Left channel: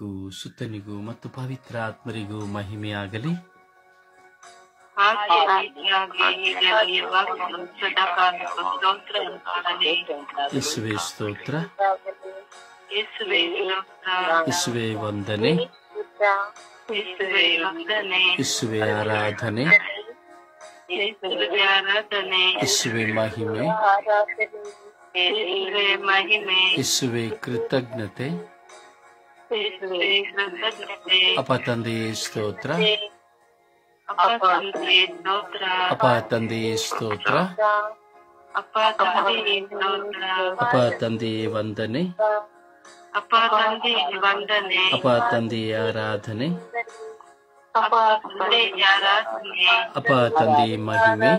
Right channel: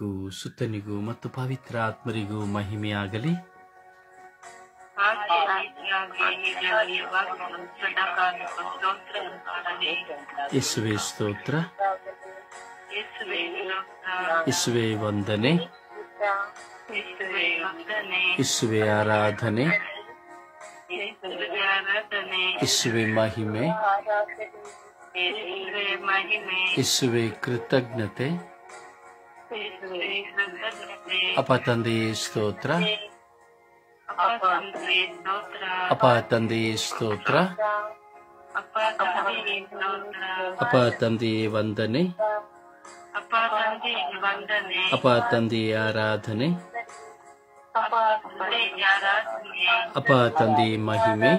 ಸುತ್ತನಿಗೂ ಮತ್ತು ಪವಿತ್ರ ಆತ್ಮರಿಗೂ ಮಹಿಮೆಯಾಗಲಿ. ಯೇಸುವೆ ಸ್ತೋತ್ರ, ಯೇಸುವೆ ವಂದನೆ, ಯೇಸುವೆ ಆರಾಧನೆ, ಯೇಸುವೆ ಮಹಿಮೆ, ಯೇಸುವೆ ಕೃತಜ್ಞತೆ. ಅಪ್ಪ ತಂದೆಯೇ ಸ್ತೋತ್ರ, ಅಪ್ಪ ತಂದೆಯೇ ಸ್ತೋತ್ರ, ಅಪ್ಪ ತಂದೆಯೇ ವಂದನೆ, ಅಪ್ಪ ತಂದೆಯೇ ಆರಾಧನೆ, ಅಪ್ಪ ತಂದೆಯೇ ಮಹಿಮೆ.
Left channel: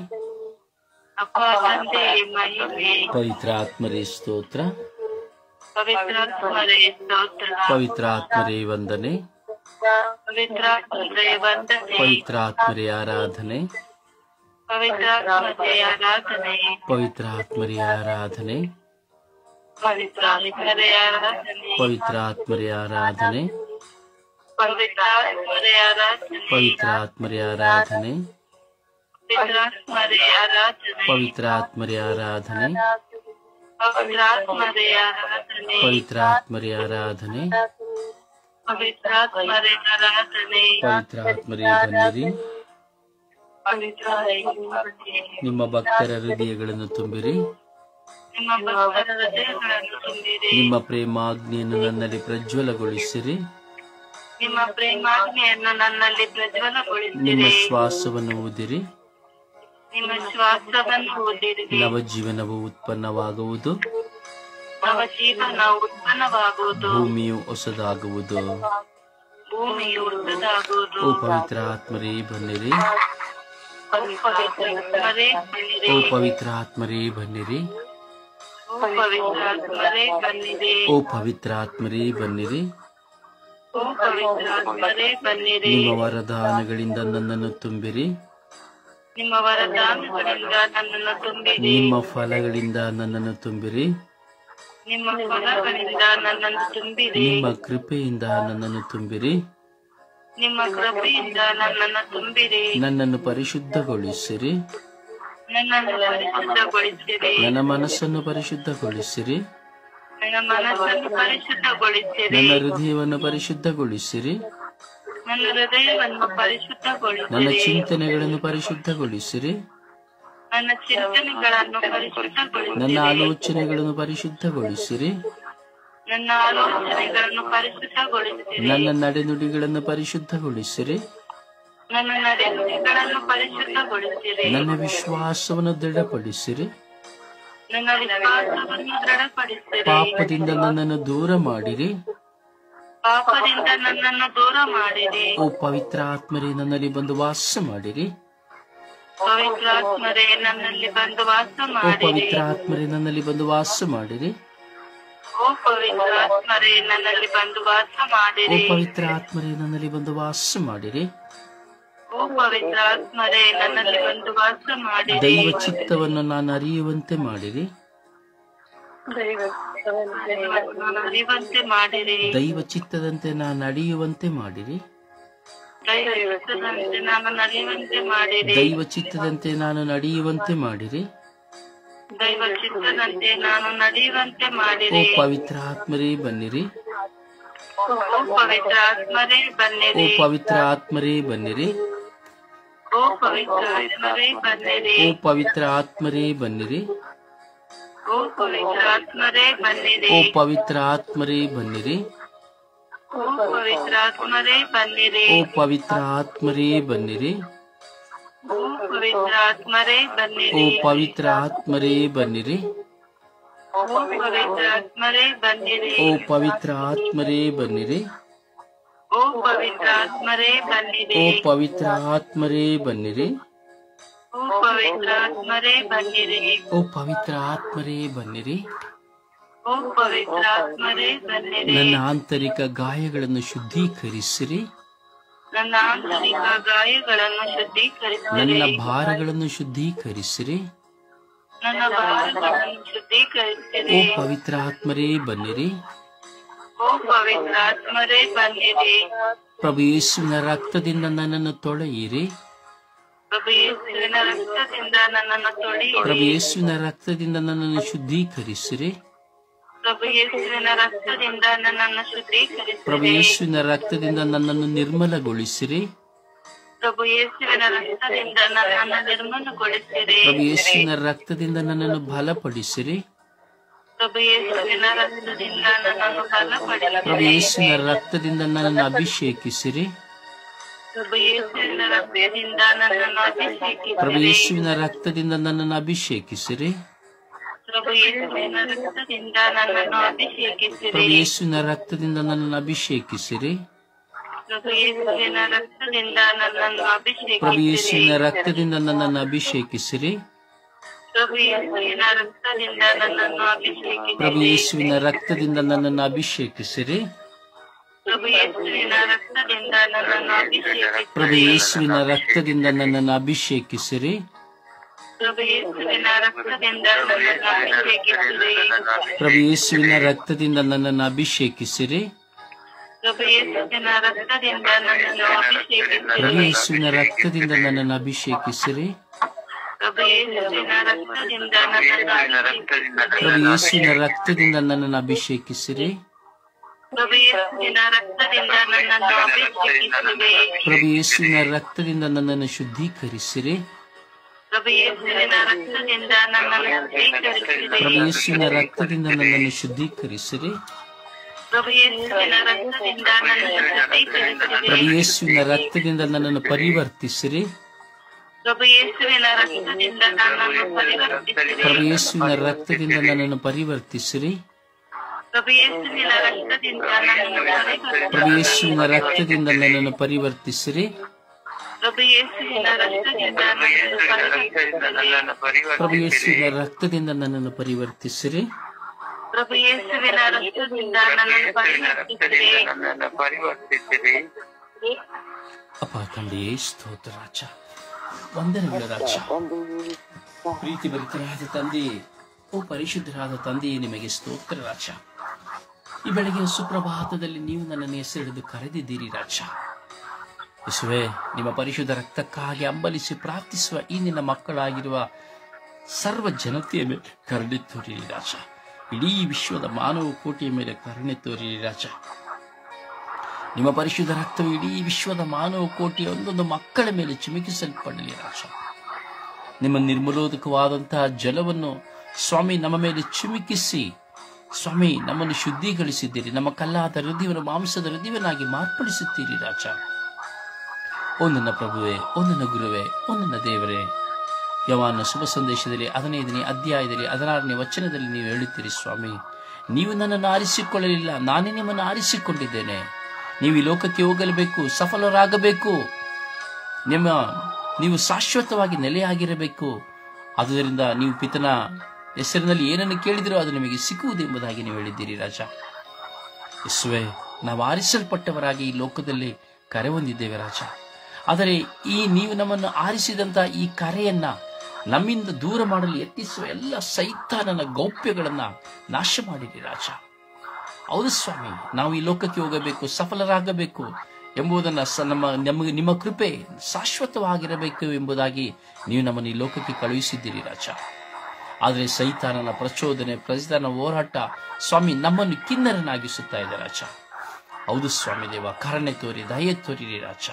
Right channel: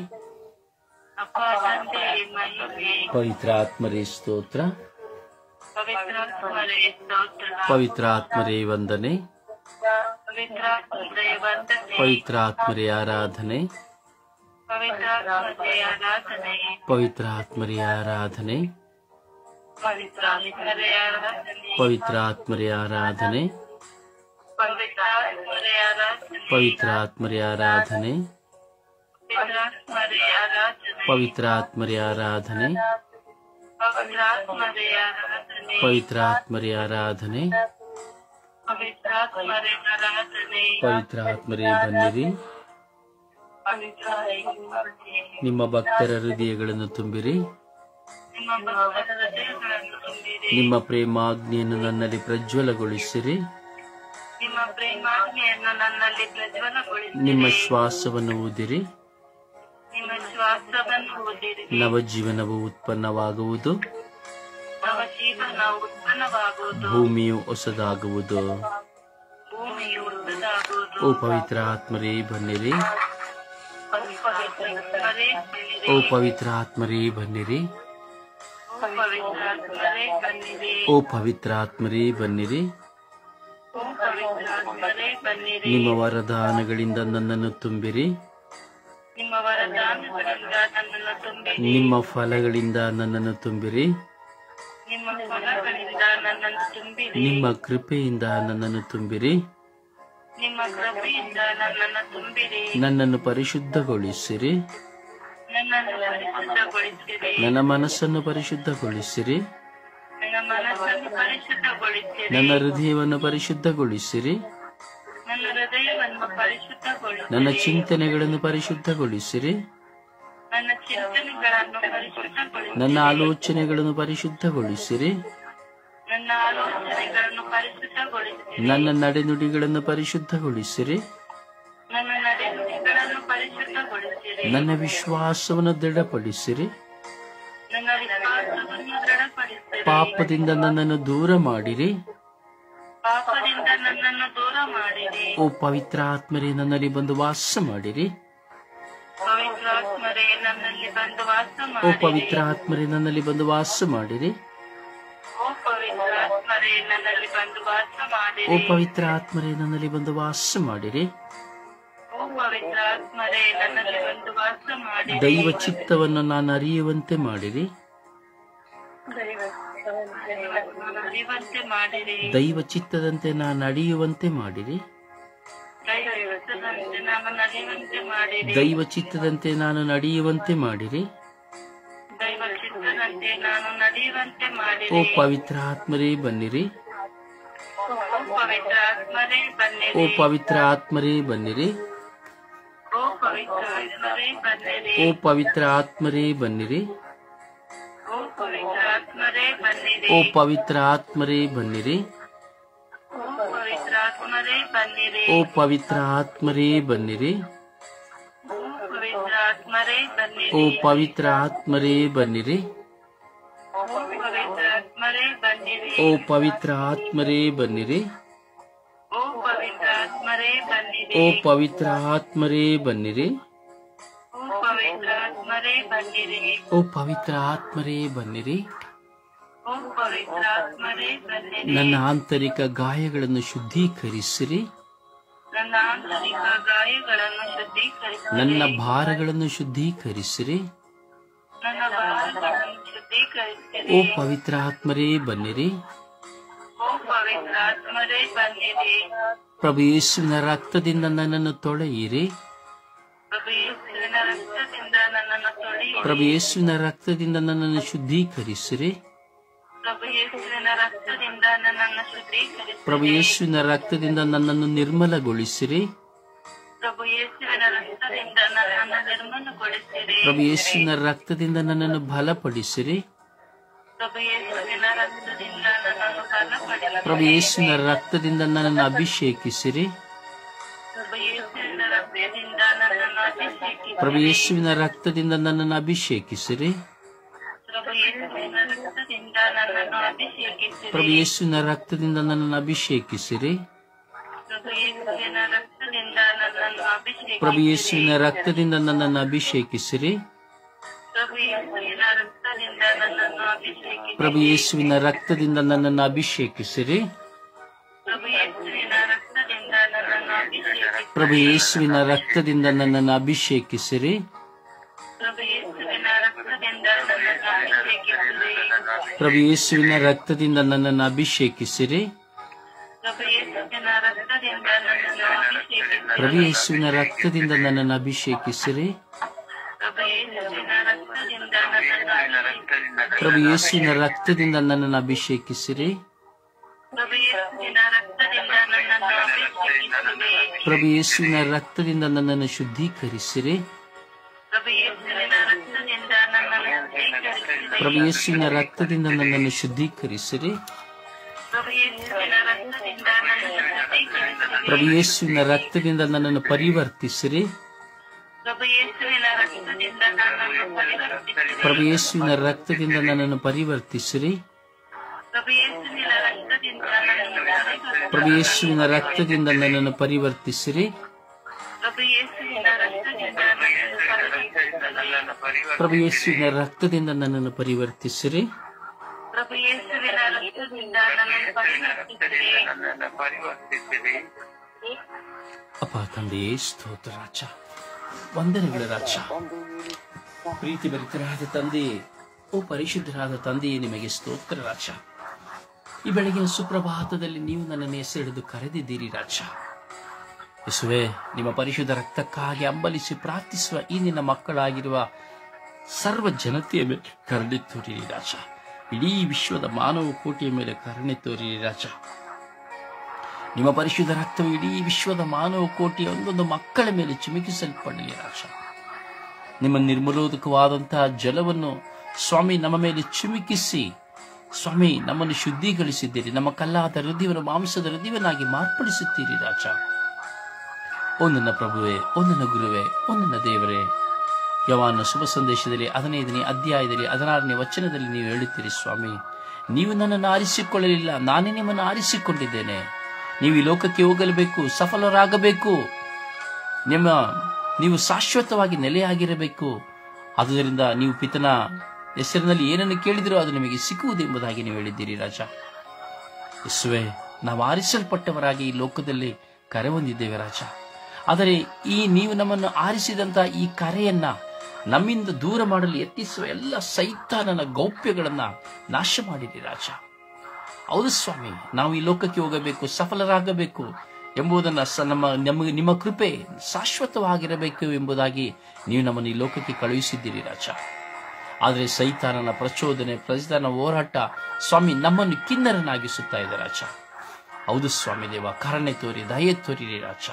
ಪವಿತ್ರ ಆತ್ಮರೇ ಸ್ತೋತ್ರ, ಪವಿತ್ರ ಆತ್ಮರೇ ವಂದನೆ, ಪವಿತ್ರ ಆತ್ಮರೇ ಆರಾಧನೆ, ಪವಿತ್ರ ಆತ್ಮರೇ ಆರಾಧನೆ, ಪವಿತ್ರ ಆತ್ಮರೇ ಆರಾಧನೆ, ಪವಿತ್ರ ಆತ್ಮರೇ ಆರಾಧನೆ, ಪವಿತ್ರ ಆತ್ಮರೇ ಆರಾಧನೆ, ಪವಿತ್ರ ಆತ್ಮರೇ ಆರಾಧನೆ, ಪವಿತ್ರ ಆತ್ಮರೇ ಬನ್ನಿರಿ. ನಿಮ್ಮ ಭಕ್ತರ ಹೃದಯಗಳನ್ನು ತುಂಬಿರಿ. ನಿಮ್ಮ ಪ್ರೇಮಾಗ್ನಿಯನ್ನು ನನ್ನಲ್ಲಿ ಪ್ರಜ್ವಲಗೊಳಿಸಿರಿ. ನಿಮ್ಮ ಶ್ವಾಸವನ್ನು ಊದಿರಿ. ನವಜೀವನವು ಉತ್ಪನ್ನವಾಗುವುದು. ಭೂಮಿಯು ಹೊಸದಾಗುವುದು. ಓ ಪವಿತ್ರ ಆತ್ಮರೇ ಬನ್ನಿರಿ. ಓ ಪವಿತ್ರ ಆತ್ಮರೇ ಬನ್ನಿರಿ. ಓ ಪವಿತ್ರ ಆತ್ಮರೇ ಬನ್ನಿರಿ. ನಿಮ್ಮ ವರದಾನಗಳಿಂದ ನನ್ನನ್ನು ತುಂಬಿರಿ. ನಿಮ್ಮ ಫಲಗಳಿಂದ ನನ್ನನ್ನು ತುಂಬಿರಿ. ನಿಮ್ಮ ಕೃಪೆಯಿಂದ ನನ್ನನ್ನು ತುಂಬಿರಿ. ನನ್ನನ್ನು ಪರಿಶುದ್ಧಗೊಳಿಸಿರಿ. ನನ್ನ ಮನಸ್ಸನ್ನು ಪರಿಶುದ್ಧಗೊಳಿಸಿರಿ. ನನ್ನ ಹೃದಯವನ್ನು ಪರಿಶುದ್ಧಗೊಳಿಸಿರಿ. ನನ್ನ ಚಿಂತನೆಗಳನ್ನು ಪರಿಶುದ್ಧಗೊಳಿಸಿರಿ. ನನ್ನ ಆಲೋಚನೆಗಳನ್ನು ಪರಿಶುದ್ಧಗೊಳಿಸಿರಿ. ನನ್ನ ನಡೆನುಡಿಗಳನ್ನು ಪರಿಶುದ್ಧಗೊಳಿಸಿರಿ. ನನ್ನ ವಿಶ್ವಾಸವನ್ನು ದೃಢಪಡಿಸಿರಿ. ಪಾಪದಿಂದ ನನ್ನನ್ನು ದೂರ ಮಾಡಿರಿ. ಓ ಪವಿತ್ರ ಆತ್ಮರೇ ನನ್ನಲ್ಲಿ ಬಂದು ವಾಸ ಮಾಡಿರಿ. ಓ ಪವಿತ್ರ ಆತ್ಮರೇ ನನ್ನಲ್ಲಿ ಬಂದು ವಾಸ ಮಾಡಿರಿ. ಓ ಪವಿತ್ರ ಆತ್ಮರೇ ನನ್ನಲ್ಲಿ ಬಂದು ವಾಸ ಮಾಡಿರಿ. ದೈವ ಚಿತ್ತವನ್ನು ನಾನು ಅರಿಯುವಂತೆ ಮಾಡಿರಿ. ದೈವ ಚಿತ್ತದಂತೆ ನಾನು ನಡೆಯುವಂತೆ ಮಾಡಿರಿ. ದೈವ ಚಿತ್ತದಂತೆ ನಾನು ನಡೆಯುವಂತೆ ಮಾಡಿರಿ. ಓ ಪವಿತ್ರ ಆತ್ಮರೇ ಬನ್ನಿರಿ. ಓ ಪವಿತ್ರ ಆತ್ಮರೇ ಬನ್ನಿರಿ. ಓ ಪವಿತ್ರ ಆತ್ಮರೇ ಬನ್ನಿರಿ. ಓ ಪವಿತ್ರ ಆತ್ಮರೇ ಬನ್ನಿರಿ. ಓ ಪವಿತ್ರ ಆತ್ಮರೇ ಬನ್ನಿರಿ. ಓ ಪವಿತ್ರ ಆತ್ಮರೇ ಬನ್ನಿರಿ. ಓ ಪವಿತ್ರ ಆತ್ಮರೇ ಬನ್ನಿರಿ. ಓ ಪವಿತ್ರ ಆತ್ಮರೇ ಬನ್ನಿರಿ. ಓ ಪವಿತ್ರ ಆತ್ಮರೇ ಬನ್ನಿರಿ. ನನ್ನ ಆಂತರಿಕ ಗಾಯಗಳನ್ನು ಶುದ್ಧೀಕರಿಸಿರಿ. ನನ್ನ ಭಾರಗಳನ್ನು ಶುದ್ಧೀಕರಿಸಿರಿ. ಓ ಪವಿತ್ರ ಆತ್ಮರೇ ಬನ್ನಿರಿ. ಓ ಪವಿತ್ರಾತ್ಮರೇ ಬನ್ನಿರಿ. ಪ್ರಭು ಯೇಸುವಿನ ರಕ್ತದಿಂದ ನನ್ನನ್ನು ತೊಳೆಯಿರಿ. ಪ್ರಭು ಯೇಸುವಿನ ರಕ್ತದಿಂದ ನನ್ನನ್ನು ತೊಳೆಯಿರಿ. ಪ್ರಭು ಯೇಸುವಿನ ರಕ್ತದಿಂದ ನನ್ನನ್ನು ಶುದ್ಧೀಕರಿಸಿರಿ. ಪ್ರಭು ಯೇಸುವಿನ ರಕ್ತದಿಂದ ನನ್ನನ್ನು ಶುದ್ಧೀಕರಿಸಿರಿ. ಪ್ರಭು ಯೇಸುವಿನ ರಕ್ತದಿಂದ ನನ್ನನ್ನು ನಿರ್ಮಲಗೊಳಿಸಿರಿ. ಪ್ರಭು ಯೇಸುವಿನ ರಕ್ತದಿಂದ ನನ್ನನ್ನು ನಿರ್ಮಲಗೊಳಿಸಿರಿ. ಪ್ರಭು ಯೇಸುವಿನ ರಕ್ತದಿಂದ ನನ್ನನ್ನು ಬಲಪಡಿಸಿರಿ. ಪ್ರಭು ಯೇಸುವಿನ ರಕ್ತದಿಂದ ನನ್ನನ್ನು ಬಲಪಡಿಸಿರಿ. ಪ್ರಭು ಯೇಸುವಿನ ರಕ್ತದಿಂದ ನನ್ನನ್ನು ಅಭಿಷೇಕಿಸಿರಿ. ಪ್ರಭು ಯೇಸುವಿನ ರಕ್ತದಿಂದ ನನ್ನನ್ನು ಅಭಿಷೇಕಿಸಿರಿ. ಪ್ರಭು ಯೇಸುವಿನ ರಕ್ತದಿಂದ ನನ್ನನ್ನು ಅಭಿಷೇಕಿಸಿರಿ. ಪ್ರಭು ಯೇಸುವಿನ ರಕ್ತದಿಂದ ನನ್ನನ್ನು ಅಭಿಷೇಕಿಸಿರಿ. ಪ್ರಭು ಯೇಸುವಿನ ರಕ್ತದಿಂದ ನನ್ನನ್ನು ಅಭಿಷೇಕಿಸಿರಿ. ಪ್ರಭು ಯೇಸುವಿನ ರಕ್ತದಿಂದ ನನ್ನನ್ನು ಅಭಿಷೇಕಿಸಿರಿ. ಪ್ರಭು ಯೇಸುವಿನ ರಕ್ತದಿಂದ ನನ್ನನ್ನು ಅಭಿಷೇಕಿಸಿರಿ. ಪ್ರಭು ಯೇಸುವಿನ ರಕ್ತದಿಂದ ನನ್ನನ್ನು ಅಭಿಷೇಕಿಸಿರಿ. ಪ್ರಭು ಯೇಸುವಿನ ರಕ್ತದಿಂದ ನನ್ನನ್ನು ಅಭಿಷೇಕಿಸಿರಿ. ಪ್ರಭು ಯೇಸುವಿನ ರಕ್ತದಿಂದ ನನ್ನನ್ನು ಅಭಿಷೇಕಿಸಿರಿ. ಪ್ರಭು ಯೇಸುವಿನ ರಕ್ತದಿಂದ ನನ್ನನ್ನು ಅಭಿಷೇಕಿಸಿರಿ. ಪ್ರಭು ಯೇಸುವಿನ ರಕ್ತದಿಂದ ನನ್ನನ್ನು ಅಭಿಷೇಕಿಸಿರಿ. ಪ್ರಭು ಯೇಸುವಿನ ರಕ್ತದಿಂದ ನನ್ನನ್ನು ಅಭಿಷೇಕಿಸಿರಿ. ಪ್ರಭು ಯೇಸುವಿನ ರಕ್ತದಿಂದ ನನ್ನನ್ನು ಅಭಿಷೇಕಿಸಿರಿ. ಪ್ರಭು ಯೇಸುವಿನ ರಕ್ತದಿಂದ ನನ್ನನ್ನು ಅಭಿಷೇಕಿಸಿರಿ. ಪ್ರಭು ಯೇಸುವಿನ ರಕ್ತದಿಂದ ನನ್ನನ್ನು ಅಭಿಷೇಕಿಸಿರಿ. ಪ್ರಭು ಯೇಸುವಿನ ರಕ್ತದಿಂದ ನನ್ನನ್ನು ಅಭಿಷೇಕಿಸಿರಿ. ಪ್ರಭು ಯೇಸುವಿನ ರಕ್ತದಿಂದ ನನ್ನನ್ನು ಅಭಿಷೇಕಿಸಿರಿ. ಪ್ರಭು ಯೇಸುವಿನ ರಕ್ತದಿಂದ ನನ್ನನ್ನು ಶುದ್ಧೀಕರಿಸಿರಿ. ಪ್ರಭು ಯೇಸುವಿನ ರಕ್ತದಿಂದ ನನ್ನನ್ನು ಶುದ್ಧೀಕರಿಸಿರಿ. ಪ್ರಭು ಯೇಸುವಿನ ರಕ್ತದಿಂದ ನನ್ನನ್ನು ಶುದ್ಧೀಕರಿಸಿರಿ. ಪ್ರಭು ಯೇಸುವಿನ ರಕ್ತದಿಂದ ನನ್ನನ್ನು ಶುದ್ಧೀಕರಿಸಿರಿ. ಪ್ರಭು ಯೇಸುವಿನ ರಕ್ತದಿಂದ ನನ್ನನ್ನು ಪರಿವರ್ತಿಸಿರಿ. ಪ್ರಭು ಯೇಸುವಿನ ರಕ್ತದಿಂದ ನನ್ನನ್ನು ಪರಿವರ್ತಿಸಿರಿ. ಪ್ರಭು ಯೇಸುವಿನ ರಕ್ತದಿಂದ ನನ್ನನ್ನು ಪರಿವರ್ತಿಸಿರಿ. ಪ್ರಭು ಯೇಸುವಿನ ರಕ್ತದಿಂದ ನನ್ನನ್ನು ಪರಿವರ್ತಿಸಿರಿ. ಪ್ರಭು ಯೇಸುವಿನ ರಕ್ತದಿಂದ ನನ್ನನ್ನು ಪರಿವರ್ತಿಸಿರಿ. ಪ್ರಭು ಯೇಸುವಿನ ರಕ್ತದಿಂದ ನನ್ನನ್ನು ಪರಿವರ್ತಿಸಿರಿ. ಪ್ರಭು ಯೇಸುವಿನ ರಕ್ತದಿಂದ ನನ್ನನ್ನು ಪರಿವರ್ತಿಸಿರಿ. ಪ್ರಭು ಯೇಸುವಿನ ರಕ್ತದಿಂದ ನನ್ನನ್ನು ಪರಿವರ್ತಿಸಿರಿ. ಅಪ್ಪ ತಂದೆಯೇ ಸ್ತೋತ್ರ ರಾಜ, ವಂದನೆಗಳ ರಾಜ. ಪ್ರೀತಿ ಭರಿತರಾದ ತಂದೆಯೇ, ಓ ಪರಿಶುದ್ಧರಾದ ತಂದೆಯೇ, ನಿಮಗೆ ಸ್ತೋತ್ರ ರಾಜ. ಈ ಬೆಳಗ್ಗೆ ಸುಪ್ರಭಾತದಲ್ಲಿ ನೀವು ನನ್ನನ್ನು ಹೆಸರಿಡಿದು ಕರೆದಿದ್ದೀರಿ ರಾಜ. ಯೇಸುವೇ, ನಿಮ್ಮ ಪರಿಶುದ್ಧ ರಕ್ತಕ್ಕಾಗಿ ಹಂಬಲಿಸಿ ಪ್ರಾರ್ಥಿಸುವ ಈ ನಿನ್ನ ಮಕ್ಕಳಾಗಿರುವ ಸರ್ವ ಜನತೆಯ ಮೇಲೆ ಕರುಣೆ ತೋರಿರಿ ರಾಜ. ಇಡೀ ವಿಶ್ವದ ಮಾನವ ಕೋಟಿಯ ಮೇಲೆ ಕರುಣೆ ತೋರಿರಿ ರಾಜ. ನಿಮ್ಮ ಪರಿಶುದ್ಧ ರಕ್ತವು ಇಡೀ ವಿಶ್ವದ ಮಾನವ ಕೋಟಿಯ ಒಂದೊಂದು ಮಕ್ಕಳ ಮೇಲೆ ಚಿಮುಕಿಸಲ್ಪಡಲಿ ರಾಜ. ನಿಮ್ಮ ನಿರ್ಮಲೋದಕವಾದಂತಹ ಜಲವನ್ನು ಸ್ವಾಮಿ ನಮ್ಮ ಮೇಲೆ ಚಿಮುಕಿಸಿ ಸ್ವಾಮಿ ನಮ್ಮನ್ನು ಶುದ್ಧೀಕರಿಸಿದ್ದೀರಿ. ನಮ್ಮ ಕಲ್ಲಾದ ಹೃದಯವನ್ನು ಮಾಂಸದ ಹೃದಯವನ್ನಾಗಿ ಮಾರ್ಪಡಿಸುತ್ತೀರಿ ರಾಜ. ಓ ನನ್ನ ಪ್ರಭುವೇ, ಓ ನನ್ನ ಗುರುವೇ, ಓ ನನ್ನ ದೇವರೇ, ಯೋಹಾನನ ಶುಭ ಸಂದೇಶದಲ್ಲಿ 15ನೇ ಅಧ್ಯಾಯದಲ್ಲಿ 16ನೇ ವಚನದಲ್ಲಿ ನೀವು ಹೇಳುತ್ತೀರಿ ಸ್ವಾಮಿ, ನೀವು ನನ್ನನ್ನು ಆರಿಸಿಕೊಳ್ಳಲಿಲ್ಲ, ನಾನೇ ನಿಮ್ಮನ್ನು ಆರಿಸಿಕೊಂಡಿದ್ದೇನೆ. ನೀವು ಈ ಲೋಕಕ್ಕೆ ಹೋಗಲೇಬೇಕು, ಸಫಲರಾಗಬೇಕು, ನೀವು ಶಾಶ್ವತವಾಗಿ ನೆಲೆಯಾಗಿರಬೇಕು. ಆದುದರಿಂದ ನೀವು ಪಿತನ ಹೆಸರಿನಲ್ಲಿ ಏನನ್ನು ಕೇಳಿದಿರೋ ಅದು ನಿಮಗೆ ಸಿಕ್ಕುವುದೆಂಬುದಾಗಿ ನೀವು ಹೇಳಿದ್ದೀರಿ ರಾಜ. ಯೇಸುವೇ, ನಾವು ಆರಿಸಲ್ಪಟ್ಟವರಾಗಿ ಈ ಲೋಕದಲ್ಲಿ ಕರೆ ಹೊಂದಿದ್ದೇವೆ ರಾಜ. ಆದರೆ ನೀವು ನಮ್ಮನ್ನು ಆರಿಸಿದಂತಹ ಈ ಕರೆಯನ್ನ ನಮ್ಮಿಂದ ದೂರ ಮಾಡಲು ಯತ್ನಿಸುವ ಎಲ್ಲ ಸೈತಾನನ ಗೌಪ್ಯಗಳನ್ನ ನಾಶ ಮಾಡಿರಿ ರಾಜ. ಹೌದು ಸ್ವಾಮಿ, ನಾವು ಈ ಲೋಕಕ್ಕೆ ಹೋಗಬೇಕು, ಸಫಲರಾಗಬೇಕು ಎಂಬುದನ್ನು ನಿಮ್ಮ ಕೃಪೆ ಶಾಶ್ವತವಾಗಿರಬೇಕು ಎಂಬುದಾಗಿ ನೀವು ನಮ್ಮನ್ನು ಈ ಲೋಕಕ್ಕೆ ಕಳುಹಿಸಿದ್ದೀರಿ ರಾಜ. ಆದರೆ ಸೈತಾನನ ಪ್ರಚೋದನೆ, ಸೈತಾನನ ಹೋರಾಟ ಸ್ವಾಮಿ ನಮ್ಮನ್ನು ಕಿನ್ನರನಾಗಿಸುತ್ತಾ ಇದೆ ರಾಜ. ಹೌದು ಸ್ವಾಮಿ ದೇವ, ಕರುಣೆ ತೋರಿ, ದಯೆ ತೋರಿರಿ ರಾಜ.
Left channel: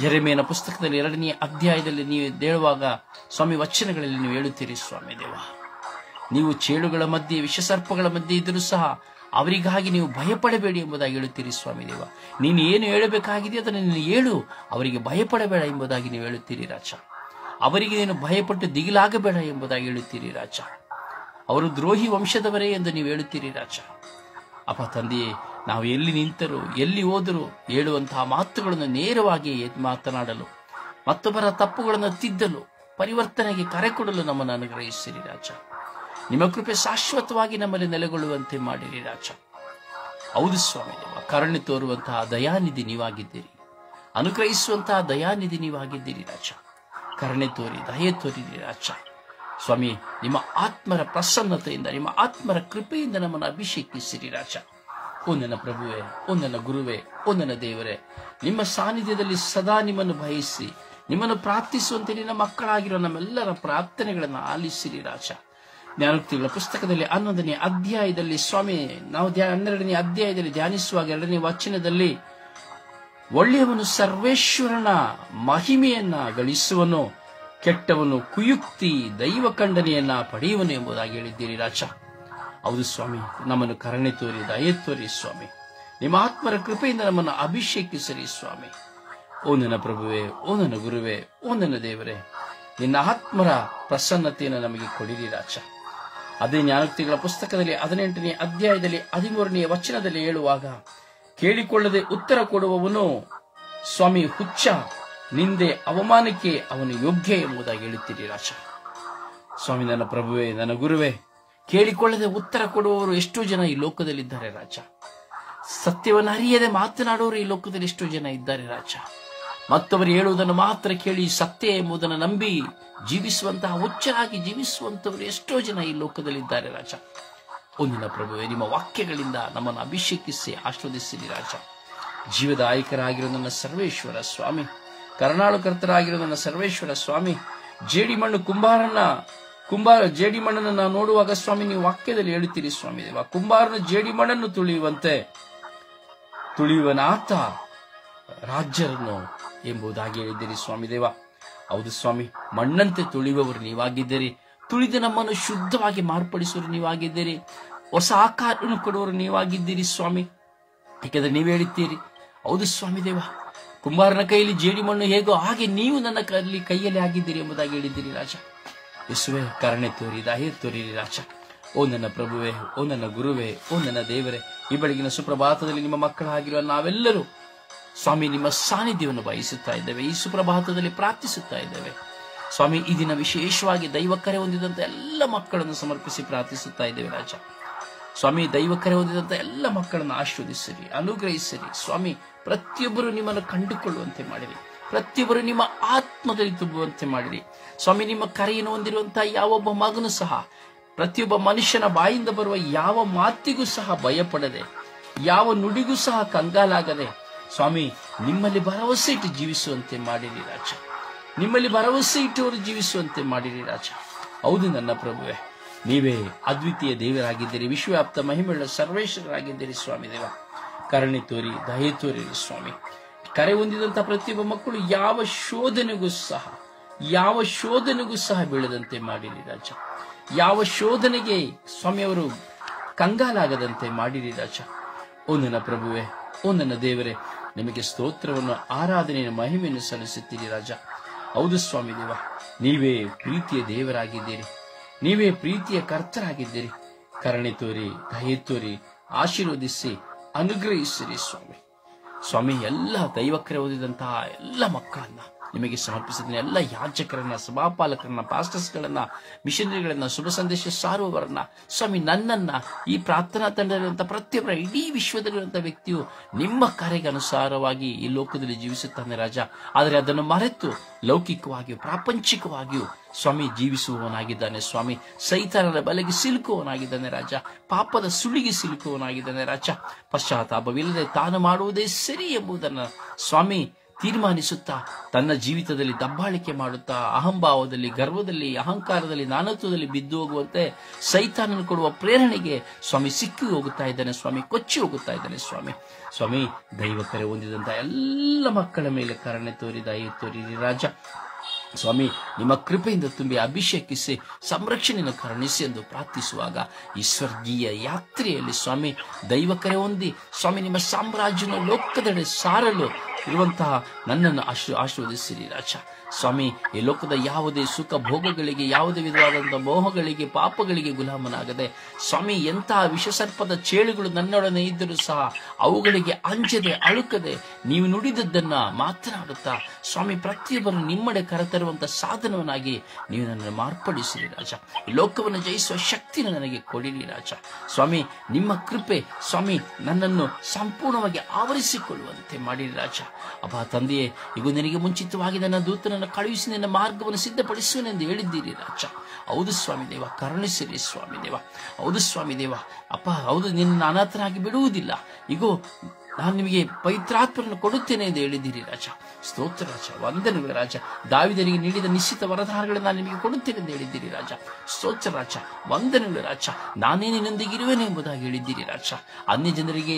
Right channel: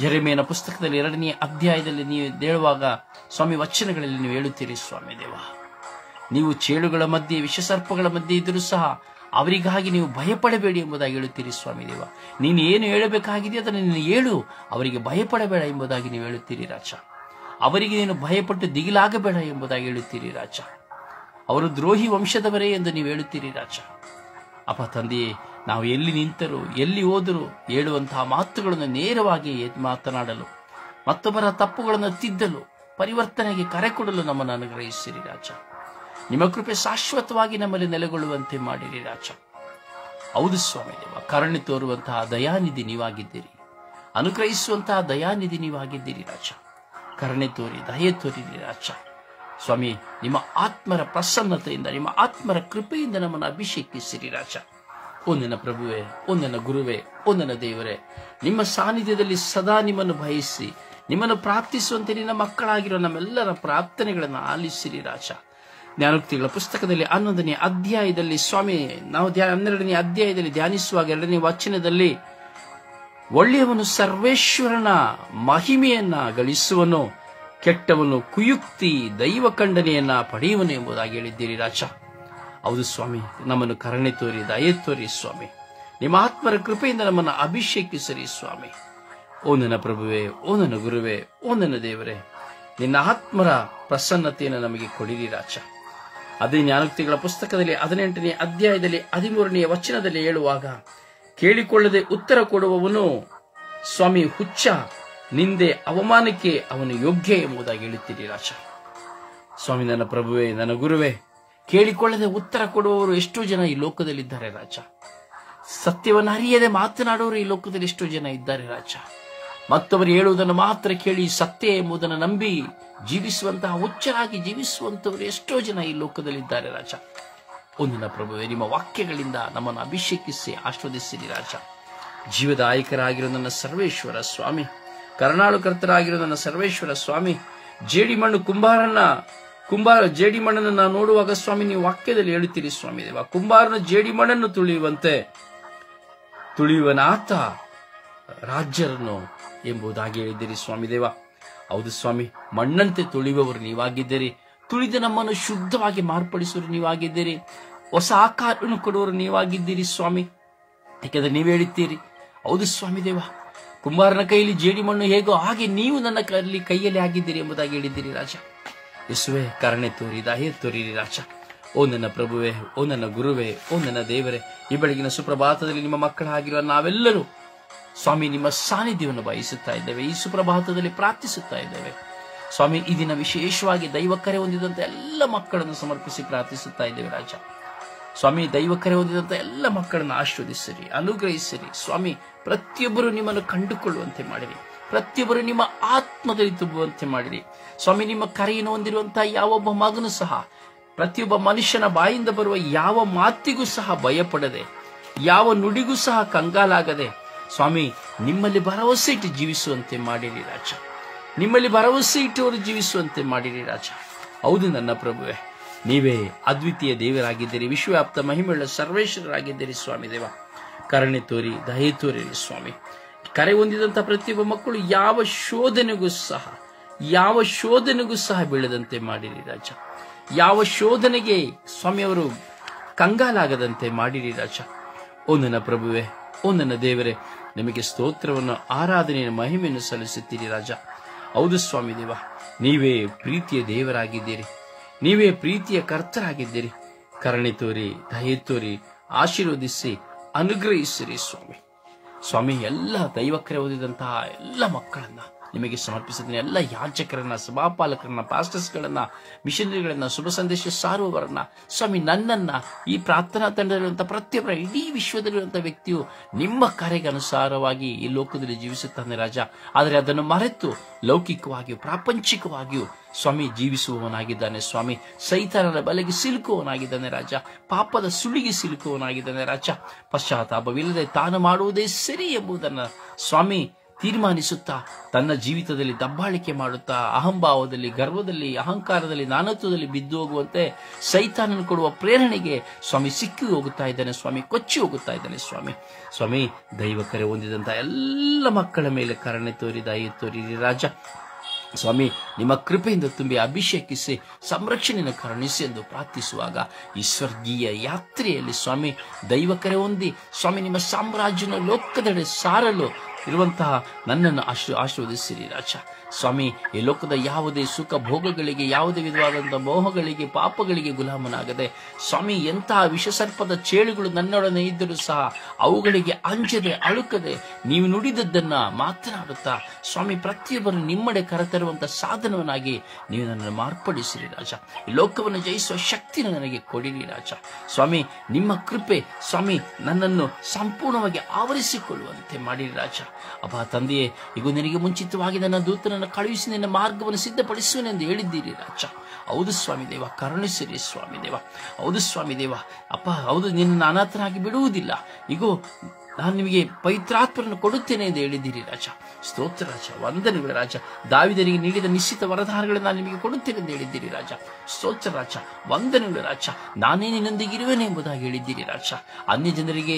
ಜೆರೆಮೀಯನ ಪುಸ್ತಕದಲ್ಲಿ 2ನೇ ಅಧ್ಯಾಯದಲ್ಲಿ ನೀವು ಹೇಳುವಾಗ ಸ್ವಾಮಿ ವಚನಗಳಲ್ಲಿ ನೀವು ಹೇಳುತ್ತೀರಿ ಸ್ವಾಮಿ ದೇವ, ನೀವು ಚೇಳುಗಳ ಮಧ್ಯೆ, ವಿಷಸರ್ಪಗಳ ಮಧ್ಯೆ ಇದ್ದರೂ ಸಹ ಅವರಿಗಾಗಿ ನೀವು ಭಯಪಡಬೇಡಿ ಎಂಬುದಾಗಿ ಹೇಳುತ್ತೀರಿ ಸ್ವಾಮಿ ದೇವ. ನೀನು ಏನು ಹೇಳಬೇಕಾಗಿದೆ ಅದನ್ನು ನೀನು ಹೇಳು, ಅವರಿಗೆ ಭಯಪಡಬೇಡ ಎಂಬುದಾಗಿ ನೀವು ಹೇಳುತ್ತೀರಿ ರಾಜ. ಅವರಿಗೆ ನೀನು ಭಯಪಟ್ಟು ದಿಗಿಲಾಗಬೇಡ ಎಂಬುದಾಗಿ ಹೇಳುತ್ತೀರಿ ರಾಜ. ಅವರು ದ್ರೋಹಿ ವಂಶದವರೇ ಎಂದು ನೀವು ಹೇಳುತ್ತೀರಿ ರಾಜ. ಅಪ್ಪ ತಂದೆಯೇ, ನಾವು ಎಲ್ಲಿ ನಿಂತರೂ ಎಲ್ಲಿ ಹೋದರೂ ಹೇಳುವಂತಹ ಮಾತುಗಳನ್ನು ನೇರವಾಗಿ ಮಾತನಾಡಲು, ಮತ್ತೊಬ್ಬರ ತಪ್ಪುಗಳನ್ನು ತಿದ್ದಲು, ಪರಿವರ್ತನೆಗೆ ಕರೆ ಕೊಡಲು ನಮ್ಮನ್ನು ಅನುಗ್ರಹಿಸಿರಿ ರಾಜ. ನಿಮ್ಮ ಕೃಪೆ ಶಾಶ್ವತವಾಗಿ ನಮ್ಮಲ್ಲಿ ನೆಲೆಗೊಳ್ಳುವಂತೆ ಮಾಡಿರಿ ರಾಜ. ಹೌದು ಸ್ವಾಮಿ ದೇವ, ಕರುಣೆ ತೋರುವಂತಹ ದಯಾನಿಧಿ ನೀವಾಗಿದ್ದೀರಿ, ಅನುಗ್ರಹಿಸುವಂತಹ ದಯಾನಿಧಿ ನೀವಾಗಿದ್ದೀರಿ ರಾಜ. ಕರುಣೆ ತೋರಿ, ದಯೆ ತೋರಿರಿ ರಾಜ. ಸ್ವಾಮಿ, ನಿಮ್ಮ ಆತ್ಮರ ಪ್ರಸನ್ನತೆಯಿಂದ, ನಿಮ್ಮ ಆತ್ಮರ ಕೃಪೆಯಿಂದ ನಮ್ಮನ್ನು ಅಭಿಷೇಕಿಸಿರಿ ರಾಜ. ಓ ನನ್ನ ಪ್ರಭುವೆ, ಓ ನನ್ನ ಗುರುವೆ, ಓ ನನ್ನ ದೇವರೇ, ನಿಮ್ಮ ಸಾನ್ನಿಧ್ಯದಲ್ಲಿ ಸದಾ ನಿಮ್ಮನ್ನು ಬಯಸಿ ನಿಮ್ಮನ್ನು ಪ್ರಾರ್ಥಿಸುವಂತೆ ನಿನ್ನ ಮಕ್ಕಳಾಗಿರೋ ನಮ್ಮೆಲ್ಲರ ಪ್ರಾರ್ಥನೆಗಳನ್ನು ಆಲಿಸಿರಿ ರಾಜ. ಜ್ಞಾನೋಕ್ತಿಗಳ ಪುಸ್ತಕದಲ್ಲಿ 11ನೇ ಅಧ್ಯಾಯದಲ್ಲಿ ಸ್ವಾಮಿ, ನಾವು 12ನೇ ಅಧ್ಯಾಯದಲ್ಲಿ ಧ್ಯಾನಿಸುವಾಗ 2ನೇ ವಚನದಲ್ಲಿ ಒಳ್ಳೆಯವನು ಸರ್ವೇಶ್ವರನ ಮಹಿಮೆಯನ್ನ ಗಳಿಸುವನು, ಕೆಟ್ಟವನು ಕುಯುಕ್ತಿ ದೈವ ಖಂಡನೆಯನ್ನ ಪಡೆಯುವನು ಎಂಬುದಾಗಿ ಹೇಳಿದ್ದೀರಿ ರಾಜ. ಹೌದು ಸ್ವಾಮಿ, ನಮ್ಮನ್ನು ಕರುಣೆ ತೋರಿ, ದಯೆ ತೋರಿ ಸ್ವಾಮಿ. ನಿಮ್ಮ ಆತ್ಮರ ಕೃಪೆಯಿಂದ ನಮ್ಮನ್ನು ಅಭಿಷೇಕಿಸಿರಿ ಸ್ವಾಮಿ. ಓ ನನ್ನ ಪ್ರಭುವೆ, ಓ ನನ್ನ ಗುರುವೆ, ಓ ನನ್ನ ದೇವರೇ, ನಿನ್ನ ಆತ್ಮರ ಪ್ರಸನ್ನತೆಯನ್ನು ನಮಗೆ ಕೊಡಿರಿ ರಾಜ. ಅದೇ ಜ್ಞಾನೋಕ್ತಿಗಳ ಪುಸ್ತಕದಲ್ಲಿ 18ನೇ ಅಧ್ಯಾಯದಲ್ಲಿ 13ನೇ ವಚನದಲ್ಲಿ ಹೇಳುವಾಗ, ಕೇಳಿಕೊಳ್ಳದೆ ಉತ್ತರ ಕೊಡುವವನು ಸ್ವಾಮಿ ಹುಚ್ಚ, ನಿಂದೆ ಅವಮಾನಕ್ಕೆ ಅವನು ಯೋಗ್ಯ ಎಂಬುದಾಗಿ ಹೇಳುತ್ತೀರಿ ರಾಜ. ಸ್ವಾಮಿ, ನನ್ನ ಪ್ರಭುವೆ, ನನ್ನ ಗುರುವೆ, ಕೇಳಿಕೊಳ್ಳದೆ ಉತ್ತರ ಕೊಡುವವರು ಎಷ್ಟೋ ಜನ ಈ ಲೋಕದಲ್ಲಿದ್ದಾರೆ ರಾಜ. ಸತ್ಯವನ್ನು ಅರಿಯದೆ ಮಾತನಾಡುವವರು ಈ ಲೋಕದಲ್ಲಿ ಎಷ್ಟೋ ಜನ ಇದ್ದಾರೆ ರಾಜ. ಮತ್ತವರು ಹೇಳುವುದನ್ನು ಮಾತ್ರ ಕೇಳಿ ಸತ್ಯ ಎಂಬುದನ್ನು ನಂಬಿ ಜೀವಿಸುವಂತಹ ಹುಚ್ಚರಾಗಿ ಜೀವಿಸುವಂತವರು ಎಷ್ಟೋ ಜನ ಈ ಲೋಕದಲ್ಲಿದ್ದಾರೆ ರಾಜ. ಒಂದಿನ ಪ್ರಭುವೆ, ನಿಮ್ಮ ವಾಕ್ಯಗಳಿಂದ ನಮ್ಮನ್ನು ಅಭಿಷೇಕಿಸಿ ಆಶೀರ್ವದಿಸಿರಿ ರಾಜ. ಜೀವದಾಯಕರಾಗಿರೋ ನನ್ನ ಸರ್ವೇಶ್ವರ ಸ್ವಾಮಿ, ಕರುಣಾಳುಕರ್ತರಾಗಿರೋ ನನ್ನ ಸರ್ವೇಶ್ವರ ಸ್ವಾಮಿ, ಜೇಡಿಮಣ್ಣನ್ನು ನಾವು ನೋಡುವಾಗ ಸ್ವಾಮಿ, ನೀವು ವಾಕ್ಯದಲ್ಲಿ ಹೇಳುತ್ತೀರಿ ಸ್ವಾಮಿ ದೇವ, ಕುಂಬಾರನ ಜೇಡಿಮಣ್ಣನ್ನು ತುಳಿಯುವನಾತ ರಾಜ್ಯರನ್ನು ಎಂಬುದಾಗಿ ಹೇಳಿದ್ದೀರಿ ಸ್ವಾಮಿ ದೇವ. ಹೌದು ಸ್ವಾಮಿ, ಮಣ್ಣಂತೆ ತುಳಿಯುವವರು ನೀವಾಗಿದ್ದೀರಿ. ತುಳಿದ ನಮ್ಮನ್ನು ಶುದ್ಧವಾಗಿ ಮಾರ್ಪಡಿಸುವರು ನೀವಾಗಿದ್ದೀರಿ. ಹೊಸ ಆಕಾರವನ್ನು ಕೊಡುವರು ನೀವಾಗಿದ್ದೀರಿ ಸ್ವಾಮಿ. ಯಾಕೆಂದ್ರೆ ನೀವು ಹೇಳುತ್ತೀರಿ, ಹೌದು ಸ್ವಾಮಿ ದೇವ, ಕುಂಬಾರನ ಕೈಯಲ್ಲಿ ಜೇಡಿಮಣ್ಣು ಹೇಗೋ ಹಾಗೆ ನೀವು ನನ್ನ ಕೈಯಲ್ಲಿ ಆಗಿದ್ದೀರಿ ಎಂಬುದಾಗಿ ಹೇಳಿದ್ದೀರಿ ರಾಜ. ಯೇಸುವೆ, ಕರುಣೆ ತೋರಿ, ದಯೆ ತೋರಿರಿ ರಾಜ. ಓ ನನ್ನ ಪ್ರಭುವೆ, ಓ ನನ್ನ ಗುರುವೆ, ಓ ನನ್ನ ದೇವರೇ, ಈ ಬೆಳಗಿನ ಸುಪ್ರಭಾತದಲ್ಲಿ ನಿಮ್ಮ ಮಕ್ಕಳಾಗಿರುವ ನಾವೆಲ್ಲರೂ ಸ್ವಾಮಿ ನಿಮ್ಮ ಸಾನ್ನಿಧ್ಯವನ್ನು ಬಯಸುತ್ತಾ ಇದ್ದೇವೆ. ಈ ಸುಪ್ರಭಾತದಲ್ಲಿ ಪ್ರಾರ್ಥಿಸುತ್ತಾ ಇದ್ದೇವೆ ಸ್ವಾಮಿ. ಈ ದಿನ ವಿಶೇಷವಾಗಿ ದೈವ ಕರೆ ಹೊಂದಿದಂತ ಎಲ್ಲ ಮಕ್ಕಳನ್ನು ಸಮರ್ಪಿಸಿ ಪ್ರಾರ್ಥಿಸುತ್ತಾ ಇದ್ದೇವೆ ರಾಜ. ಸ್ವಾಮಿ, ದೈವ ಕರೆ ಹೊಂದಿದಂತ ಎಲ್ಲ ಮಕ್ಕಳನ್ನು ಆಶೀರ್ವದಿಸಿರಿ, ಅನುಗ್ರಹಿಸಿರಿ ಸ್ವಾಮಿ. ಪ್ರತಿಯೊಬ್ಬರು ನಿಮ್ಮನ್ನು ಕಂಡುಕೊಳ್ಳುವಂತೆ ಮಾಡಿರಿ, ಪ್ರತಿಯೊಬ್ಬರು ನಿಮ್ಮ ಆತ್ಮದಲ್ಲಿ ತುಂಬುವಂತೆ ಮಾಡಿರಿ ಸ್ವಾಮಿ. ನಿಮ್ಮ ಕರೆಯನ್ನು ಹೊಂದಿರುವಂತಹ ಯಾವೊಬ್ಬ ಮಗನು ಸಹ, ಪ್ರತಿಯೊಬ್ಬ ಮನುಷ್ಯನ ಬಾಯಿಂದ ಬರುವ ಯಾವ ಮಾತಿಗೂ ಸಹ ಭಯಪಡದೆ, ಯಾವ ನುಡಿಗೂ ಸಹ ಕಂಗಾಲಾಗದೆ ಸ್ವಾಮಿ ನಿಮ್ಮಲ್ಲಿ ಭರವಸೆ ಇಟ್ಟು ಜೀವಿಸುವಂತೆ ಮಾಡಿರಿ ರಾಜ. ನಿಮ್ಮಲ್ಲಿ ಭರವಸೆ ಇಟ್ಟವರು ಜೀವಿಸುವಂತೆ ಮಾಡಿರಿ ರಾಜ. ಹೌದು ನನ್ನ ಪ್ರಭುವೆ, ನೀವೇ ಅದ್ವಿತೀಯ ದೇವರಾಗಿದ್ದೀರಿ, ವಿಶ್ವವ್ಯಾಪ್ತ ಮಹಿಮೆಯುಳ್ಳ ಸರ್ವೇಶ್ವರರಾಗಿದ್ದೀರಿ ಸ್ವಾಮಿ ದೇವ. ಕರುಣೆ ತೋರಿ, ದಯೆ ತೋರಿರಿ ಸ್ವಾಮಿ. ಕರೆ ಹೊಂದಿದಂತ ಪ್ರತಿಯೊಬ್ಬ ಮಕ್ಕಳು ಯಾವ ಶೋಧನೆಗೂ ಸಹ ಬೀಳದಂತೆ ಮಾಡಿರಿ ರಾಜ. ಯಾವ ಶೋಧನೆಗೆ ಸ್ವಾಮಿ ಅವರು ಕಂಗಾಲಾಗದಂತೆ ಮಾಡಿರಿ ರಾಜ. ಓ ನನ್ನ ಪ್ರಭುವೆ, ಓ ನನ್ನ ದೇವರೇ, ನಿಮಗೆ ಸ್ತೋತ್ರವನ್ನು, ಆರಾಧನೆಯನ್ನು, ಮಹಿಮೆಯನ್ನು ಸಲ್ಲಿಸುತ್ತೀರಿ ರಾಜ. ಹೌದು ಸ್ವಾಮಿ ದೇವ, ನೀವೇ ಪ್ರೀತಿಯ ದೇವರಾಗಿದ್ದೀರಿ, ನೀವೇ ಪ್ರೀತಿಯ ಕರ್ತರಾಗಿದ್ದೀರಿ. ಕರುಣೆ ತೋರಿ, ದಯೆ ತೋರಿ, ಆಶೀರ್ವದಿಸಿ, ಅನುಗ್ರಹಿಸಿರಿ ಸ್ವಾಮಿ. ಸ್ವಾಮಿ, ಎಲ್ಲ ದೈವಕರೆ ಓದಿದಂತಹ ಎಲ್ಲ ಮಕ್ಕಳನ್ನ ನಿಮಗೆ ಸಮರ್ಪಿಸಿದ್ದೀನಿ. ಎಲ್ಲ ಯಾಜಕರನ್ನ, ಸಭಾಪಾಲಕರನ್ನ, ಪಾಸ್ಟರ್ಸ್ಗಳನ್ನ, ಮಿಷನರಿಗಳನ್ನ, ಶುಭ ಸಂದೇಶ ಸಾರುವವರನ್ನ ಸ್ವಾಮಿ, ನನ್ನನ್ನ, ಈ ಪ್ರಾರ್ಥನಾ ತಂಡದಲ್ಲಿರುವಂತಹ ಪ್ರತಿಯೊಬ್ಬರ, ಇಡೀ ವಿಶ್ವದಲ್ಲಿರುವಂತಹ ವ್ಯಕ್ತಿಯು ನಿಮ್ಮ ಕರೆಗೆ ಅನುಸಾರವಾಗಿ ಈ ಲೋಕದಲ್ಲಿ ಜೀವಿಸುತ್ತಾನೆ ರಾಜ. ಆದರೆ ಅದನ್ನು ಮರೆತು ಲೌಕಿಕವಾಗಿಯೂ ಪ್ರಾಪಂಚಿಕವಾಗಿಯೂ ಸ್ವಾಮಿ ಜೀವಿಸುವವನಾಗಿದ್ದಾನೆ ಸ್ವಾಮಿ. ಸೈತಾನನ ಬಲೆಗೆ ಸಿಲುಕುವವನಾಗಿದ್ದಾನೆ ರಾಜ. ಪಾಪದ ಸುಳಿಗೆ ಸಿಲುಕುವವನಾಗಿದ್ದಾನೆ ರಾಜ. ಪಶ್ಚಾತ್ತಾಪವಿಲ್ಲದೆ ತಾನು ಮಾಡುವುದೇ ಸರಿ ಎಂಬುದನ್ನು ಸ್ವಾಮಿ ತೀರ್ಮಾನಿಸುತ್ತಾ ತನ್ನ ಜೀವಿತದಲ್ಲಿ ದಬ್ಬಾಳಿಕೆ ಮಾಡುತ್ತಾ ಅಹಂಭಾವದಲ್ಲಿ, ಗರ್ವದಲ್ಲಿ, ಅಹಂಕಾರದಲ್ಲಿ, ನಾನತ್ವದಲ್ಲಿ ಬಿದ್ದು ಹೋಗುವಂತೆ ಸೈತಾನನು ಕೊಡುವ ಪ್ರೇರಣೆಗೆ ಸ್ವಾಮಿ ಸಿಕ್ಕಿ ಹೋಗುತ್ತಾ ಇದ್ದಾನೆ ಸ್ವಾಮಿ, ಕೊಚ್ಚಿ ಹೋಗುತ್ತಾ ಇದ್ದಾನೆ ಸ್ವಾಮಿ. ಸ್ವಾಮಿ, ದೈವ ಕರೆ ಹೊಂದಿದಂತ ಎಲ್ಲ ಮಕ್ಕಳ ಮೇಲೆ ಕರುಣೆ ತೋರಿ, ದಯೆ ತೋರಿರಿ ರಾಜ. ಸ್ವಾಮಿ, ನಿಮ್ಮ ಕೃಪೆಯಿಂದ ತುಂಬಿ ಅಭಿಷೇಕಿಸಿ ಸಂರಕ್ಷಣೆಯನ್ನು ಕರುಣಿಸಿ ಎಂದು ಪ್ರಾರ್ಥಿಸುವಾಗ ಈ ಸ್ವರ್ಗೀಯ ಯಾತ್ರೆಯಲ್ಲಿ ಸ್ವಾಮಿ ದೈವ ಕರೆ ಹೊಂದಿ ಸ್ವಾಮಿ ನಿಮ್ಮ ಸಾಮ್ರಾಜ್ಯನ ಲೋಕದೆಡೆ ಸಾರಲು ಇರುವಂತಹ ನನ್ನನ್ನು ಆಶೀರ್ವದಿಸಿರಿ ರಾಜ. ಸ್ವಾಮಿ, ಈ ಲೋಕದ ಯಾವುದೇ ಸುಖ ಭೋಗಗಳಿಗೆ, ಯಾವುದೇ ವಿಧವಾದಂತಹ ಮೋಹಗಳಿಗೆ, ಪಾಪಗಳಿಗೆ ಗುಲಾಮನಾಗದೆ ಸ್ವಾಮಿ, ಎಂತಹ ವಿಷಸರ್ಪದ ಚೇಳುಗಳು ನನ್ನೊಡನೆ ಇದ್ದರೂ ಸಹ ಅವುಗಳಿಗೆ ಅಂಜದೆ ಅಳುಕದೆ ನೀವು ನುಡಿದದ್ದನ್ನ ಮಾತನಾಡುತ್ತಾ ಸ್ವಾಮಿ ಪ್ರತಿಯೊಬ್ಬರು ನಿಮ್ಮಡೆ ಕರೆತರುವಂತಹ ಸಾಧನವನ್ನಾಗಿ ನೀವು ನನ್ನನ್ನು ಮಾರ್ಪಡಿಸಿರಿ ರಾಜ. ಈ ಲೋಕವನ್ನು ಜಯಿಸುವ ಶಕ್ತಿಯನ್ನು ನನಗೆ ಕೊಡಿರಿ ರಾಜ. ಸ್ವಾಮಿ, ನಿಮ್ಮ ಕೃಪೆ ಸ್ವಾಮಿ ನನ್ನನ್ನು ಸಂಪೂರ್ಣವಾಗಿ ಆವರಿಸಿಕೊಳ್ಳುವಂತೆ ಮಾಡಿರಿ ರಾಜ. ಅಪ್ಪ ತಂದೆಯೇ, ಈಗ ನಿನಗೆ ಮುಂಚಿತವಾಗಿ ನನ್ನ ದೂತನನ್ನು ಕಳುಹಿಸಿ ನಿನ್ನ ಮಾರ್ಗವನ್ನು ಸಿದ್ಧಪಡಿಸುವನೆಂದು ಹೇಳಿದ್ದೀರಿ ರಾಜ. ಹೌದು ಸ್ವಾಮಿ ದೇವ, ಕರುಣಿಸಿರಿ ಸ್ವಾಮಿ ದೇವ. ಹೌದು ಸ್ವಾಮಿ ದೇವ. ಅಪ್ಪ ಹೌದು, ನಿನ್ನ ಅನಾಥನಾಗಿ ಬಿಡುವುದಿಲ್ಲ. ಈಗೋ ನಾನು ನಿಮಗೆ ಪವಿತ್ರಾತ್ಮರನ್ನು ಕೊಡುತ್ತೇನೆ ಎಂದು ಹೇಳಿದ್ದೀರಿ ರಾಜ. ಸ್ತೋತ್ರ ರಾಜ, ವಂದನೆಗಳು ರಾಜ. ದಾವೀದನಿಗೆ ನೀಡಿದ ನಿಶ್ಚಿತ ವರದಾನಗಳನ್ನು ನಾನು ನಿಮಗೆ ಕೊಡುತ್ತೇನೆ ಎಂದು ಹೇಳಿದ್ದೀರಿ ರಾಜ. ಸ್ತೋತ್ರ ರಾಜ, ವಂದನೆಗಳು ರಾಜ. ನಾನೇ ನಿನ್ನೊಂದಿಗಿರುವೆನೆ ಎಂಬುದಾಗಿ ಹೇಳಿದ್ದೀರಿ ರಾಜ. ಅನ್ಯ ಜನರಿಗೆ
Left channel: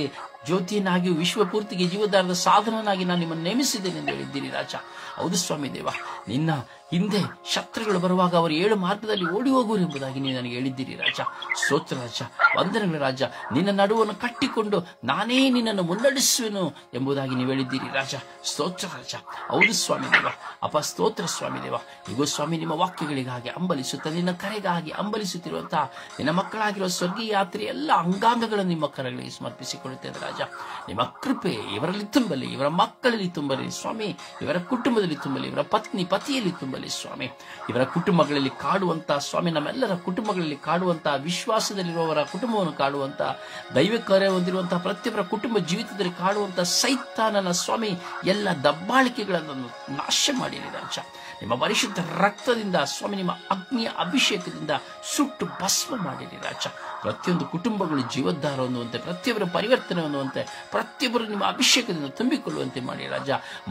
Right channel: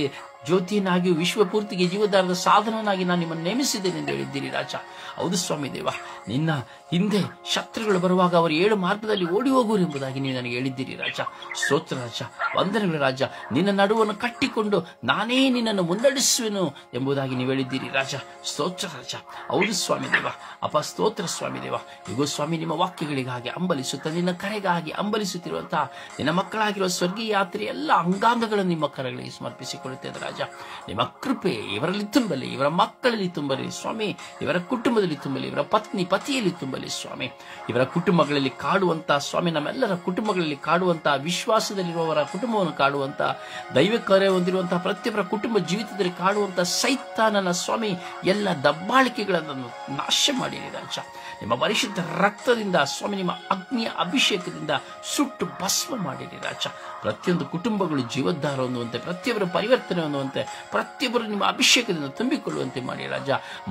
ಜ್ಯೋತಿಯನ್ನಾಗಿ ವಿಶ್ವಪೂರ್ತಿಗೆ ಜೀವಧಾರದ ಸಾಧನನಾಗಿ ನಾನು ನಿಮ್ಮನ್ನು ನೇಮಿಸಿದ್ದೇನೆ ಎಂದು ಹೇಳಿದ್ದೀರಿ ರಾಜ. ಹೌದು ಸ್ವಾಮಿ ದೇವ, ನಿನ್ನ ಹಿಂದೆ ಶತ್ರುಗಳು ಬರುವಾಗ ಅವರು 7 ಮಾರ್ಗದಲ್ಲಿ ಓಡಿ ಹೋಗುವರು ಎಂಬುದಾಗಿ ನೀವು ನನಗೆ ಹೇಳಿದ್ದೀರಿ ರಾಜ. ಸ್ತೋತ್ರ ರಾಜ, ವಂದನೆಗಳು ರಾಜ. ನಿನ್ನ ನಡುವನ್ನು ಕಟ್ಟಿಕೊಂಡು ನಾನೇ ನಿನ್ನನ್ನು ಮುನ್ನಡೆಸುವೆನು ಎಂಬುದಾಗಿ ನೀವು ಹೇಳಿದ್ದೀರಿ ರಾಜ. ಸ್ತೋತ್ರ ರಾಜ, ಹೌದು ಸ್ವಾಮಿ ದೇವ. ಅಪ್ಪ ಸ್ತೋತ್ರ ಸ್ವಾಮಿ ದೇವ. ಈಗ ಸ್ವಾಮಿ ನಿಮ್ಮ ವಾಕ್ಯಗಳಿಗಾಗಿ ಅಂಬಲಿಸುತ್ತ ನಿನ್ನ ಕರೆಗಾಗಿ ಅಂಬಲಿಸುತ್ತಿರುವಂತಹ ನಿನ್ನ ಮಕ್ಕಳಾಗಿರುವ ಸ್ವರ್ಗೀಯ ಯಾತ್ರೆ ಎಲ್ಲ ಅಂಗಾಂಗಗಳನ್ನು ನಿಮ್ಮ ಕರೆಗಳಿಗೆ ಸಮರ್ಪಿಸಿಕೊಳ್ಳುತ್ತೇನೆ ರಾಜ. ನಿಮ್ಮ ಕೃಪೆ ಇವರಲ್ಲಿ ತುಂಬಲಿ, ಇವರ ಮಕ್ಕಳಲ್ಲಿ ತುಂಬಲಿ ಸ್ವಾಮಿ, ಇವರ ಕುಟುಂಬದಲ್ಲಿ ತುಂಬಲಿ, ಇವರ ಪತ್ನಿ ಪತಿಯಲ್ಲಿ ತುಂಬಲಿ ಸ್ವಾಮಿ. ಇವರ ಕುಟುಂಬಗಳಲ್ಲಿ ಕಾಡುವಂತಹ ಸ್ವಾಮಿ, ನಮ್ಮೆಲ್ಲರ ಕುಟುಂಬಗಳಲ್ಲಿ ಕಾಡುವಂತಹ, ವಿಶ್ವಾಸದಲ್ಲಿರುವವರ ಕುಟುಂಬವನ್ನು ಕಾಡುವಂತಹ, ದೈವ ಕಾರ್ಯ ಹೊಂದಿರುವಂತಹ ಪ್ರತಿಯೊಬ್ಬರ ಕುಟುಂಬ ಜೀವಿತದಲ್ಲಿ ಕಾಡುವಂತಹ ಸೈತಾನನ ಸ್ವಾಮಿ ಎಲ್ಲ ದಬ್ಬಾಳಿಕೆಗಳನ್ನು ನಾಶ ಮಾಡಿರಿ ರಾಜ. ನಿಮ್ಮ ಪರಿಶುದ್ಧ ರಕ್ತದಿಂದ ಸ್ವಾಮಿ, ನಿಮ್ಮ ಅಗ್ನಿಯ ಅಭಿಷೇಕದಿಂದ ಸುಟ್ಟು ಭಸ್ಮ ಮಾಡಿರಿ ರಾಜ. ಪ್ರತಿಯೊಂದು ಕುಟುಂಬಗಳು ಜೀವೋದ್ಧಾರ ಹೊಂದುವಂತೆ, ಪ್ರತಿಯೊಬ್ಬರ ಪರಿವರ್ತನೆ ಹೊಂದುವಂತೆ, ಪ್ರತಿಯೊಬ್ಬರು ನಿಮ್ಮ ಅಭಿಷೇಕದಿಂದ ತುಂಬಿಕೊಳ್ಳುವಂತೆ ಮಾಡಿ ರಾಜ.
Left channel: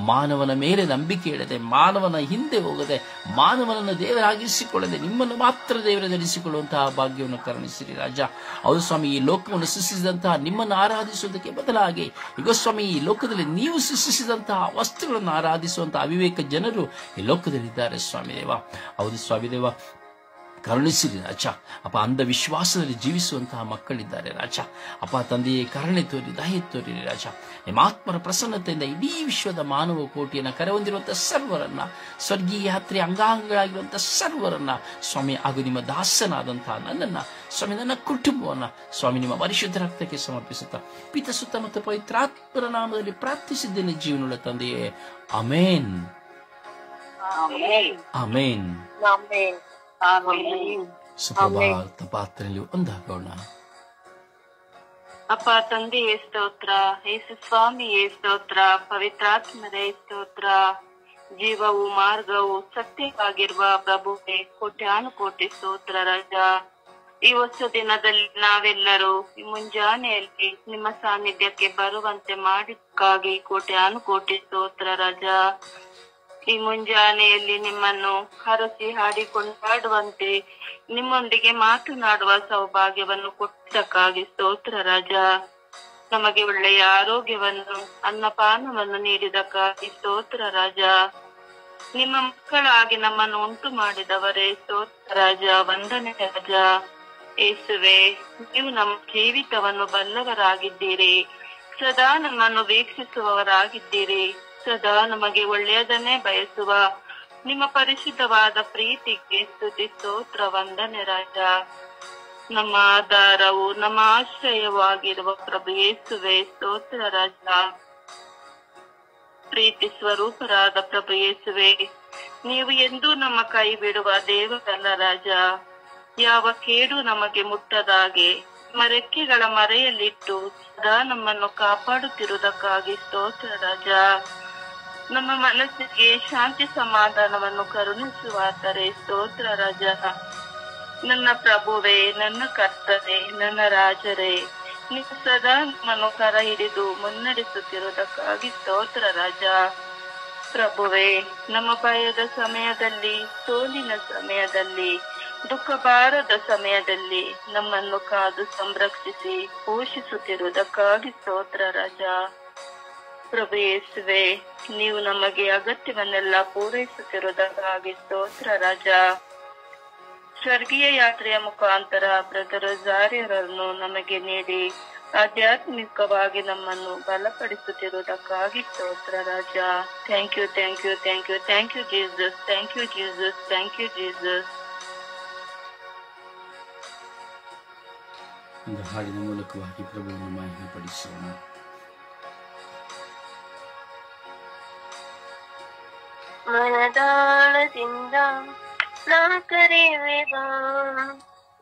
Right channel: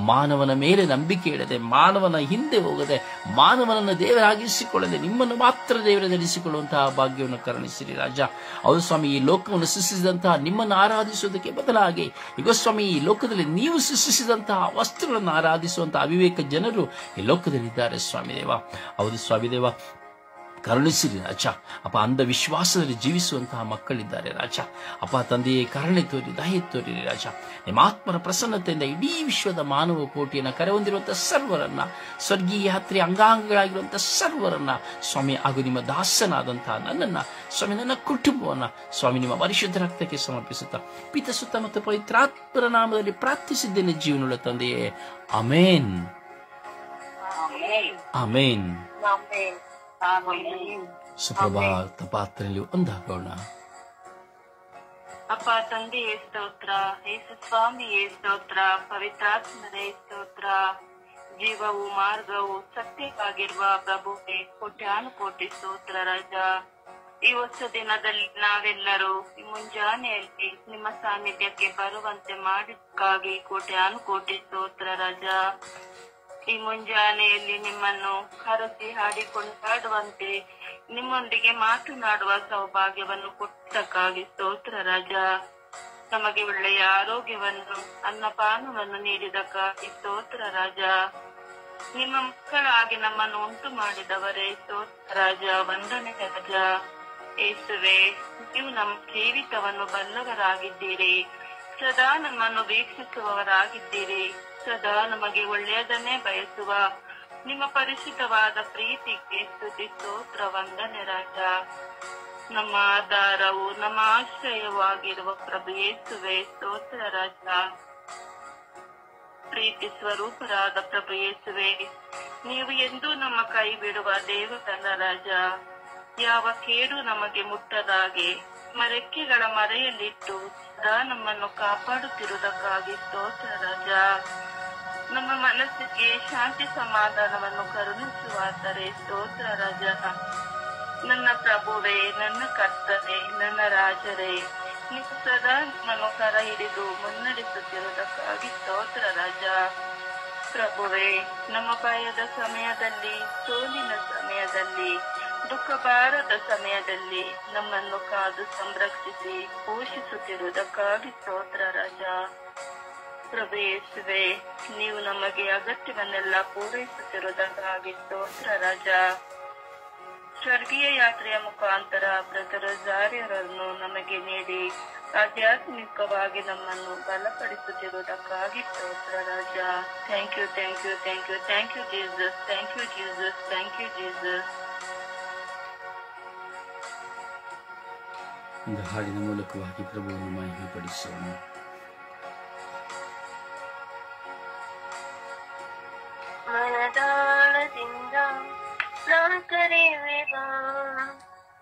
ಮಾನವನ ಮೇಲೆ ನಂಬಿಕೆ ಇಡದೆ, ಮಾನವನ ಹಿಂದೆ ಹೋಗದೆ, ಮಾನವನನ್ನು ದೇವರಾಗಿಸಿಕೊಳ್ಳದೆ ನಿಮ್ಮನ್ನು ಮಾತ್ರ ದೇವರದೆನಿಸಿಕೊಳ್ಳುವಂತಹ ಭಾಗ್ಯವನ್ನು ಕರುಣಿಸಿರಿ ರಾಜ. ಹೌದು ಸ್ವಾಮಿ, ಈ ಲೋಕವನ್ನು ಸೃಷ್ಟಿಸಿದಂತಹ ನಿಮ್ಮನ್ನು ಆರಾಧಿಸುವುದಕ್ಕೆ ಬದಲಾಗಿ ಈಗ ಸ್ವಾಮಿ, ಈ ಲೋಕದಲ್ಲಿ ನೀವು ಸೃಷ್ಟಿಸಿದಂತಹ ವಸ್ತುಗಳನ್ನು ಆರಾಧಿಸುವಂತಹ ಅವಿವೇಕ ಜನರು ಈ ಲೋಕದಲ್ಲಿದ್ದಾರೆ ಸ್ವಾಮಿ ದೇವ. ಹೌದು ಸ್ವಾಮಿ ದೇವ, ಕರುಣಿಸಿರಿ ರಾಜ. ಅಪ್ಪ, ಅಂಧವಿಶ್ವಾಸದಲ್ಲಿ ಜೀವಿಸುವಂತಹ ಮಕ್ಕಳಿದ್ದಾರೆ ರಾಜ. ಅಪ್ಪ ತಂದೆಯೇ, ಕರುಣೆ ತೋರಿ, ದಯೆ ತೋರಿರಿ ರಾಜ. ನಿಮ್ಮ ಆತ್ಮರ ಪ್ರಸನ್ನತೆಯಿಂದ ಇಡೀ ವಿಶ್ವದ ಮಾನವ ಕೋಟಿಯನ್ನು ಕರೆ ಹೊಂದಿರುವಂತಹ ಸರ್ವರನ್ನ, ಸ್ವರ್ಗೀಯ ಯಾತ್ರೆ ಅಂಗಾಂಗಗಳಾಗಿರುವಂತಹ ಸರ್ವರನ್ನ ಸ್ವಾಮಿ, ಹಾಗೂ ನಿಮ್ಮ ದಾಸನಾದಂತಹ ನನ್ನನ್ನ ಸ್ವಾಮಿ, ನನ್ನ ಕುಟುಂಬವನ್ನ ಸ್ವಾಮಿ, ನಿಮ್ಮ ಪರಿಶುದ್ಧ ರಕ್ತಕ್ಕೆ ಸಮರ್ಪಿಸುತ್ತಾ ಪಿತ, ಸುತ್ತ ಮತ್ತು ಪವಿತ್ರಾತ್ಮರ ನಾಮದಲ್ಲಿ ಪ್ರಾರ್ಥಿಸಿದ್ದೇನೆ ಜೀವನವುಳ್ಳ ತಂದೆಯೇ. ಆಮೇನ್, ಆಮೇನ್. ಸುಪ್ರಭಾತ ಪಾತ್ರೆಯಲ್ಲಿ ಒಂದಾಗೋಣ. ಅಪ್ಪ ತಂದೆಯೇ ಸ್ತೋತ್ರ, ಯೇಸು ಸ್ವಾಮಿಯೇ ಸ್ತೋತ್ರ, ಪವಿತ್ರಾತ್ಮರೇ ಸ್ತೋತ್ರ. ಜೀವವು ಮಾರ್ಗವು ಸತ್ಯವಾಗಿರುವ ಪ್ರಭುವೇ ಕೋಟ್ಯಾನುಕೋಟಿ ಸ್ತೋತ್ರ ರಾಜ. ಈ ಹೊಸ ದಿನದಲ್ಲಿ ನಾವೆಲ್ಲರೂ ಈ ಮುಂಜಾನೆಯಲ್ಲಿ ನಿಮ್ಮ ಸಾನ್ನಿಧ್ಯಕ್ಕೆ ಬರುವಂತೆ ಮಾಡಿದ್ದಕ್ಕಾಗಿ ಕೋಟ್ಯಾನುಕೋಟಿ ಸ್ತೋತ್ರ ರಾಜ. ಈ ಮುಂಜಾನೆಯಲ್ಲಿ ನಿಮ್ಮನ್ನು ಹರಸಿ ಹಾಡಿ ಕೊಂಡಾಡುವಂತೆ, ನಿಮ್ಮೊಂದಿಗೆ ಮಾತನಾಡುವ ಸೌಭಾಗ್ಯವನ್ನು ಕೊಟ್ಟಕ್ಕಾಗಿ ಸ್ತೋತ್ರ ರಾಜ. ನಮಗೆ ಒಳ್ಳೆಯ ಆರೋಗ್ಯವನ್ನು, ಅನ್ನಪಾನವನ್ನು ನೀಡಿದಕ್ಕಾಗಿ ಸ್ತೋತ್ರ ರಾಜ. ನಿಮ್ಮ ಮಕ್ಕಳಾಗಿ ನಮ್ಮನ್ನು ಉಂಟು ಮಾಡಿದವರೇ ಸ್ತೋತ್ರ ರಾಜ, ವಂದನೆ ರಾಜ. ಯೇಸುವೆ, ನೀವು ನಮ್ಮ ಜೀವಿತವನ್ನು ಬಲ್ಲವರಾಗಿದ್ದೀರಿ, ಸದಾ ನಮ್ಮನ್ನು ವೀಕ್ಷಿಸುವವರಾಗಿದ್ದೀರಿ, ಸದಾ ನಮಗೆ ಒಳ್ಳೆಯದನ್ನೇ ಬಯಸುವ ನಿಮ್ಮ ಪರಿಶುದ್ಧವಾದ ಪ್ರೀತಿಗೆ ಸ್ತುತಿ ಸ್ತೋತ್ರ ವಂದನೆ ರಾಜ. ನಮ್ಮ ಆಧಾರವು, ನಮ್ಮ ಆಶ್ರಯವೂ ಆಗಿರುವ ಪ್ರಭು ಯೇಸುವೆ ಸ್ತೋತ್ರ ರಾಜ. ಪ್ರೀತಿ ಸ್ವರೂಪರಾದ ಪ್ರಭು ಯೇಸುವೆ, ನೀವು ಎಂದೂ ನಮ್ಮ ಕೈ ಬಿಡುವ ದೇವರಲ್ಲ ರಾಜ. ಯಾವ ಕೇಡು ನಮಗೆ ಮುಟ್ಟದಾಗೆ ನಿಮ್ಮ ರೆಕ್ಕೆಗಳ ಮರೆಯಲ್ಲಿಟ್ಟು ಸದಾ ನಮ್ಮನ್ನು ಕಾಪಾಡುತ್ತಿರುವುದಕ್ಕಾಗಿ ಸ್ತೋತ್ರ ರಾಜ. ನಮ್ಮ ಮನಸ್ಸಿಗೆ ಶಾಂತಿ ಸಮಾಧಾನವನ್ನು ಕರುಣಿಸುವಾದರೆ ಸ್ತೋತ್ರ ರಾಜ. ನನ್ನ ಪ್ರಭುವೇ, ನನ್ನ ಕರ್ತನೇ, ನನ್ನ ರಾಜರೇ, ನೀವು ಸದಾ ನಮ್ಮನ್ನು ಕರ ಹಿಡಿದು ಮುನ್ನಡೆಸುತ್ತಿರುವುದಕ್ಕಾಗಿ ಸ್ತೋತ್ರ ರಾಜ. ಪ್ರಭುವೇ, ನಮ್ಮ ಭಯದ ಸಮಯದಲ್ಲಿ, ಸೋಲಿನ ಸಮಯದಲ್ಲಿ, ದುಃಖ ಬಾರದ ಸಮಯದಲ್ಲಿ ನಮ್ಮನ್ನು ಕಾದು ಸಂರಕ್ಷಿಸಿ ಪೋಷಿಸುತ್ತಿರುವುದಕ್ಕಾಗಿ ಸ್ತೋತ್ರ ರಾಜ. ಪ್ರಭು ಯೇಸುವೆ, ನೀವು ನಮಗೆ ಅಗತ್ಯವನ್ನೆಲ್ಲ ಪೂರೈಸುತ್ತಿರುವುದಕ್ಕಾಗಿ ಸ್ತೋತ್ರ ರಾಜ. ಸ್ವರ್ಗೀಯ ಯಾತ್ರೆಯ ಮುಖಾಂತರ ಬ್ರದರ್ ರೋಸಾರಿಯರನ್ನು ನಮಗೆ ನೀಡಿ ಆಧ್ಯಾತ್ಮಿಕವಾಗಿ ನಮ್ಮನ್ನು ಬಲಪಡಿಸುತ್ತಿರುವುದಕ್ಕಾಗಿ ಸ್ತೋತ್ರ ರಾಜ. Thank you, thank you, thank you, thank you Jesus, thank you Jesus, thank you Jesus. ಒಂದು ಹಾಡಿನ ಮೂಲಕವಾಗಿ ಪ್ರಭುವನ್ನು ಮಹಿಮೆಪಡಿಸೋಣ. ಮನದಾಳದಿಂದ ನಾ ಕರೆಯುವೆಗ,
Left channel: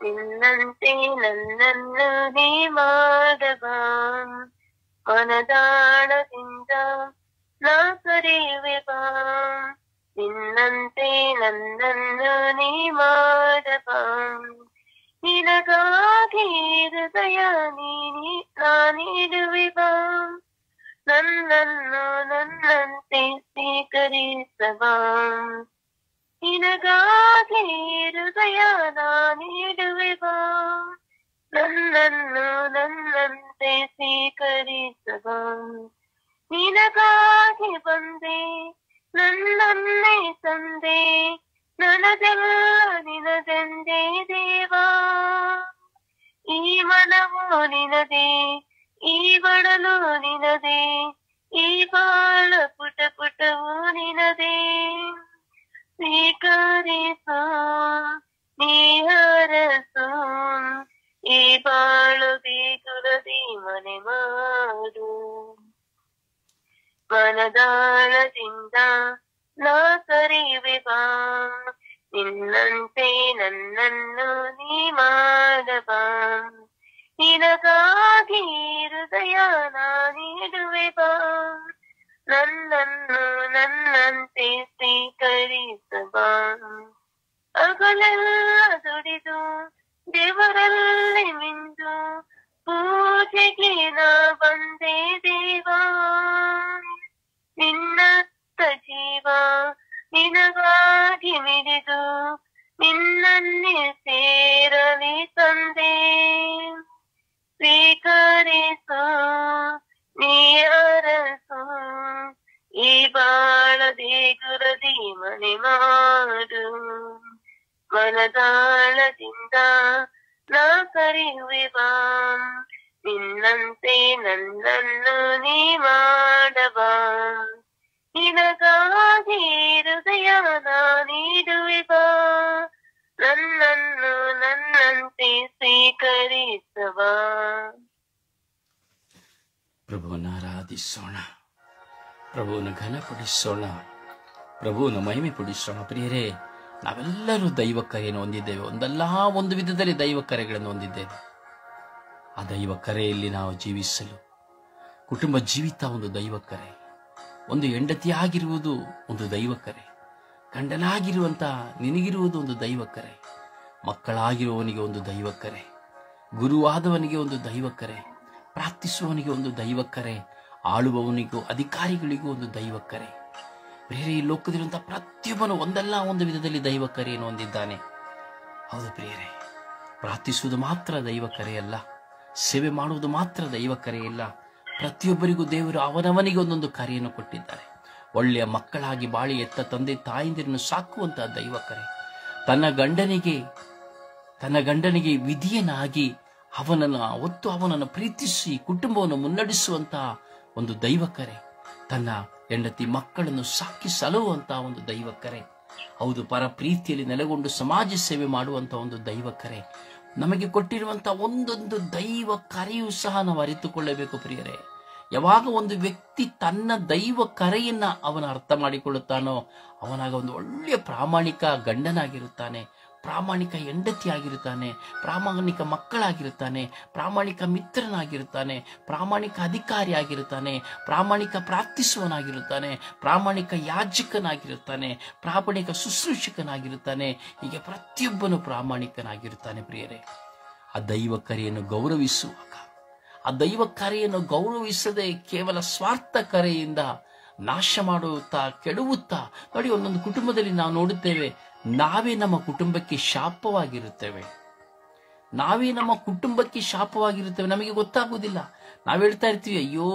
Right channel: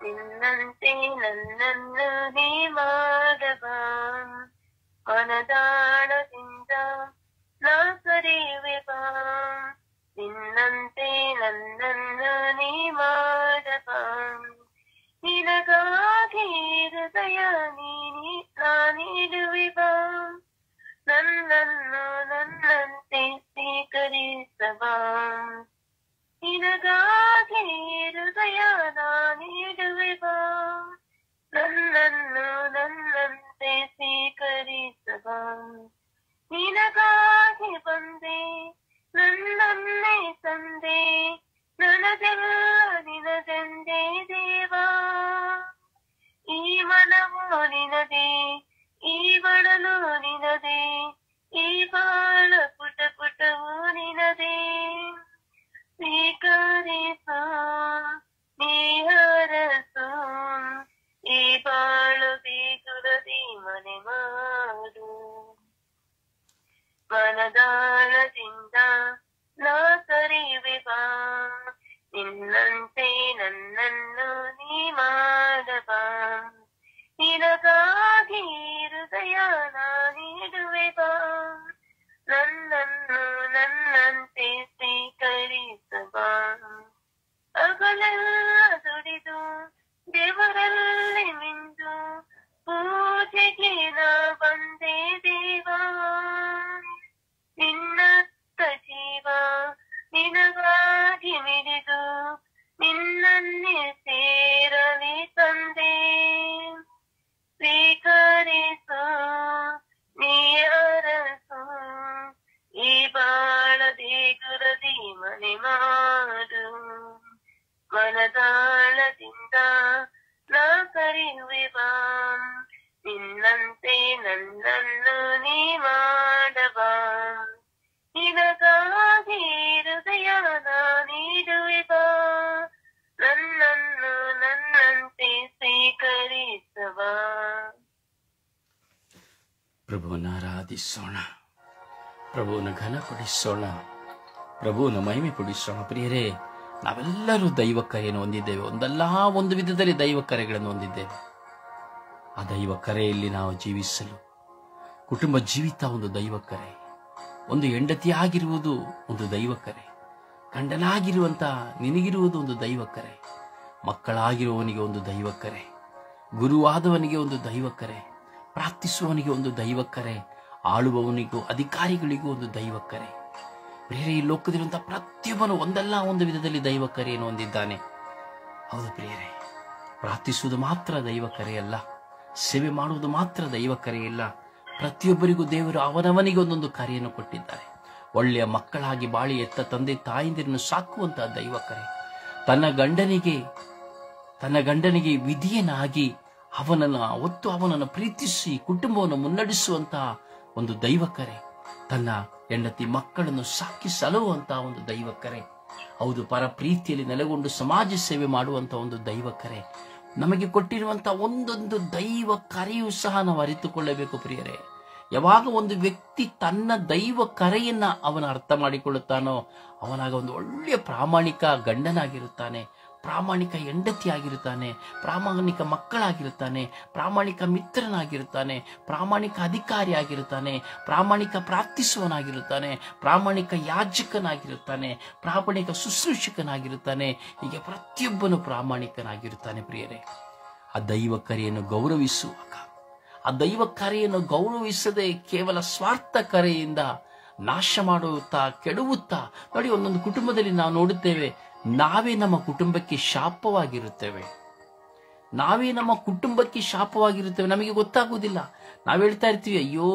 ನಿನ್ನಂತೆ ನನ್ನನ್ನು ನೀ ಮಾಡಬ. ಮನದಾಳದಿಂದ ನಾ ನನ್ನನ್ನು ನೀ ಮಾಡಬ ನಿನಗಾಗಿ ಹೃದಯ ನಾನಿಡುವೆ ಬಾ ನನ್ನನ್ನು ನನ್ನಂತೆ ಸ್ವೀಕರಿಸಬ ನಿನಗಾಗಿ ಹೃದಯ ನಾನಿಡುವೆ ಬಾ ನನ್ನನ್ನು ನನ್ನಂತೆ ಸ್ವೀಕರಿಸಬ ನಿನಗಾಗಿ ಬಂದೆ ನನ್ನನ್ನೇ ತಂದೆ ನನದೆಲ್ಲ ನಿನದೆಂದೇ ದೇವಾ ಈ ಮನವು ನಿನದೇ ಈ ಬಡಲು ನಿನದೇ ಈ ಬಾಳ ಪುಟ ಪುಟವು ನಿನದೇ ಸ್ವೀಕರಿಸು ನೀ ಹರಸು ಈ ಬಾಳು ಬೀಗುಳದಿ ಮನೆ ಮಾಡು ಮನದಾಳದಿಂದ ನಾ ಕರೆಯುವೆ ಬಾ ನಿನ್ನಂತೆ ನನ್ನನ್ನು ನೀ ಮಾಡಬಾ ನಿನಗಾಗಿ ಹೃದಯ ನಾನಿಡುವೆ ಬಾ ನನ್ನನ್ನು ನನ್ನಂತೆ ಸ್ವೀಕರಿಸಬಾ ಹಗಲೆಲ್ಲ ದುಡಿದು ದೇವರಲ್ಲಿ ಮಿಂದು ಪೂಜೆಗೆ ನಾ ಬಂದೆ ದೇವಾ ನಿನ್ನತ್ತ ಜೀವ ನಿನಗಾಗಿ ಮಿಡಿದು ನಿನ್ನನ್ನೇ ಸೇರಲಿ ತಂದೆ ಸ್ವೀಕರಿಸು ನೀ ಅರಸು ಈ ಬಾಳ ದೇಗುರದಿ ಮನೆ ಮಾಡು ಮನದಾಳದಿಂದ ನಾ ಕರೆಯುವೆ ಬಾ ನಿನ್ನಂತೆ ನನ್ನನ್ನು ನೀ ಮಾಡಬಾ ನಿನಗಾಗಿ ಹೃದಯ ನಾನಿಡುವೆ ಬಾ ನನ್ನನ್ನು ನನ್ನಂತೆ ಸ್ವೀಕರಿಸಬಾ. ಪ್ರಭುವನ್ನ ಆರಾಧಿಸೋಣ, ಪ್ರಭುವನ್ನ ಘನಪಡಿಸೋಣ, ಪ್ರಭುವನ್ನ ಮಹಿಮೆ ಪಡಿಸೋಣ. ಪ್ರಿಯರೇ, ನಾವೆಲ್ಲರೂ ದೈವ ಕರೆಯನ್ನು ಹೊಂದಿದ್ದೇವೆ. ಒಂದಲ್ಲ ಒಂದು ವಿಧದಲ್ಲಿ ದೈವ ಕರೆಗಳನ್ನು ಹೊಂದಿದ್ದೇವೆ. ಆ ದೈವ ಕರೆಯಲ್ಲಿ ನಾವು ಜೀವಿಸಲು ಕುಟುಂಬ ಜೀವಿತ ಒಂದು ದೈವ ಕರೆ, ಒಂದು ಹೆಂಡತಿಯಾಗಿರುವುದು ಒಂದು ದೈವ ಕರೆ, ಗಂಡನಾಗಿರುವಂತ ನಿನಗಿರುವುದು ಒಂದು ದೈವ ಕರೆ, ಮಕ್ಕಳಾಗಿರುವವನಿಗೆ ಒಂದು ದೈವ ಕರೆ, ಗುರುವಾದವನಿಗೆ ಒಂದು ದೈವ ಕರೆ, ಪ್ರಾರ್ಥಿಸುವವನಿಗೆ ಒಂದು ದೈವ ಕರೆ, ಆಳುವವನಿಗೂ ಅಧಿಕಾರಿಗಳಿಗೂ ಒಂದು ದೈವ ಕರೆ. ಬೇರೆ ಈ ಲೋಕದಲ್ಲಿರುವಂತಹ ಪ್ರತಿಯೊಬ್ಬನು ಒಂದಲ್ಲ ಒಂದು ವಿಧದಲ್ಲಿ ದೈವ ಕರೆಯನ್ನು ಹೊಂದಿದ್ದಾನೆ. ಹೌದು ಪ್ರಿಯರೇ, ಪ್ರಾರ್ಥಿಸುವುದು ಮಾತ್ರ ದೈವ ಕರೆಯಲ್ಲ, ಸೇವೆ ಮಾಡುವುದು ಮಾತ್ರ ದೈವ ಕರೆಯಲ್ಲ. ಪ್ರತಿಯೊಬ್ಬರಿಗೂ ದೇವರು ಅವನವನಿಗೆ ಒಂದೊಂದು ಕರೆಯನ್ನು ಕೊಟ್ಟಿದ್ದಾರೆ. ಒಳ್ಳೆಯ ಮಕ್ಕಳಾಗಿ ಬಾಳಿ ಎತ್ತ ತಂದೆ ತಾಯಿಂದಿರನ್ನು ಸಾಕುವಂತಹ ದೈವ ಕರೆ, ತನ್ನ ಗಂಡನಿಗೆ ವಿಧಿಯನಾಗಿ ಅವನನ್ನು ಪ್ರೀತಿಸಿ ಕುಟುಂಬವನ್ನು ಮುನ್ನಡೆಸುವಂತಹ ಒಂದು ದೈವ ಕರೆ, ತನ್ನ ಹೆಂಡತಿ ಮಕ್ಕಳನ್ನು ಸಾಕಿ ಸಲುವಂತಹ ಒಂದು ದೈವ ಕರೆ. ಹೌದು, ಪರ ಪ್ರೀತಿಯಲ್ಲಿ ನೆಲೆಗೊಂಡು ಸಮಾಜ ಸೇವೆ ಮಾಡುವಂತಹ ಒಂದು ದೈವ ಕರೆ. ನಮಗೆ ಕೊಟ್ಟಿರುವಂತಹ ಒಂದೊಂದು ದೈವ ಕರೆಯೂ ಸಹ ನಾವು ಅರಿತುಕೊಳ್ಳಬೇಕು ಪ್ರಿಯರೇ. ಯಾವಾಗ ಒಂದು ವ್ಯಕ್ತಿ ತನ್ನ ದೈವ ಕರೆಯನ್ನ ಅವನ ಅರ್ಥ ಮಾಡಿಕೊಳ್ಳುತ್ತಾನೋ, ಅವನಾಗ ಒಂದು ಒಳ್ಳೆಯ ಪ್ರಾಮಾಣಿಕ ಗಂಡನಾಗಿರುತ್ತಾನೆ, ಪ್ರಾಮಾಣಿಕ ಹೆಂಡತಿಯಾಗಿರುತ್ತಾನೆ, ಪ್ರಾಮಾಣಿಕ ಮಕ್ಕಳಾಗಿರುತ್ತಾನೆ, ಪ್ರಾಮಾಣಿಕ ಮಿತ್ರನಾಗಿರುತ್ತಾನೆ, ಪ್ರಾಮಾಣಿಕ ಅಧಿಕಾರಿಯಾಗಿರುತ್ತಾನೆ, ಪ್ರಾಮಾಣಿಕ ಪ್ರಾರ್ಥಿಸುವನಾಗಿರುತ್ತಾನೆ, ಪ್ರಾಮಾಣಿಕ ಯಾಜಕನಾಗಿರುತ್ತಾನೆ, ಪ್ರಾಮಾಣಿಕ ಶುಶ್ರೂಷಕನಾಗಿರುತ್ತಾನೆ. ಹೀಗೆ ಪ್ರತಿಯೊಬ್ಬನು ಪ್ರಾಮಾಣಿಕನಾಗಿರುತ್ತಾನೆ ಪ್ರಿಯರೇ. ಆ ದೈವ ಕರೆಯನ್ನು ಗೌರವಿಸುವಾಗ, ಆ ದೈವ ಕರೆಯನ್ನು ಗೌರವಿಸದೆ ಕೇವಲ ಸ್ವಾರ್ಥ ಕರೆಯಿಂದ ನಾಶ ಮಾಡುತ್ತಾ ಕೆಡುವುತ್ತಾ, ನೋಡಿ, ಒಂದೊಂದು ಕುಟುಂಬದಲ್ಲಿ ನಾವು ನೋಡುತ್ತೇವೆ, ನಾವೇ ನಮ್ಮ ಕುಟುಂಬಕ್ಕೆ ಶಾಪವಾಗಿರುತ್ತೇವೆ. ನಮಗೆ ಗೊತ್ತಾಗುವುದಿಲ್ಲ. ನಾವು ಹೇಳ್ತಾ ಇರ್ತೀವಿ, ಅಯ್ಯೋ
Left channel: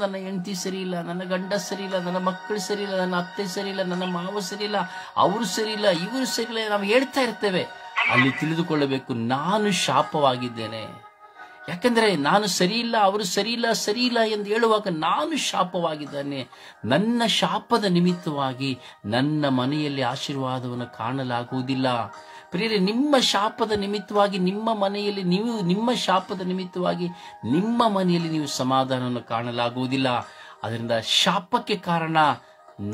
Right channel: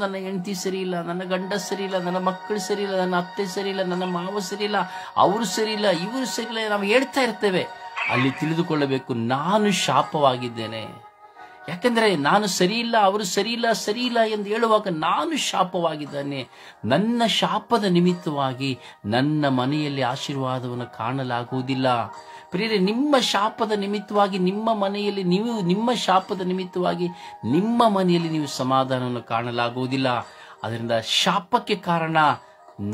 ನನ್ನ ಹೆಂಡತಿ ಸರಿ ಇಲ್ಲ, ನನ್ನ ಗಂಡ ಸರಿ ಇಲ್ಲ, ನನ್ನ ಮಕ್ಕಳು ಸರಿ ಇಲ್ಲ, ನನ್ನ ಅತ್ತೆ ಸರಿ ಇಲ್ಲ, ನನ್ನ ಮಾವ ಸರಿ ಇಲ್ಲ, ಅವರು ಸರಿ ಇಲ್ಲ, ಇವರು ಸರಿ ಇಲ್ಲ, ನಾವು ಹೇಳ್ತಾ ಇರ್ತೇವೆ. ಅಲ್ಲಿ ತಿಳಿದುಕೊಳ್ಳಬೇಕು, ನಾನು ಶಾಪವಾಗಿದ್ದೇನೆ. ಯಾಕಂದ್ರೆ ನಾನು ಸರಿ ಇಲ್ಲ, ಅವರು ಸರಿ ಇಲ್ಲ ಎಂದು ಹೇಳುವಾಗ ನಾನು ಶಾಪವಾಗಿದ್ದಾನೆ. ನನ್ನ ಶಾಪದ ನಿಮಿತ್ತವಾಗಿ ನನ್ನ ಮನೆಯಲ್ಲಿ ಆಶೀರ್ವಾದವನ್ನು ಕಾಣಲಾಗುವುದಿಲ್ಲ. ಪ್ರಿಯರೇ, ನಿಮ್ಮ ಶಾಪದ ನಿಮಿತ್ತವಾಗಿ ನಿಮ್ಮ ಮನೆಯಲ್ಲಿ ನಿಮ್ಮ ಶಾಪದ ನಿಮಿತ್ತವಾಗಿ ನಿಮ್ಮ ಮನೆಯಲ್ಲಿ ನೀವು ಸಮಾಧಾನವನ್ನು ಕಾಣಲಾಗುವುದಿಲ್ಲ. ಅದರಿಂದ ಶಾಪಕ್ಕೆ ಕಾರಣ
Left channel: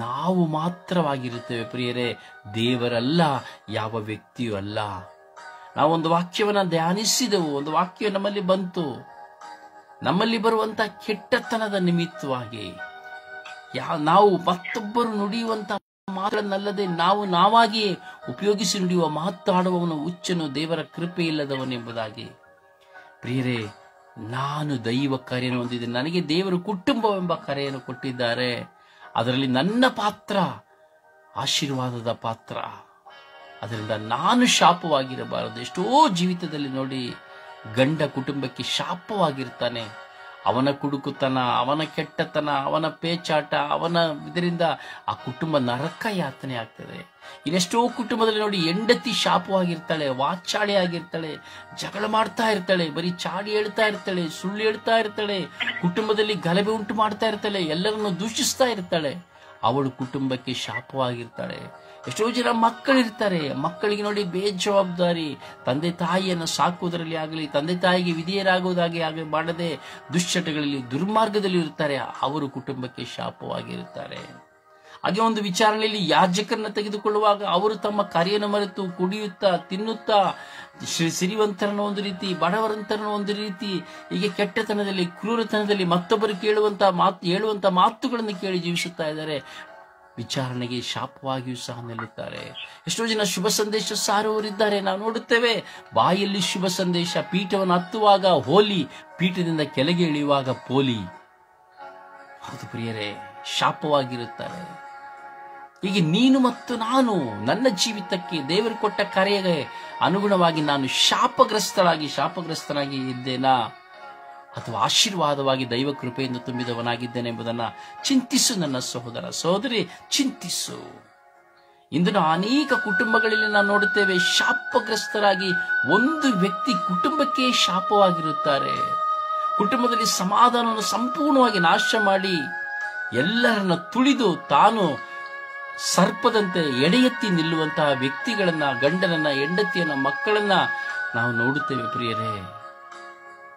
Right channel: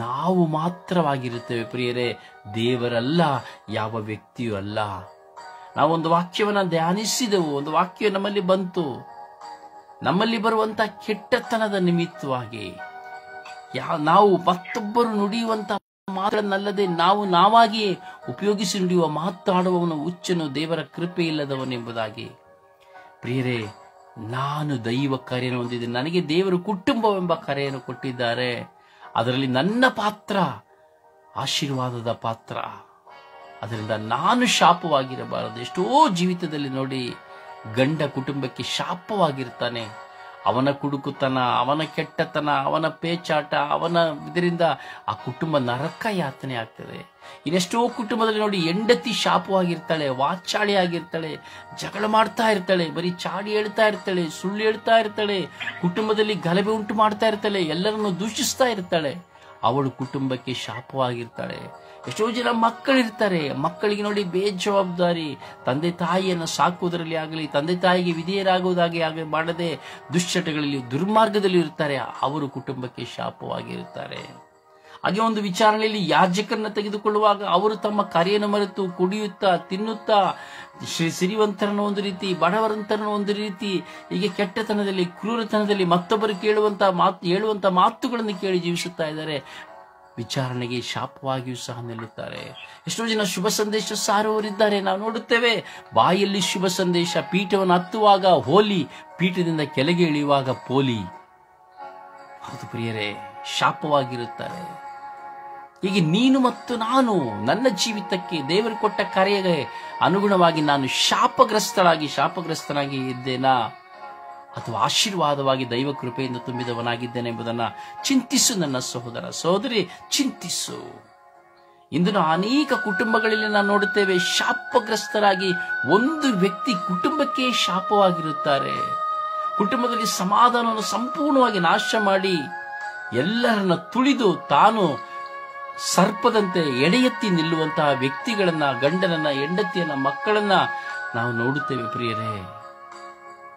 ನಾವು ಮಾತ್ರವಾಗಿರುತ್ತೇವೆ ಪ್ರಿಯರೇ, ದೇವರಲ್ಲ, ಯಾವ ವ್ಯಕ್ತಿಯೂ ಅಲ್ಲ. ನಾವೊಂದು ವಾಕ್ಯವನ್ನ ಧ್ಯಾನಿಸಿದೆವು, ಒಂದು ವಾಕ್ಯ ನಮ್ಮಲ್ಲಿ ಬಂತು. ನಮ್ಮಲ್ಲಿ ಬರುವಂತ ಕೆಟ್ಟತನದ ನಿಮಿತ್ತವಾಗಿ ನಾವು ಮತ್ತೊಬ್ಬರು ನುಡಿಯುವಂತ ಮಾತುಗಳನ್ನಲ್ಲದೆ ನಾವು ನಾವಾಗಿಯೇ ಉಪಯೋಗಿಸಿ ನುಡಿಯುವ ಮಾತಾಡುವವನು ಹುಚ್ಚನು, ದೇವರ ಕೃಪೆ ಇಲ್ಲದವನೆಂಬುದಾಗಿ. ಪ್ರಿಯರೇ, ನಾನು ದೈವ ಕರೆಯನ್ನು ಹೊಂದಿದ್ದೇನೆ. ನನಗೆ ದೇವರು ಕುಟುಂಬವೆಂಬ ಕರೆಯನ್ನು ಕೊಟ್ಟಿದ್ದಾರೆ. ಅದರಲ್ಲಿ ನನ್ನ ಪಾತ್ರ ಆಶೀರ್ವಾದದ ಪಾತ್ರ. ಅದರಿಂದ ನಾನು ಶಾಪವಾಗಿರಬಾರದು. ಎಷ್ಟೋ ಜೀವಿತದಲ್ಲಿ ನೋಡಿ, ಗಂಡ ಕುಟುಂಬಕ್ಕೆ ಶಾಪವಾಗಿರ್ತಾನೆ. ಅವನ ಕುಡುಕುತನ, ಅವನ ಕೆಟ್ಟತನ, ಅವನ ಪೇಚಾಟ, ಇದರಿಂದ ಆ ಕುಟುಂಬ ನರಕ ಯಾತನೆ ಆಗ್ತದೆ. ಇನ್ನೆಷ್ಟೋ ಕುಟುಂಬದಲ್ಲಿ ನೋಡಿ, ಹೆಂಡತಿ ಶಾಪವಾಗಿರ್ತಾಳೆ, ವಾಚಾಳಿ ಆಗಿರ್ತಾಳೆ, ಜಗಳ ಮಾಡ್ತಾ ಇರ್ತಾಳೆ, ಬರೀ ಚಾಡಿ ಹೇಳ್ತಾ ಇರ್ತಾಳೆ, ಸುಳ್ಳು ಹೇಳ್ತಾ ಇರ್ತಾಳೆ, ಕುಟುಂಬದಲ್ಲಿ ಗಲಭೆ ಉಂಟು ಮಾಡ್ತಾ ಇರ್ತಾಳೆ, ಎಲ್ಲರನ್ನು ದೂಷಿಸ್ತಾ ಇರ್ತಾಳೆ. ಅವಳು ಕುಟುಂಬಕ್ಕೆ ಶಾಪವಾಗಿರ್ತಾಳೆ. ಎಷ್ಟೋ ಜನ ಮಕ್ಕಳಿರ್ತಾರೆ, ಮಕ್ಕಳಿಗೆ ನೋಡಿ ಬೇಜವಾಬ್ದಾರಿ, ತಂದೆ ತಾಯಿಯನ್ನು ಸಾಕುವುದರಲ್ಲಿ ಆಗಲಿ, ತಂದೆ ತಾಯಿಗೆ ವಿಧೇಯರಾಗುವುದಾಗಿ ಮಾಡದೆ ದುಶ್ಚಟಗಳಲ್ಲಿ, ದುರ್ಮಾರ್ಗದಲ್ಲಿ ಇರ್ತಾರೆ. ಅವರು ಕುಟುಂಬಕ್ಕೆ ಶಾಪವಾಗಿರುತ್ತಾರೆ. ಹಾಗೆ ಒಂದು ವಿಚಾರಣೆಯಲ್ಲಿ ಯಾಜಕರನ್ನ ತೆಗೆದುಕೊಳ್ಳುವಾಗ ಅವರು ತಮ್ಮ ಕರೆಯನ್ನು ಮರೆತು ಕುಡಿಯುತ್ತಾ, ತಿನ್ನುತ್ತಾ, ಸಿರಿವಂತರನ್ನು ಒಂದು ರೀತಿ, ಬಡವರಂತರನ್ನು ಒಂದು ರೀತಿ, ಹೀಗೆ ಕೆಟ್ಟತನದಲ್ಲಿ, ಕ್ರೂರತನದಲ್ಲಿ ಮತ್ತೊಬ್ಬರು ಹೇಳುವಂತ ಮಾತುಗಳನ್ನು ಕೇಳಿ ಜೀವಿಸುತ್ತಾ ಇದ್ದಾರೆ. ವಿಚಾರಣೆಗೆ ಶಾಪವಾಗಿಯೂ ಸಹ ನಿಲ್ಲುತ್ತಾರೆ. ಎಷ್ಟೋ ಜನ ಶುಭ ಸಂದೇಶ ಸಾರುವವರಿದ್ದಾರೆ, ನಾವು ನೋಡುತ್ತೇವೆ. ಬಾಯಲ್ಲಿ ಶುಭ ಸಂದೇಶ, ಪೀಠವನ್ನು ಹತ್ತುವಾಗ ಹೋಲಿ, ಪೀಠದಿಂದ ಕೆಳಗೆ ಇಳಿಯುವಾಗ ಪೋಲಿ. ಹೌದು ಪ್ರಿಯರೇ, ಶಾಪವಾಗಿರುತ್ತಾರೆ. ಹೀಗೆ ನೀನು ಮತ್ತು ನಾನು, ನನ್ನ ಜೀವಿತಕ್ಕೆ ದೇವರು ಕೊಟ್ಟ ಕರೆಗೆ ಅನುಗುಣವಾಗಿ ನಾನು ಶಾಪಗ್ರಸ್ತನಾಗಿ ಇದ್ದೇನಾ, ಅಥವಾ ಆಶೀರ್ವಾದವಾಗಿ ದೈವ ಕೃಪೆಯಿಂದ ತುಂಬಿದವನಾಗಿದ್ದೇನೆ ಎಂಬುದನ್ನು ಚಿಂತಿಸು. ನನ್ನ ಸಹೋದರ ಸಹೋದರಿ, ಚಿಂತಿಸು. ಇಂದು ಅನೇಕ ಕುಟುಂಬಗಳಲ್ಲಿ ನಾವು ನೋಡುತ್ತೇವೆ, ಶಾಪಗ್ರಸ್ತರಾಗಿ ಒಂದು ವ್ಯಕ್ತಿ ಕುಟುಂಬಕ್ಕೆ ಶಾಪವಾಗಿರುತ್ತಾರೆ. ಕುಟುಂಬದಲ್ಲಿ ಸಮಾಧಾನವನ್ನು ಸಂಪೂರ್ಣವಾಗಿ ನಾಶ ಮಾಡಿ ಎಲ್ಲರನ್ನ ತುಳಿದು ತಾನು ಸರ್ಪದಂತೆ ಎಡೆಯೆತ್ತಿ ನಿಲ್ಲುವಂತಹ ವ್ಯಕ್ತಿಗಳನ್ನ, ಗಂಡನನ್ನ, ಹೆಂಡತಿಯನ್ನ, ಮಕ್ಕಳನ್ನ ನಾವು ನೋಡುತ್ತೇವೆ ಪ್ರಿಯರೇ.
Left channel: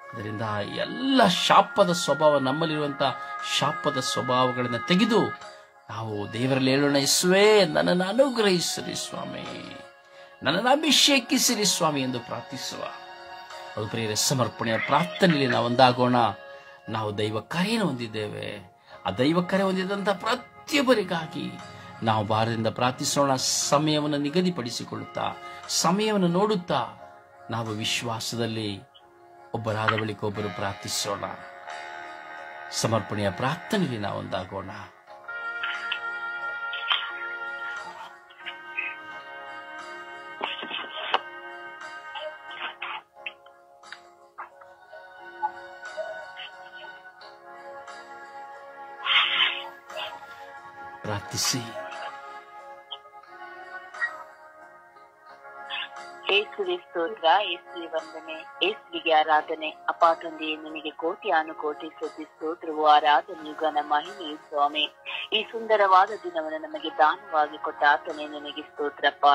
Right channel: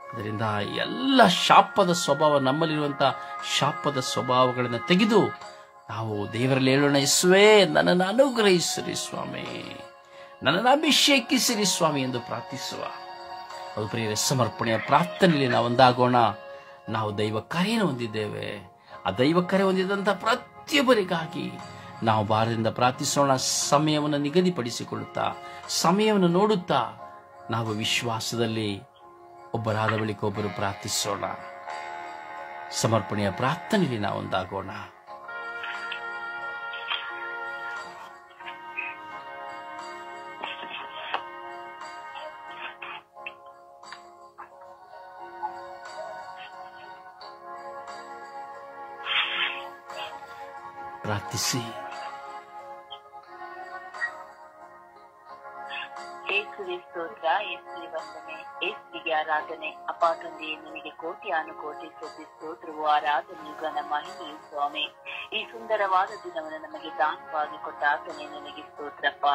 ಅದರಿಂದ ಎಲ್ಲ ಶಾಪದ ಸ್ವಭಾವ, ನಮ್ಮಲ್ಲಿರುವಂತಹ ಶಾಪದ ಸ್ವಭಾವಗಳನ್ನು ತೆಗೆದು ನಾವು ದೇವರಲ್ಲಿ ಹೇಳೋಣ, ಯೇಸುವೇ ನನ್ನನ್ನು ಅನುಗ್ರಹಿಸಿರಿ ಸ್ವಾಮಿ, ನನ್ನನ್ನು ಅಭಿಷೇಕಿಸಿರಿ ಸ್ವಾಮಿ ಎಂದು ಪ್ರಾರ್ಥಿಸುವ. ಅದು ಪ್ರಿಯರೇ, ಸಮರ್ಪಣೆಯ ಪ್ರಾರ್ಥನೆಯಲ್ಲಿ ನಾವು ಒಂದಾಗೋಣ. ನಾವು ದೈವ ಕರೆಯನ್ನು ಹೊಂದಿದ್ದೇವೆ. ಆ ದೈವ ಕರೆ ಹೊಂದಿದಂತಹ ಪ್ರತಿಯೊಬ್ಬರಿಗಾಗಿ ನಾವು ಭಾರದಿಂದ ಪ್ರಾರ್ಥಿಸೋಣ. ಸಮಯವನ್ನು ನಿಗದಿಪಡಿಸಿಕೊಳ್ಳುತ್ತಾ, ಸಮಯವನ್ನು ನೋಡುತ್ತಾ, ನಾವು ವಿಶ್ವಾಸದಲ್ಲಿ ಒಬ್ಬರಾದ ಬಳಿಕ ಒಬ್ಬರು ಪ್ರಾರ್ಥಿಸೋಣ. ಸಮರ್ಪಣೆಯ ಪ್ರಾರ್ಥನೆಯಲ್ಲಿ ನಾವು ಒಂದಾಗೋಣ. ಪ್ರಾರ್ಥಿಸಿ. ಯೇಸುವೆ ಸ್ತೋತ್ರ, ಯೇಸುವೆ ವಂದನೆ, ಯೇಸುವಿಗೆ ಆರಾಧನೆ. ಅಪ್ಪ ತಂದೆಯೇ, ನಿನಗೆ ಕೋಟಿ ಅನುಕೋಟಿ ಸ್ತುತಿ, ಸ್ತೋತ್ರವು, ಆರಾಧನೆ, ಘನ ಮಹಿಮೆಯು ಸ್ವಾಮಿ. ಈ ಸುಂದರವಾದ ದಿನವನ್ನು ನಮಗೆ ದಾನವಾಗಿ ಕೊಟ್ಟ ಆತನೇ ನಿನಗೆ ಸ್ತೋತ್ರಪ್ಪ.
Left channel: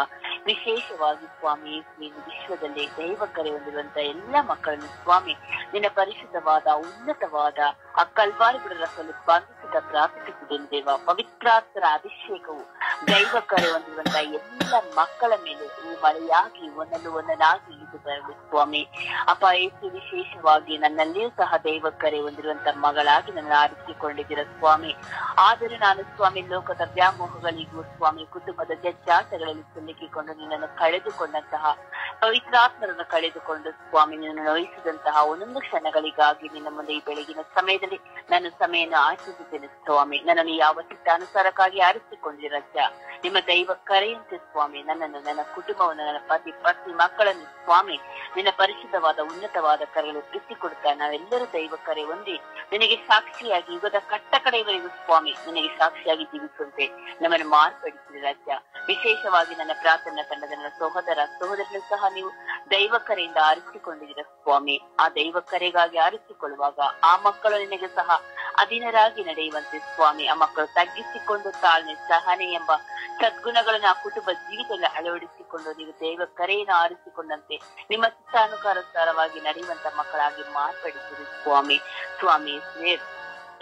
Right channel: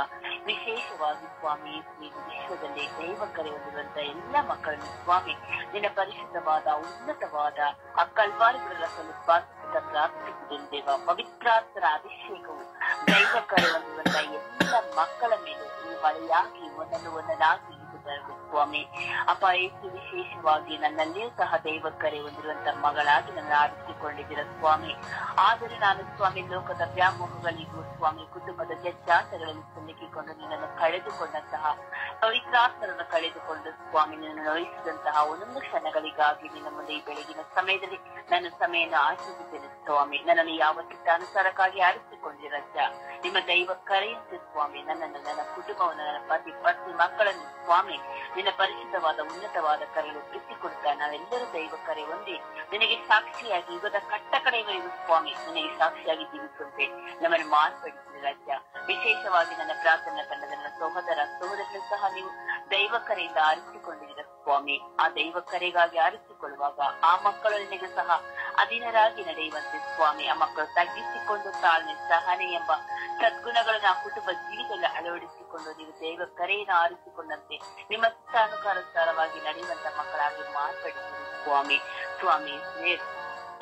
ವಿಶೇಷವಾಗಿ ಸ್ವಾಮಿ, ನೀನು ವಿಶ್ವದಲ್ಲಿ ದೈವ ಕರೆ ಹೊಂದಿರುವಂತ ಎಲ್ಲ ಮಕ್ಕಳನ್ನು ಸ್ವಾಮಿ ನಿನ್ನ ಪರಿಶುದ್ಧವಾದ ಉನ್ನತವಾದ ಆ ಕಲ್ವಾರಿಗಳ ರಸಲು ಸ್ಪರ್ಧಿಸಿದ ಪ್ರಾರ್ಥಿಸಿದ್ದೇನೆ ದೇವ. ಪವಿತ್ರಾತ್ಮರ ಅಭಿಷೇಕವು ದೈವ ಕರೆ ಹೊಂದಿರುವಂತ ಎಲ್ಲ ಮಕ್ಕಳ ಮೇಲೆ ಮಳೆಯಾಗಿ ಒಂದೊಂದಾಗಿ ಇಳಿದು ಸ್ವಾಮಿ. ಅಪ್ಪ ಯೇಸು, ವಿಶೇಷವಾಗಿ ನನ್ನಲ್ಲಿಯೂ ಸಹ ದೈವ ಕರೆ ಹೊಂದಿರುವಂತ ಮಗಳಾಗಿ ನನ್ನ ಆರಿಸಿಕೊಂಡಿದ್ದೀರ ಸ್ವಾಮಿ. ಆದರೆ ನಾನು ಸ್ವಾಮಿ ಲೋಕದ ವ್ಯಾಮೋಹಗಳಿಗೂ ಸ್ವಾಮಿ ಕುಟುಂಬದ ಜಜ್ಜಾತಗಳಲ್ಲಿ ಸಿಲುಕಿಕೊಂಡು ನಿನ್ನನ್ನು ಕಳೆದುಕೊಂಡಂತಹ ಪವಿತ್ರಾತ್ಮರನ್ನು ಕಳೆದುಕೊಂಡು ಸ್ವಾಮಿ ನಿನ್ನನ್ನು ವಹಿಸಿದಂತಹ ಒಂದೊಂದು ಕ್ಷಣಗಳಿಗಾಗಿ ನಿನ್ನ ಮುಂದೆ ಈ ಬೆಳಗಿನ ಸಮಯದಲ್ಲಿ ನಾನು ಸಮಯವನ್ನು ಆಚರಿಸಿದ್ದೇನೆ ಸ್ವಾಮಿ. ನನ್ನನ್ನು ಯಾವ ಚಿತ್ತಾನುಸಾರಕ್ಕಾಗಿ ಆರಿಸಿಕೊಂಡಿರತ್ತ ನಿಮ್ಮ ದೈವ ಕರೆಯಂತೆ ಸ್ವಾಮಿ ನನ್ನನ್ನು, ನನ್ನ ಕುಟುಂಬವನ್ನು, ನನ್ನ ಪತ್ನಿ ಮಕ್ಕಳನ್ನು ಸ್ವಾಮಿ ನಿನ್ನ ಪರಿಶುದ್ಧವಾದ ಉನ್ನತವಾದ ಕರೆಗಳು ಎತ್ತಿಕೊಡುತ್ತಾ ನಾವೆಲ್ಲರೂ ದೈವ ಕರೆ ಹೊಂದಿ ನಿನಗೆ ಸಾಕ್ಷಿಯಾಗಿ ಯುಗದ ಕಟ್ಟ ಕಡೆಗಳಿಗೂ ಸ್ವಾಮಿ ನಿನಗೆ ಸಾಕ್ಷಿಯಾಗಿ ಜೀವಿಸುವಂತೆ ನಮ್ಮನ್ನು ಮಾರ್ಪಡಿಸಿದ ರಾಜ್ಯ. ವಿಶೇಷವಾಗಿ ನನ್ನ ಪ್ರಾರ್ಥನಾ ತಂಡದ ನನ್ನ ಸಹೋದರರು ಸಹ ನೀವು ದೈವ ಕರೆಯಿಂದ ಆರಿಸಿಕೊಂಡಿದ್ದೀರ ಸ್ವಾಮಿ. ಆ ದೈವ ಕರೆಗಾಗಿ ಆರಿಸಿಕೊಳ್ಳುವಾಗ ಆ ಮಕ್ಕಳು ನಿನಗೆ ಸಹ ಅಧೀನರಾಗಿ ನಡೆಯುವಂತೆ ಸ್ವಾಮಿ. ಆ ಮಕ್ಕಳು ತಗ್ಗಿಸಿಕೊಂಡು ತಾಳ್ಮೆ, ಸಹನೆ ಎಂಬ ಸದ್ಗುಣಗಳನ್ನು ಆ ಕುಟುಂಬ ಜೀವಿತದಲ್ಲಿ ಅಳವಡಿಸಿಕೊಂಡು ನೀವು ದೈವ ಕರೆಯನ್ನು ಆರಿಸಿಕೊಂಡಂತೆ ನಿಮ್ಮ ಚಿತ್ತಾನುಸಾರವಾಗಿ ನಡೆಯುವಂತ ಮಕ್ಕಳಾಗಿ ಮಾರ್ಪಡಿಸಿರಿ ಸ್ವಾಮಿ. ಸ್ವಾಮಿ,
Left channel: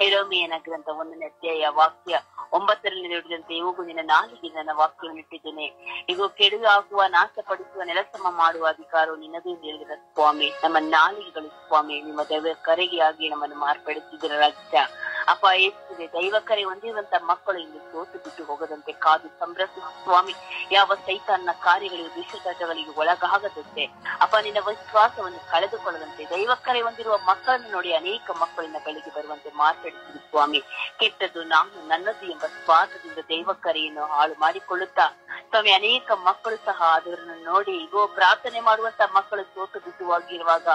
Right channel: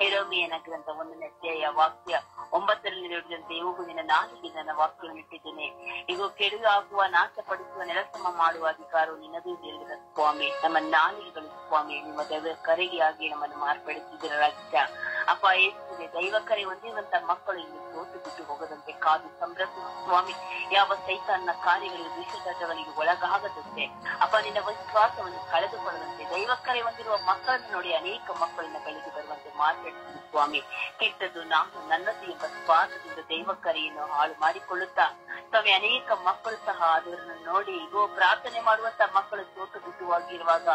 ಯೆರೆಮೀಯನ ಗ್ರಂಥ 1ನೇ ಅಧ್ಯಾಯ ವಾಕ್ಯ 9ರಲ್ಲಿ ನುಡಿದಂತೆ, ಹೋಗು ನಿನ್ನ ನಾಲಿಗೆ ನನ್ನ ವಾಕ್ಯವನ್ನು ಇಟ್ಟಿದ್ದೇನೆ, ಈಗ ಕೆಡುಕು ಆಗುವ, ನಾಶಪಡಿಸುವ, ನೆಲಸಮ ಮಾಡುವ ಅಧಿಕಾರವು ನಿನ್ನದೇ ಹೇಳಿದ ಸ್ವಾಮಿ. ನಮ್ಮ ನಾಲಿಗೆಗಳು ಸ್ವಾಮಿ ನಿಮ್ಮ ದೈವ ಕರೆಗೆ ಆಗಿ ನಮ್ಮನ್ನು ಮಾರ್ಪಡಿಸಿದರ ರಾಜ್ಯ. ಅಪ್ಪ ಯೇಸುವೆ ದೈವ ಕರೆ ಹೊಂದಿರುವಂತ ಮಕ್ಕಳು ಇಲ್ಲಿ ಸೋತು ಬಿಟ್ಟು ಹೋಗದಂತೆ ಕಾದು ಸಂರಕ್ಷಿಸು ಸ್ವಾಮಿ. ಯಾವ ಸೈತಾನ್ನ ಕಾರ್ಯಗಳಿಗೆ ದುಷ್ಟತಗಳಿಗೆ ಒಳಗಾಗದಂತೆ ಅಪ್ಪ ನಿನ್ನ ವಿಶ್ವಾಸವನ್ನು ಕಳೆದುಕೊಳ್ಳದಂತೆ ದೈವ ಕರೆ ಹೊಂದಿರುವ ಮಕ್ಕಳನ್ನು ನೋಡಿ ಅನೇಕ ಮಕ್ಕಳಿನ ಬಳಿಗೆ ಬರುವಂತೆ ಮಾತಾಡಿಸಿದ ಸ್ವಾಮಿ. ಕೆಟ್ಟದ್ದು ನಾನು ನನ್ನದು ಎಂಬ ಸ್ವಾರ್ಥದಿಂದ ದೈವ ಕರೆಯನ್ನು ಹಾಳು ಮಾಡಿಕೊಳ್ಳುತ್ತಾ ಸ್ವಾಮಿ ಅನೇಕ ಮಕ್ಕಳು ಸಹ ಅದನ್ನು ನೋಡಿ ಇಗೋ ಪ್ರಾರ್ಥನೆ ಮಾಡುವಂತ ಮಕ್ಕಳು ಸೋತು ಬಿಟ್ಟುವಾಗಿರುವಾಗ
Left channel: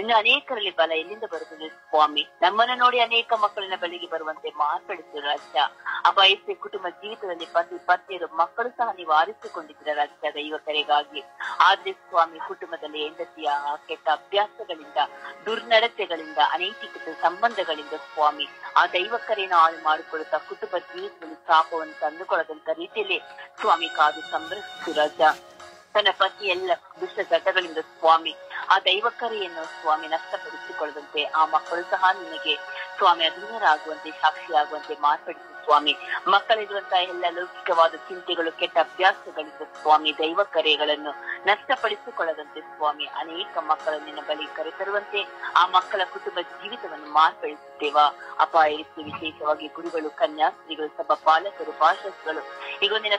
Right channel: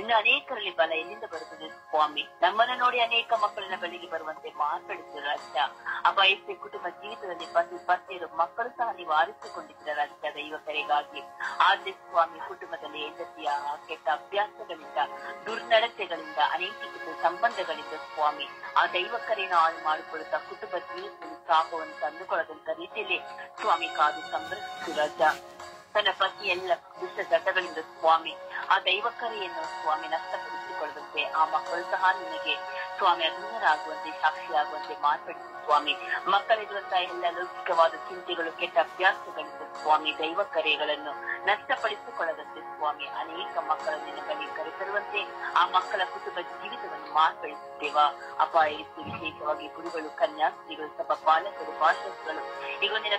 ಇನ್ನು ಅನೇಕರಲ್ಲಿ ಬಲ ಎಲ್ಲಿಂದ ಬರುತ್ತದೆ ಸ್ವಾಮಿ. ನಮ್ಮನ್ನು ನೋಡಿ ಅನೇಕ ಮಕ್ಕಳಿನ ಬಳಿಗೆ ಬರುವಂತೆ ಮಾತಾಡಿಸಿದ ರಾಜ್ಯ ಅಪ್ಪ ಯೇಸುವೆ ಕುಟುಂಬ ಜೀವಿತದಲ್ಲಿ ಪತಿ ಪತ್ನಿಯರು ಮಕ್ಕಳು ಸಹ ನೀವು ಆರಿಸಿಕೊಂಡಿದ್ದೀರ ರಾಜ್ಯ ದೈವ ಕರೆಗಾಗಿ. ಆದ್ರೆ ಸ್ವಾಮಿ ಕುಟುಂಬದಲ್ಲಿ ಹೆಂಡತಿಯ ಕೆಟ್ಟ ಅಭ್ಯಾಸಗಳಿಂದ ದುರ್ನಡತೆಗಳಿಂದ ಅನೈತಿಕತೆ ಸಂಬಂಧಗಳಿಂದ ಸ್ವಾಮಿ ಆ ದೈವ ಕರೆಯನ್ನು ಹಾಳು ಮಾಡಿಕೊಳ್ಳುತ್ತಾ ಕುಟುಂಬ ಜೀವಿತದಲ್ಲಿ ಶಾಪವನ್ನು ತಂದುಕೊಳ್ಳದಂತ ರೀತಿಯಲ್ಲಿ ಸ್ವಾಮಿ ಕಾದು ಸಂರಕ್ಷಿಸು ರಾಜ. ತನ್ನ ಪತಿ ಎಲ್ಲ ದುಷ್ಟ ಘಟಗಳಿಂದ ಸ್ವಾಮಿ ಆ ದೈವ ಕರೆಯನ್ನು ಸ್ವಾಮಿ ನಷ್ಟಪಡಿಸಿಕೊಳ್ಳದಂತೆ ಆ ಮಕ್ಕಳು ಸಹ ನಿನಗೆ ಸ್ವಾಮಿ ಅಧೀನರಾಗುವಂತೆ ಸಾಕ್ಷಿಯಾಗುವಂತೆ ಮಾತಾಡಿಸಿ ಸ್ವಾಮಿ. ಮಕ್ಕಳಿರುವಂತಹ ಎಲ್ಲ ಲೌಕಿಕವಾದ ಚಿಂತೆಗಳು ಕೆಟ್ಟ ಅಭ್ಯಾಸಗಳಿಂದ ಸ್ವಾಮಿ ದೈವ ಕರೆಗಳನ್ನು ನಷ್ಟಪಡಿಸಿಕೊಳ್ಳದಂತೆ ಸ್ವಾಮಿ ಅನೇಕ ಮಕ್ಕಳ ನಿನ್ನ ಬಳಿ ಕರೆತರುವಂತೆ ಆ ಮಕ್ಕಳ ಕುಟುಂಬ ಜೀವಿತವನ್ನು ಮಾರ್ಪಡಿಸುತ್ತೇವ ಅಪ್ಪ. ಯೇಸು ವಿಶೇಷವಾಗಿ ಗುರುಗಳು, ಕನ್ಯಾಸ್ತ್ರೀಗಳು, ಸಭಾ ಪಾಲಕರು, ಭಾಷಕರು ಈಗ ನಿನ್ನ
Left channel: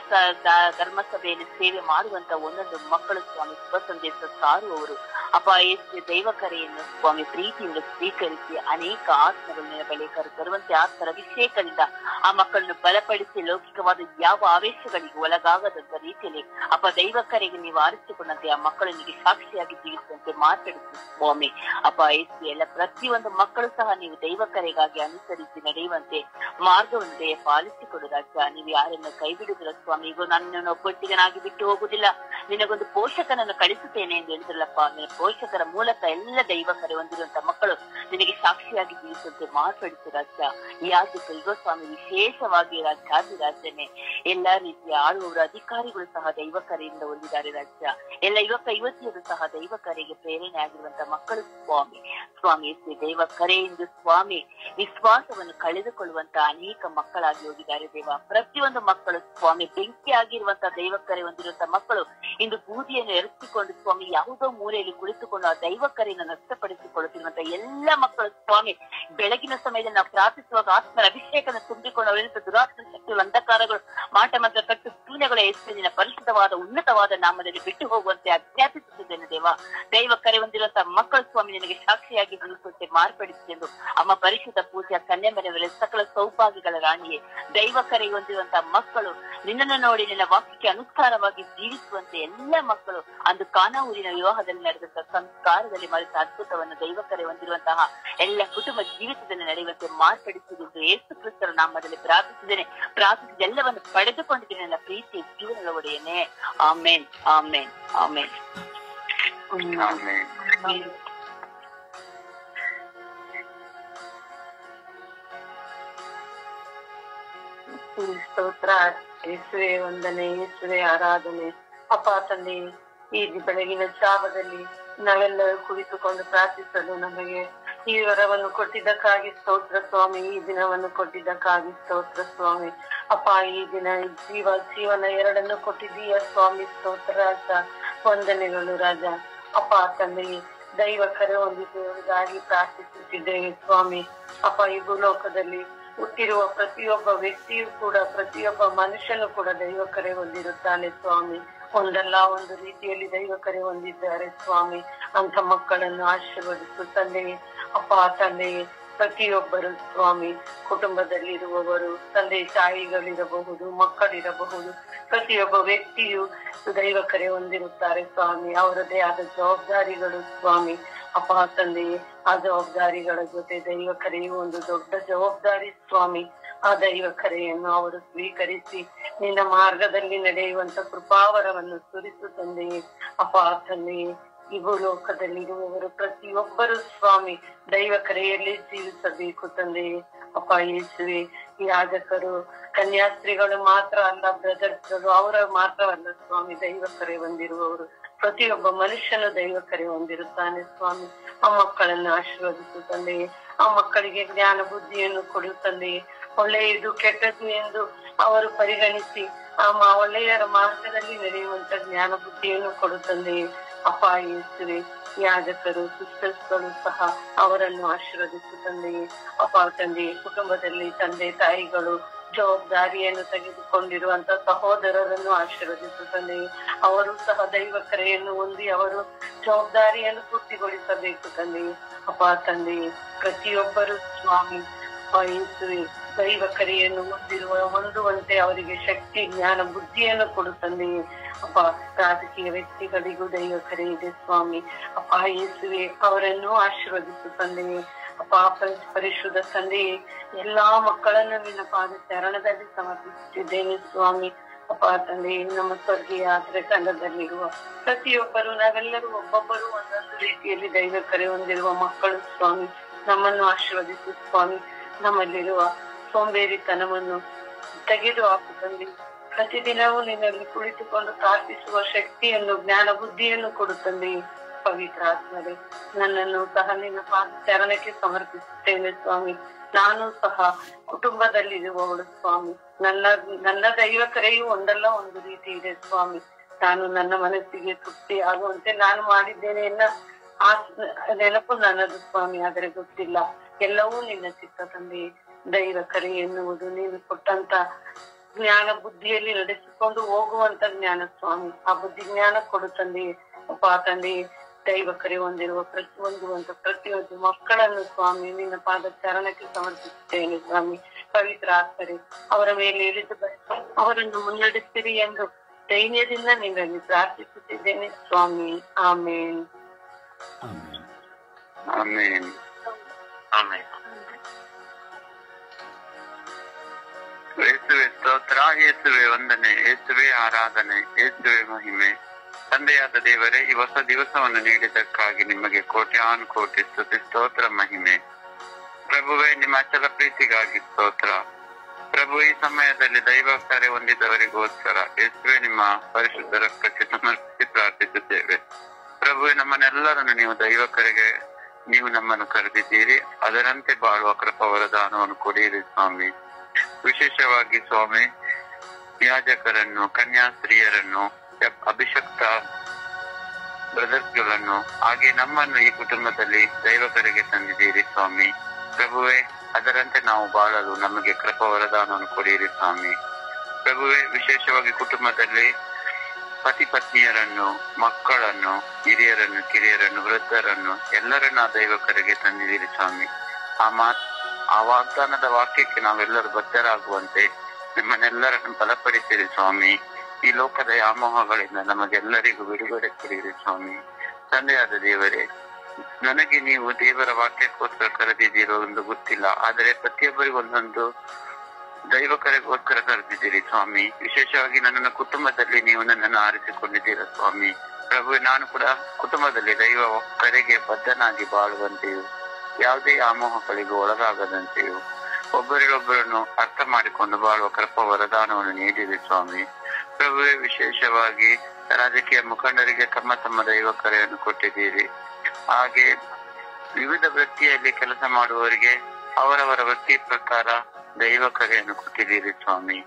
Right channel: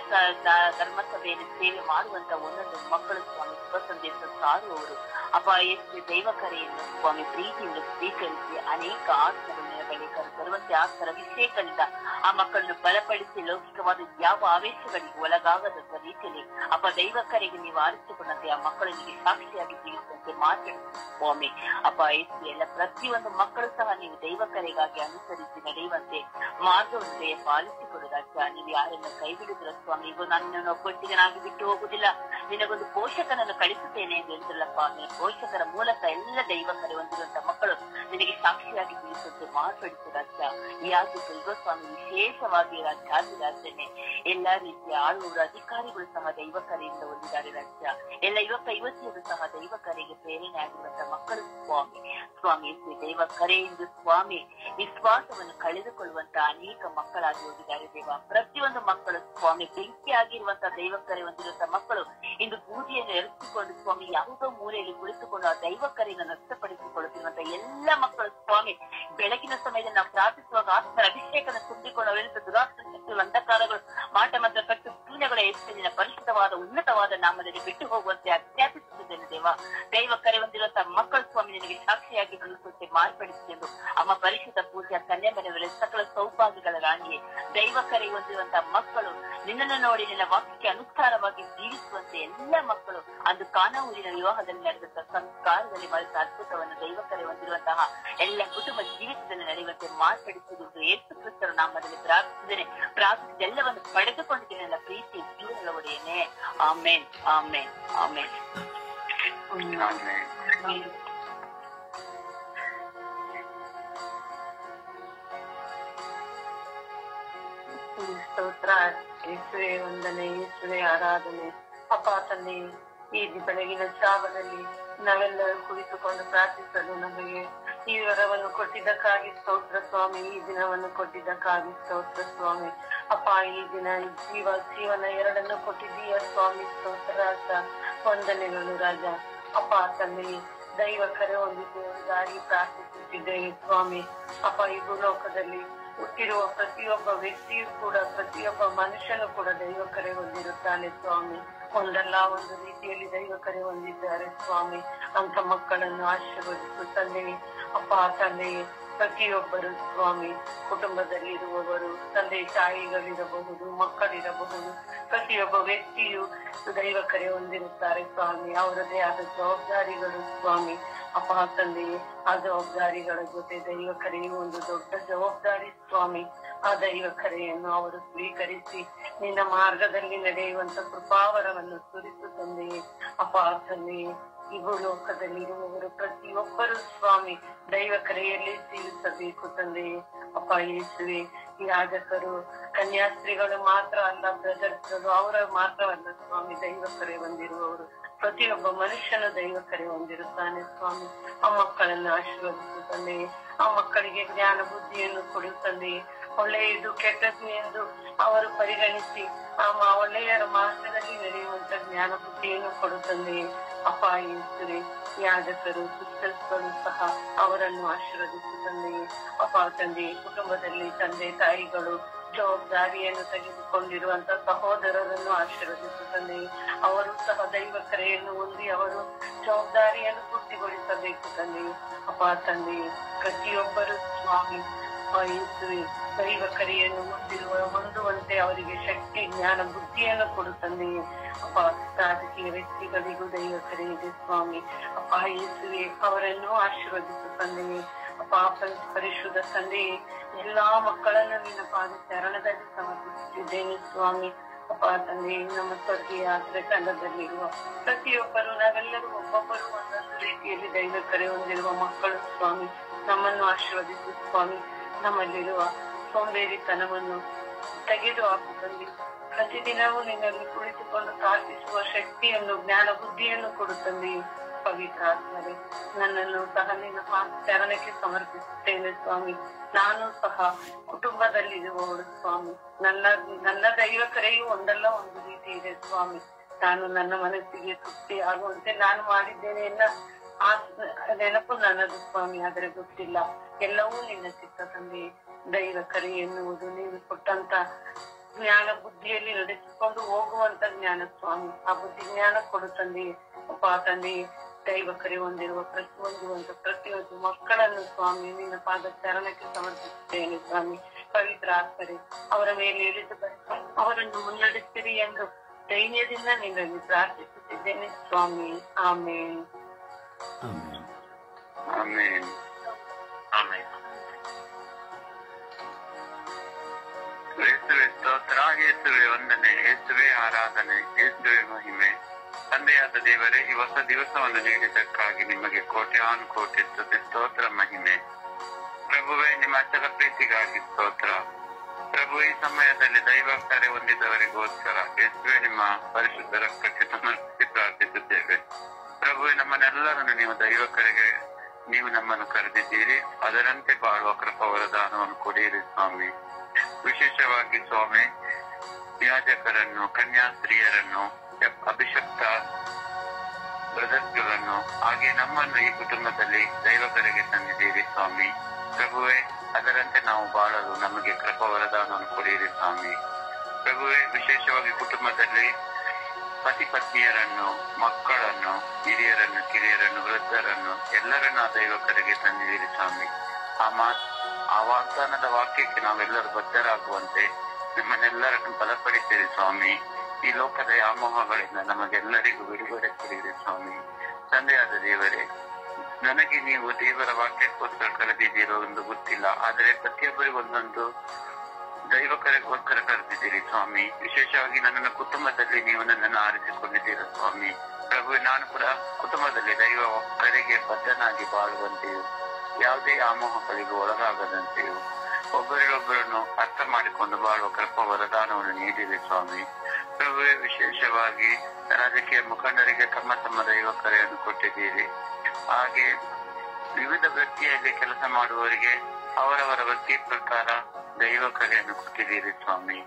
ಧರ್ಮಸಭೆಯಲ್ಲಿ ಸೇವೆ ಮಾಡುವಂತ ಒಂದೊಂದು ಮಕ್ಕಳು ಸ್ವಾಮಿ ಶುಭ ಸಂದೇಶ ಸಾರುವವರು ಅಪ್ಪ ಯೇಸು ದೈವ ಕರೆಯನ್ನು ಸ್ವಾಮಿ ಪ್ರೀತಿಯಿಂದ ಸ್ವೀಕರಿಸಿ ಅನೇಕ ಆತ್ಮಗಳ ಬಳಿ ಕರೆತರುವಂತೆ ಆತ್ಮರ ಅಭಿಷೇಕದಿಂದ ಆ ಮಕ್ಕಳನ್ನು ಬಲಪಡಿಸಿ ಲೌಕಿಕವಾದ ಯಾವ ಆವೇಶಗಳಿಗೆ ಒಳಗಾಗದಂತ ರೀತಿಯಲ್ಲಿ ಅಪ್ಪ ದೈವ ಕರೆಗೆ ನೀವು ಆರಿಸಿಕೊಂಡಂತೆ ಆ ಮಕ್ಕಳನಿಗೆ ಸಾಕ್ಷಿಯಾಗಿ ಜೀವಿಸುವಂತೆ ಮಾತಾಡಿಸಿ ಸ್ವಾಮಿ. ಅಪ್ಪ ಯೇಸು ಎಲ್ಲ ಪ್ರತಿಯೊಂದು ಮಕ್ಕಳು ಸಹ ನೀವು ದೈವ ಕರೆಗಾಗಿ ಅನುಸರಿಸಿ ನಡೆಯುವಂತೆ ಮಾರ್ಗವಂತೆ ಪಾಲಿಸಿಕೊಡುವುದಾಗ್ತ. ನೀವು ಯಾರನ್ನ ಕೈ ಬಿಡುವುದಿಲ್ಲ ಸ್ವಾಮಿ. ಈಗ ನನ್ನನ್ನು ಒಬ್ಬೊಟ್ಟಿಗನಾಗಿ ಬಿಟ್ಟು ಹೋಗುದಿಲ್ಲ, ನಿನಗೊಂದು ಪೋಷಕನನ್ನು ಕಳಿಸುತ್ತೇನೆ ಎಂದು ಹೇಳಿದ್ರಲ್ಲಪ್ಪ. ನಿನ್ನ ಪೋಷಕರ ಮೂಲಕ ಎಲ್ಲ ದೈವ ಕರೆ ಹೊಂದಿರುವಂತ ಮಕ್ಕಳು ನಿನಗೆ ಸಾಕ್ಷಿಯಾಗಿ ಜೀವಿಸುವಂತೆ ಮಾತಾಡಿಸು ರಾಜ್ಯ. ಯಾಜಕರಿಗೋ ಸ್ವಾಮಿ ವಿಶೇಷವಾಗಿ ರಾಜ್ಯನೇ ಎಲ್ಲಾ ರೀತಿಯ ಆಳುವವರು ಅಧಿಕಾರಿಗಳು ಸಹ ದೈವ ಕರೆಯಿಂದ ಹೊಂದಿದ್ದಾರೆ ರಾಜ್ಯ. ಎಲ್ಲ ಯುವಕ ಯುವತಿಯರು ಸಹ ದೈವ ಕರೆಗೆ ಪ್ರೇರಣೆ ಆಗಿರುವಂತ ಮಕ್ಕಳು ಸ್ವಾಮಿ. ಸ್ವಾಮಿ ದೈವ ಕರೆಯಿಂದ ಸ್ವಾಮಿ ವಿಶ್ವಾಸವನ್ನು ಕಳೆದುಕೊಳ್ಳುವಂತ ಅನೇಕ ಮಕ್ಕಳಾಗಿ ಹೋಗಿದ್ದಾರೆ ದೇವ. ಪ್ರತಿಯೊಂದು ಮಕ್ಕಳು ಸ್ವಾಮಿ ಬೆಂಕಿ ಆಗಿರುವಂತ ದೈವ ಕರೆ ಹೊಂದಿರುವಂತ ಮಕ್ಕಳು ಇಂದು ಬೂದಿಯನ್ನು ಎರಚಿಕೊಂಡು ಸ್ವಾಮಿ ಯಾವುದೋ ಮೂಲೆಯಲ್ಲಿ ಕುಳಿತುಕೊಂಡು ಆ ದೈವ ಕರೆಯನ್ನು ನಷ್ಟಪಡಿಸಿಕೊಳ್ಳುತ್ತಿರುವಂತ ಎಲ್ಲ ಮಕ್ಕಳು ಸ್ವಾಮಿ ಬೆಳಗಿನ ಸಮಯದಲ್ಲಿ ನಾವು ಪ್ರಾರ್ಥಿಸುವಾಗ ಆತ್ಮರ ಅಭಿಷೇಕನ ತುಂಬಿಕೊಂಡು ಅವರಿಂದ ದುರಾತ್ಮ ಶಕ್ತಿಗಳು ಅಂಧಕಾರಗಳು ಮಾಟ ಮಂತ್ರ ಕಟ್ಟು ಪೀನಗಳ ಹೆಸರಿನ ಪರಿಶುದ್ಧವಾದ ಉನ್ನತವಾದ ನಾಮದಲ್ಲಿ ಬಿಟ್ಟು ಹೋಗುವಂತೆ ಅಧ್ಯಾಪಿಸುತ್ತಿದ್ದೇನೆ ದೇವ. ದೈವ ಕರೆ ಹೊಂದಿರುವಂತಹ ಮಕ್ಕಳು ಸ್ವಾಮಿ ನಿನಗೆ ಸಾಕ್ಷಿಯಾಗಿ ನಿಲ್ಲಿಸುವಂತೆ ಮಾರ್ಪಡಿಸಿ ಎಂದು ಅಮ್ಮ ಪರಿಶುದ್ಧ ಪೂಜೆ ಕನ್ಯೆ ಮನೆಗಳಲ್ಲಿ ಸಕಲ ಸೌಭಾಗ್ಯಗಳ ರಾಣಿಯೇ ದೈವ ಕರೆ ಹೊಂದಿರುವಂತಹ ಮಕ್ಕಳು ನಿನ್ನನ್ನು ನೋಡಿ ನಿನ್ನ ವಾಕ್ಯಕ್ಕೆ ಅನುಸಾರವಾಗಿ ಜೀವಿಸುವಂತೆ ಎಲ್ಲ ಮಕ್ಕಳು ಅಂದು ಕಾನಾ ಊರಿನ ವಿವಾಹದಲ್ಲಿ ನಡೆದಂತಹ ಸಂಸ್ಕಾರದಲ್ಲಿ ಮರೆತ ಅದ್ಭುತವನ್ನು ದೈವ ಕರೆ ಹೊಂದಿರುವಂತಹ ಎಲ್ಲ ಕುಟುಂಬ ಜೀವಿತದಲ್ಲಿ ನಡೆಯುವಂತೆ ಮಾರ್ಪಡಿಸುವುದು ಯೇಸು ಕ್ರಿಸ್ತರ ನಾಮದಲ್ಲಿ ಪ್ರಾರ್ಥಿಸಿದ್ದೇನೆ. ಪ್ರಾರ್ಥಿಸಿದೆಲ್ಲವನ್ನು ಪಡೆದುಕೊಂಡಿದ್ದೇನೆ ನನ್ನ ಪ್ರೀತಿ ಜೀವನದ ಒಡೆಯನೇ. ಆಮೇನ್ ಆಮೇನ್ ಆಮೇನ್. ಸ್ತೋತ್ರ. ಯೇಸುವೆ ವಂದನೆ, ಯೇಸುವೆ ಆರಾಧನೆ. ಅಪ್ಪ ತಂದೆ, ಈ ಬೆಳಗಿನ ಜಾವದಲ್ಲಿ ನಾವೆಲ್ಲರೂ ಕುಳಿತುಕೊಂಡು ಪ್ರಾರ್ಥಿಸಲು ನಮಗೆ ಈ ವರವನ್ನು ಕೊಟ್ಟಿದ್ದಕ್ಕಾಗಿ ಸ್ತೋತ್ರ ಸ್ವಾಮಿ. ಈ ದಿನವನ್ನು ಕೊಟ್ಟಿದ್ದಕ್ಕಾಗಿ ಸ್ತೋತ್ರ ಸ್ವಾಮಿ. ಅಪ್ಪ ಈ ದಿನ ಜೀವನ ಎರಡನ್ನು ಕೊಟ್ಟಿದ್ದೀಯ ಸ್ವಾಮಿ. ಸ್ತೋತ್ರ ರಾಜ, ವಂದನೆಗಳು ರಾಜ. ಅಪ್ಪ ತಂದೆ, ದೈವ ಕರೆ ಹೊಂದಿದ್ದವರಿಗಾಗಿ ಪ್ರಾರ್ಥಿಸುತ್ತಿದ್ದೇವೆ ಸ್ವಾಮಿ. ಅಪ್ಪ ಈ ಭೂಲೋಕದಲ್ಲಿ ಹುಟ್ಟಿರುವ ಪ್ರತಿಯೊಬ್ಬ ವ್ಯಕ್ತಿಯು ಕೂಡ, ಪ್ರತಿಯೊಬ್ಬ ಮನುಷ್ಯನು ಕೂಡ ದೈವ ಕರೆ ಹೊಂದಿರುತ್ತಾನೆ ಸ್ವಾಮಿ. ಒಂದಲ್ಲ ಒಂದು ರೀತಿಯಲ್ಲಿ ದೈವ ಕರೆ ಹೊಂದಿದ್ದಾರೆ ಸ್ವಾಮಿ. ಅಂತ ಮಕ್ಕಳನ್ನು ಆಶೀರ್ವದಿಸು ತಂದೆ. ಅಪ್ಪ ತಂದೆ, ಪ್ರತಿಯೊಬ್ಬರು ಸ್ವಾಮಿ ಕುಟುಂಬದಲ್ಲಿರುವವರು, ತಂದೆ ತಾಯಿಗಳಿರಬಹುದು, ಮಕ್ಕಳಿರಬಹುದು, ಪ್ರತಿಯೊಬ್ಬ ವ್ಯಕ್ತಿಯು ದೈವ ಕರೆ ಹೊಂದಿರುತ್ತಾರೆ ಸ್ವಾಮಿ. ಅವರದೇ ಆದ ಜವಾಬ್ದಾರಿಗಳು ಸ್ವಾಮಿ. ಅಪ್ಪ ತಂದೆಯೇ, ಆ ಜವಾಬ್ದಾರಿಗಳ ಜೊತೆ ದೈವ ಕರೆಯು ಒಂದು ದೊಡ್ಡ ಜವಾಬ್ದಾರಿ ಸ್ವಾಮಿ. ಆ ದೈವ ಕರೆಯನ್ನು ಅವರು ಸ್ವೀಕರಿಸಿ ನಿನ್ನ ಮಾರ್ಗದಲ್ಲಿ ನಡೆಯುವಂತ ಕೃಪಾವರವನ್ನು ಸುರಿಸು ತಂದೆಯೇ. ಅಪ್ಪ ತಂದೆಯೇ, ಈ ಭೂಲೋಕದಲ್ಲಿರುವವರು ಪ್ರತಿಯೊಬ್ಬರು ಸ್ವಾಮಿ ದೈವ ಕರೆಯಲ್ಲಿ ಜೀವಿಸಬೇಕು ತಂದೆಯೇ. ಅಪ್ಪ ಯೇಸುವೆ, ಯಾಜಕರು, ಕನ್ಯಾಸ್ತ್ರೀಗಳು ಮಾತ್ರ ಅಲ್ಲ, ಬ್ರದರ್ಸ್ಗಳು ಅವರ ಮಾತ್ರವಲ್ಲ ಸ್ವಾಮಿ ದೈವ ಕರೆ ಹೊಂದಿರುವವರು. ಪ್ರತಿಯೊಬ್ಬ ಮನುಷ್ಯನು ದೈವ ಕರೆ ಹೊಂದಿರುತ್ತಾನೆ ಸ್ವಾಮಿ. ಆ ಮಕ್ಕಳನ್ನು ಆಶೀರ್ವದಿಸು ತಂದೆಯೇ. ಆ ಮಕ್ಕಳಿಗೆ ಜ್ಞಾನ ಬುದ್ಧಿಯನ್ನು ಕೊಡು ತಂದೆಯೇ. ಒಳ್ಳೆಯದು ಕೆಟ್ಟದ್ದು ಎಂದು ಅವರು ಪರಿಗಣಿಸಿ ಆ ಒಳ್ಳೆಯರ ಮಾರ್ಗದಲ್ಲಿ ನಡೆಯುವಂತ ಜ್ಞಾನ ಬುದ್ಧಿಯನ್ನು ಕೊಡು ತಂದೆಯೇ. ಅಪ್ಪ ಯೇಸುವೆ, ಯಾಜಕರು ಸಿಸ್ಟರ್ಸ್ಗಳು ಸಹ ಅವರನ್ನು ಆಶೀರ್ವದಿಸು ತಂದೆಯೇ. ಅಪ್ಪ ತಂದೆಯೇ, ಕುಟುಂಬದಲ್ಲಿ ತಂದೆ ತಾಯಿಗಳು ಜವಾಬ್ದಾರಿಯನ್ನು ತೆಗೆದುಕೊಂಡಿರುವಂತ ಸಹೋದರರನ್ನು ಆಶೀರ್ವದಿಸು ತಂದೆಯೇ. ಅವರು ಸಹ ದೈವ ಕರೆಯನ್ನು ಹೊಂದಿ ಅವರು ಜವಾಬ್ದಾರಿಯನ್ನು ಪೂರ್ತಿಗೊಳಿಸಬೇಕು ತಂದೆಯೇ. ಅಪ್ಪ ತಂದೆಯೇ, ಪ್ರತಿಯೊಬ್ಬರು ಸ್ವಾಮಿ ಯೇಸುವೆ ದೈವ ಕರೆಯನ್ನು ಹೊಂದುವಂತೆ ಅವರಿಗೆ ಶಕ್ತಿ, ಜ್ಞಾನ, ಬುದ್ಧಿಯನ್ನು ಕೊಡು ತಂದೆಯೇ. ಅಪ್ಪ ರಾಜಕೀಯ ವ್ಯಕ್ತಿಗಳಿಗೂ ದೈವ ಕರೆ ಇದೆ ಸ್ವಾಮಿ. ಅಪ್ಪ ಯೇಸುವೆ ಅವರನ್ನು ಆಶೀರ್ವದಿಸು ತಂದೆಯೇ. ಅಪ್ಪ ಪರಿಶುದ್ಧ ತಂದೆಯೇ, ಎಲ್ಲಾ ಮಕ್ಕಳನ್ನು ನಿನ್ನ ಪಾದ ಚರಣದಲ್ಲಿ ಸಮರ್ಪಿಸುತ್ತಿದ್ದೇನೆ ಸ್ವಾಮಿ. ಅಪ್ಪ ತಂದೆಯೇ, ನಮ್ಮ ಸ್ವರ್ಗೀಯ ಯಾತ್ರೆ ತಂಡದಲ್ಲಿರುವ ಪ್ರತಿಯೊಬ್ಬರು ನಾವೆಲ್ಲರೂ ಒಬ್ಬೊಬ್ಬರು ಒಂದೊಂದು ರೀತಿಯಲ್ಲಿ ದೈವ ಕರೆ ಹೊಂದಿರುವ ಮಕ್ಕಳು ಸ್ವಾಮಿ. ನಮ್ಮನ್ನು ಆಶೀರ್ವದಿಸು ಸ್ವಾಮಿ. ನಮ್ಮಲ್ಲಿರುವ ಸೋಂಬೇರಿತನವನ್ನು ತೆಗೆದು ಹಾಕು ತಂದೆ. ಪ್ರತಿದಿನವೂ ನಿನ್ನಲ್ಲಿ ಕುಳಿತುಕೊಂಡು ಪ್ರಾರ್ಥಿಸುವ ಶಕ್ತಿಯನ್ನು, ಜ್ಞಾನ, ಬುದ್ಧಿಯನ್ನು ಕೊಡು ತಂದೆಯೇ. ಪವಿತ್ರ ಆತ್ಮರೇ, ನನ್ನನ್ನು ಸಹ ನಿಮ್ಮ ಚರಣಕ್ಕೆ ಸಮರ್ಪಿಸುತ್ತೇನೆ ಸ್ವಾಮಿ. ನಾನು ಸಹ ಕುಟುಂಬದಲ್ಲಿರುವವಳು ಸ್ವಾಮಿ. ನನ್ನ ದೈವ ಕರೆಯು ಒಂದಲ್ಲ ಒಂದು ರೀತಿ ಇದೆ ಸ್ವಾಮಿ. ನಾನು ನನ್ನ ಮನಸ್ಸಿಗೆ ತೃಪ್ತಿ ಆಗುವಂತೆ ನಾನು ಮಾಡಿದ್ದೇನೆ ಎನ್ನ ಆ ನೆನಪು ನನ್ನದು ಸ್ವಾಮಿ, ಆದರೆ ಗೊತ್ತಿಲ್ಲ. ಎಲ್ಲವೂ ನಿನ್ನ ಚಿತ್ತ ತಂದೆ. ದೈವ ಕರೆ ಎನ್ನುವುದು ನೀನು ಕೊಟ್ಟಂತ ಜ್ಞಾನ, ಬುದ್ಧಿಯಲ್ಲಿ ನಡೆಸಿಕೊಂಡು ಹೋಗುವಂತ ಜ್ಞಾನ ಸ್ವಾಮಿ. ಆ ಬುದ್ಧಿ ಜ್ಞಾನ ಕೊಡು ತಂದೆಯೇ. ಅಪ್ಪ ತಂದೆಯೇ, ದೈವ ಕರೆ ಹೊಂದಿರುವ ಪ್ರತಿಯೊಂದು ಮಕ್ಕಳನ್ನು ಸ್ವಾಮಿ ನಿನ್ನ ಪಾದ ಚರಣಕ್ಕೆ ಸಮರ್ಪಿಸುತ್ತೇನೆ ಸ್ವಾಮಿ. ಪವಿತ್ರ ಆತ್ಮರೇ, ಅವರ ಮೇಲೆ ಇಳಿದು ಅವರನ್ನು ಮುನ್ನಡೆಸಿರಿ ಎಂದು ಧೈರ್ಯದಿಂದ ನಿನ್ನಲ್ಲಿ ಪ್ರಾರ್ಥಿಸುತ್ತಿದ್ದೇನೆ ಸ್ವಾಮಿ. ಆಮೇನ್. ಆಮೇನ್. ಆಮೇನ್. ಯೇಸುವೆ ಸ್ತೋತ್ರ, ಯೇಸುವೆ ವಂದನೆ, ಯೇಸುವೆ ಆರಾಧನೆ, ಯೇಸುವೆ ಮಹಿಮೆ. ತಂದೆಯಾದ ದೇವರೇ, ಈ ಹೊಸ ದಿವಸವನ್ನು ನೀಡಿದ್ದಕ್ಕಾಗಿ ನಿಮಗೆ ಕೋಟ್ಯಾನು ಕೋಟಿ ಸ್ತುತಿ, ಸ್ತೋತ್ರ, ಮಹಿಮೆ. ಪ್ರಭುವೇ, ನಿಮ್ಮ ಅಚಲ ಪ್ರೀತಿಗಾಗಿ ಸ್ತೋತ್ರ. ಪ್ರಭು, ಈ ಸಮಯದಲ್ಲಿ ದೈವ ಕರೆ ಹೊಂದಿದವರಿಗೋಸ್ಕರ ಯೇಸುವೆ ನಿಮ್ಮ ಪರಿಶುದ್ಧ ರಕ್ತಕ್ಕೆ ಸಮರ್ಪಿಸಿ ಪ್ರಾರ್ಥಿಸುತ್ತೇವೆ. ಪ್ರಭುವೆ, ನಮ್ಮನ್ನೆಲ್ಲರನ್ನು ನೀವು ದೈವ ಕರೆಗೆ ನೀವು ನಮ್ಮನ್ನು ಕರೆದಿದ್ದೀರಿ. ಅದರಂತೆ ಬಾಳುವ ಕೃಪಾ ವರದಾನವನ್ನು ಕೊಡಿರಿ ಸ್ವಾಮಿ. ವಿಶೇಷವಾಗಿ ಸ್ವಾಮಿ, ಯಾಜಕರನ್ನು, ಕನ್ಯಾಸ್ತ್ರೀಯರನ್ನು, ಅಭಿಷಕ್ತ ಬ್ರದರ್ಸ್ಗಳನ್ನು, ಹಾಗೆ ನಮ್ಮನ್ನು ಈ ಕುಟುಂಬದಲ್ಲಿ ದೈವ ಕರೆಗೆ ತಂದಿದ್ದೀರಿ ಸ್ವಾಮಿ. ಪ್ರಭುವೆ, ಅದರಂತೆ ನಾವು ಬಾಳಲು ನಮಗೆ ಕೃಪಾ ವರದಾನವನ್ನು ಕೊಡಿರಿ ಸ್ವಾಮಿ. ಪ್ರಭುವೆ, ವಿಶೇಷವಾಗಿ ಕುಟುಂಬದಲ್ಲಿ ಪತಿ ಪತ್ನಿಯರನ್ನು, ಮಕ್ಕಳನ್ನು, ಹಿರಿಯರನ್ನು, ಕಿರಿಯರನ್ನು, ವೃದ್ಧರನ್ನು ಎಲ್ಲರನ್ನು ಆ ದೈವ ಕರೆಗೆ ತಂದಿದ್ದೀರಿ ಸ್ವಾಮಿ. ಆ ವಾಗ್ದಾನದ ವಾಕ್ಯಕ್ಕೆ ನಾವೆಲ್ಲರೂ ಬದ್ಧರಾಗುವಂತೆ ನಿಮ್ಮನ್ನೆಲ್ಲರನ್ನು ಬಲಪಡಿಸಿರಿ ಸ್ವಾಮಿ. ಈ ಲೋಕದ ವ್ಯಾಮೋಹಗಳಿಂದ ನಮಗೆಲ್ಲರಿಗೂ ಬಿಡುಗಡೆ ಕೊಡಿರಿ ಸ್ವಾಮಿ. ತಂದೆಯಾದ ದೇವರೇ, ನನಗೆ ನೀವು ದೇವರ ವಾಕ್ಯಕ್ಕೋಸ್ಕರ ಕರೆದಿದ್ದೀರೋ ಎಂದು ಗೊತ್ತಿಲ್ಲ, ಆದರೆ ಪ್ರತಿಯೊಬ್ಬರಿಗೂ ಒಂದೊಂದು ದೈವ ಕರೆಗೋಸ್ಕರ ಕರೆದಿದ್ದೀರಿ ಸ್ವಾಮಿ. ವಿಶೇಷವಾಗಿ ನನ್ನ ಕುಟುಂಬದಲ್ಲಿ ನೀವು ನನ್ನನ್ನು ಆರಿಸಿಕೊಂಡಿದ್ದೀರ ಸ್ವಾಮಿ. ಪ್ರಭು, ನಾನು ಕೂಡ ಕುಟುಂಬದಲ್ಲಿ ದೈವ ಕರೆಗೆ ಬದ್ಧನಾಗಿ ಬಾಳುವಂತೆಯೂ ಯಾವುದೇ ಆಮೋಹಗಳಿಗೂ ಒಳಗಾಗದಂತೆಯೂ ಒಬ್ಬರಿಗೊಬ್ಬರನ್ನು ಅರ್ಥ ಮಾಡಿಕೊಂಡು ಬಾಳುವ ಕೃಪಾ ವರದಾನವನ್ನು ನೀಡಿರಿ ಸ್ವಾಮಿ. ಪ್ರಭುವೇ, ವಿಶೇಷವಾಗಿ ರಾಜಕೀಯ ಮುಖಂಡರಿಗೆ ತಮ್ಮ ತಮ್ಮ ದೈವ ಕರೆಯನ್ನು ಕೊಟ್ಟಿದ್ದೀರಿ. ಹಾಗೆ ವಿವಿಧ ವೃತ್ತಿಯಲ್ಲಿ ಕೆಲಸ ಮಾಡುವವರಿಗೆ ಅವರವರ ವೃತ್ತಿ ಪ್ರಕಾರ ದೈವ ಕರೆಯನ್ನು ಕೊಟ್ಟಿದ್ದೀರಿ ಸ್ವಾಮಿ.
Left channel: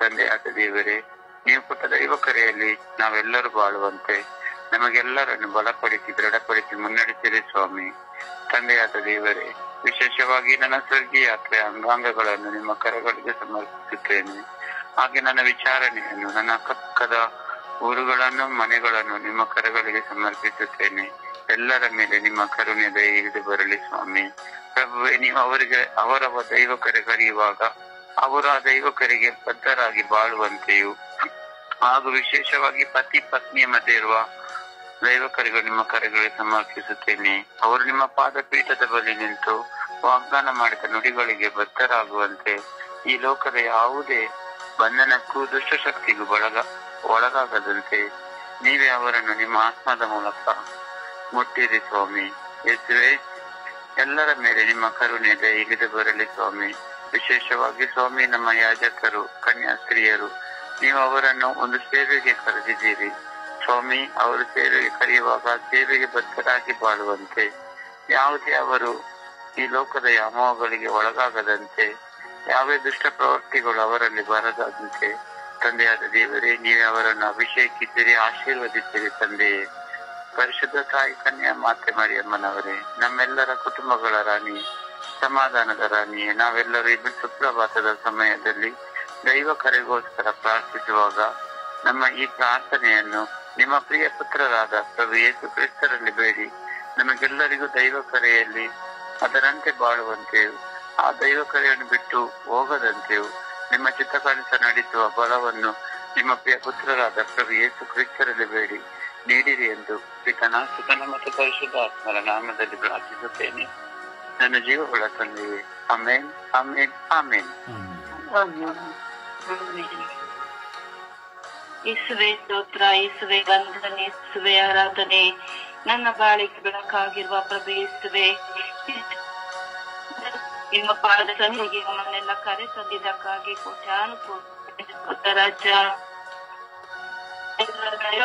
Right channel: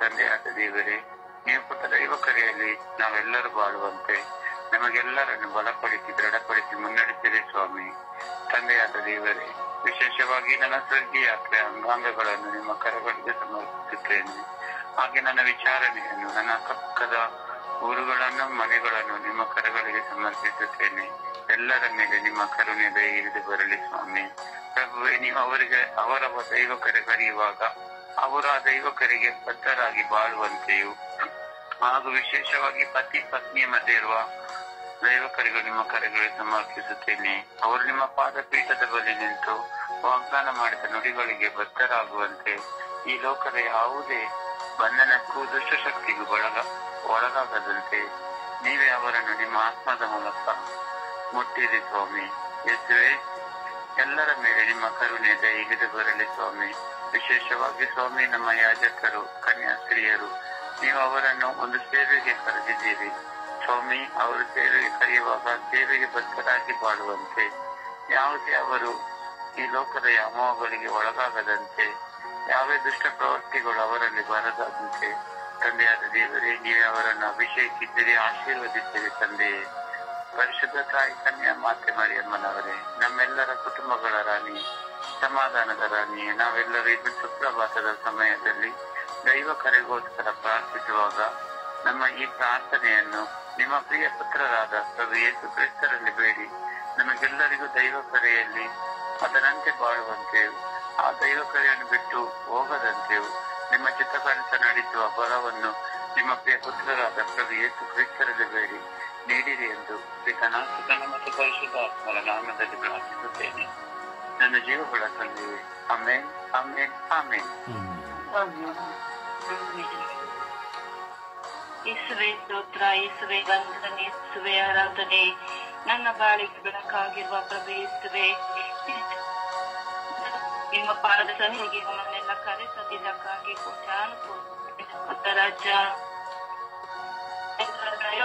ತಂದೆಯಾದ ದೇವರೇ, ನೀವು ಕೊಟ್ಟ ದೈವ ಕರೆಯಲ್ಲಿ ನಾವೆಲ್ಲರೂ ಬಾಳುವಂತೆ ನಮಗೆಲ್ಲರನ್ನು ಬಲಪಡಿಸಿ ದೃಢಪಡಿಸಿ ಮುನ್ನಡೆಸಿರಿ ಸ್ವಾಮಿ. ತಂದೆಯಾದ ದೇವರೇ, ವಿಶೇಷವಾಗಿ ನನ್ನ ಸ್ವರ್ಗೀಯ ಯಾತ್ರೆಯ ಅಂಗಾಂಗಗಳನ್ನು ನಿಮ್ಮ ಕರಗಳಿಗೆ ಸಮರ್ಪಿಸುತ್ತೇನೆ. ಹಾಗೆ ನನ್ನ ವಿಚಾರಣೆಯನ್ನು, ನನ್ನ ಪಕ್ಕದ ಊರುಗಳನ್ನು, ಮನೆಗಳನ್ನು ನಿಮ್ಮ ಕರಗಳಿಗೆ ಸಮರ್ಪಿಸುತ್ತೇನೆ. ಎಲ್ಲರ ಮೇಲೆ ನಿಮ್ಮ ಕರುಣೆ ದಯವಿದು ಬರಲಿ ಸ್ವಾಮಿ. ಪ್ರಭುವೇ, ನೀವು ಅವರಿಗೆ ಅವರ ದೈವ ಕರೆ ಕರೆಯುವಾಗ ಅವರು ಆ ದೈವ ಕರೆಗೆ ಬದ್ಧರಾಗಿ ಬಾಳುವಂತೆಯೂ ಹಾಗೂ ವಿಶೇಷವಾಗಿ ಪತಿ ಪತ್ನಿಯ ಮಧ್ಯೆ ಇರುವ ದೈವ ಕರೆಗಳು ನಿಮ್ಮ ಕರೆಗಳಿಗೆ ಸಮರ್ಪಿಸುತ್ತೇನೆ. ಅವರು ನಿಮ್ಮ ಪಾದಪೀಠದ ಬಳಿ ನಿಂತು ವಾಗ್ದಾನ ಮಾಡಿದ ನುಡಿಗಳಿಗೆ ಬದ್ಧರಾಗುವಂತೆ ಈ ಲೋಕದ ಯಾವುದೇ ಬಂಧನಕ್ಕೂ ದುಷ್ಟಶಕ್ತಿಗೂ ಒಳಗಾಗದಂತೆ ನೀವೇ ಅವರನ್ನು ನಿಮ್ಮ ಆತ್ಮದ ಮೂಲಕ ಮುಟ್ಟಿರಿ ಸ್ವಾಮಿ. ಯೇಸುವೇ, ಎಲ್ಲರ ಮೇಲೆ ನಿಮ್ಮ ಕರುಣೆ ದಯವಿದು ಬರಲಿ ಸ್ವಾಮಿ. ವಿಶೇಷವಾಗಿ ಸ್ವಾಮಿ, ನಮ್ಮ ಯಾಜಕರು, ಕನ್ಯಾಸ್ತ್ರೀಯರು, ನೀವು ಅವರನ್ನು ಒಂದು ಸೇವೆಗೆ ಕರೆದಿದ್ದೀರಿ ಸ್ವಾಮಿ. ಅವರು ಸೇವೆಗೆ ಕರೆಯುವಾಗ ಸೇವೆಗೆ ಬದ್ಧರಾಗಿ ಬಾಳುವಂತೆ, ಯಾವುದೇ ಅವರು ಈ ಲೋಕದ ವ್ಯಾಮೋಹಗಳಿಗೆ ಒಳಗಾಗದಂತೆ, ಯಾವೇ ದುಷ್ಟ ಪ್ರವೃತ್ತಿಗಳು ಅವರಲ್ಲಿ ಬರದಂತೆ ತಂದೆಯಾದ ದೇವರೇ, ನೀವೇ ಅವರನ್ನು ಅಭಿಷೇಕಿದ್ದೀರಿ, ಆಶೀರ್ವದಿಸಿರಿ ತಂದೆಯೇ. ಪರಿಶುದ್ಧ ತಾಯಿ ಕನ್ಯಾ ಮಾತೆ ಮರಿಯಮ್ಮನವರೇ, ನಮ್ಮೆಲ್ಲರ ಕುಟುಂಬಗಳ ರಾಣಿ, ಸಮಾಧಾನದ ರಾಣಿಯೇ, ನಾವೆಲ್ಲರೂ ಇದು ಸುಪ್ರಭಾತದ ಸಮಯದಲ್ಲಿ ದೈವ ಕರೆಗೋಸ್ಕರ ಪ್ರಾರ್ಥಿಸುವಾಗ ನಮ್ಮ ಈ ಪ್ರಾರ್ಥನೆಯನ್ನು ನಿಮ್ಮ ಪ್ರಿಯ ಪುತ್ರರಾದ ಪ್ರಭು ಯೇಸು ಕ್ರಿಸ್ತರಲ್ಲಿ ಬೇಡಿ ನಮಗೆಲ್ಲರಿಗೂ ದೈವ ಕರೆಯಲ್ಲಿ ಅದರಂತೆ ಬಾಳುವಂತೆಯೂ ಆ ದೈವ ಕರೆಯನ್ನು ಬಿಟ್ಟು ಹೋಗದಂತೆಯೂ ನಿಮ್ಮ ಚಿತ್ತಕಂತ ನಡೆಸುವ ಬಲವನ್ನು ನಿಮ್ಮ ಪ್ರಿಯ ಪುತ್ರರಾದ ಪ್ರಭು ಯೇಸು ಕ್ರಿಸ್ತರಲ್ಲಿ ಬೇಡಿ ನೀಡಿರಿ ಎಂದು ಪಿತನ ಸುತನ ಮತ್ತು ಪರಿಶುದ್ಧಾತ್ಮರ ನಾಮದಲ್ಲಿ ಪ್ರಾರ್ಥಿಸುತ್ತೇನೆ. ನನ್ನ ಜೀವಗಳ ತಂದೆಯೇ, ಆಮೆನ್, ಆಮೆನ್, ಆಮೆನ್. ಯೇಸುವೆ ಸ್ತೋತ್ರ, ಯೇಸುವೆ ವಂದನೆ, ಯೇಸುವೆ ಆರಾಧನೆ. ನನ್ನ ಬಾಳಿಗೆ ಬೆಳಕಾಗಿರುವ ಪ್ರಭು ಯೇಸುವೆ, ನಿಮ್ಮ ಪಾದ ಸನ್ನಿಧಿಗೆ ನಮ್ಮನ್ನೆಲ್ಲ ಕರೆ ತಂದಿದ್ದಕ್ಕಾಗಿ ಕೋಟ್ಯಾನುಕೋಟಿ ರಾಜ.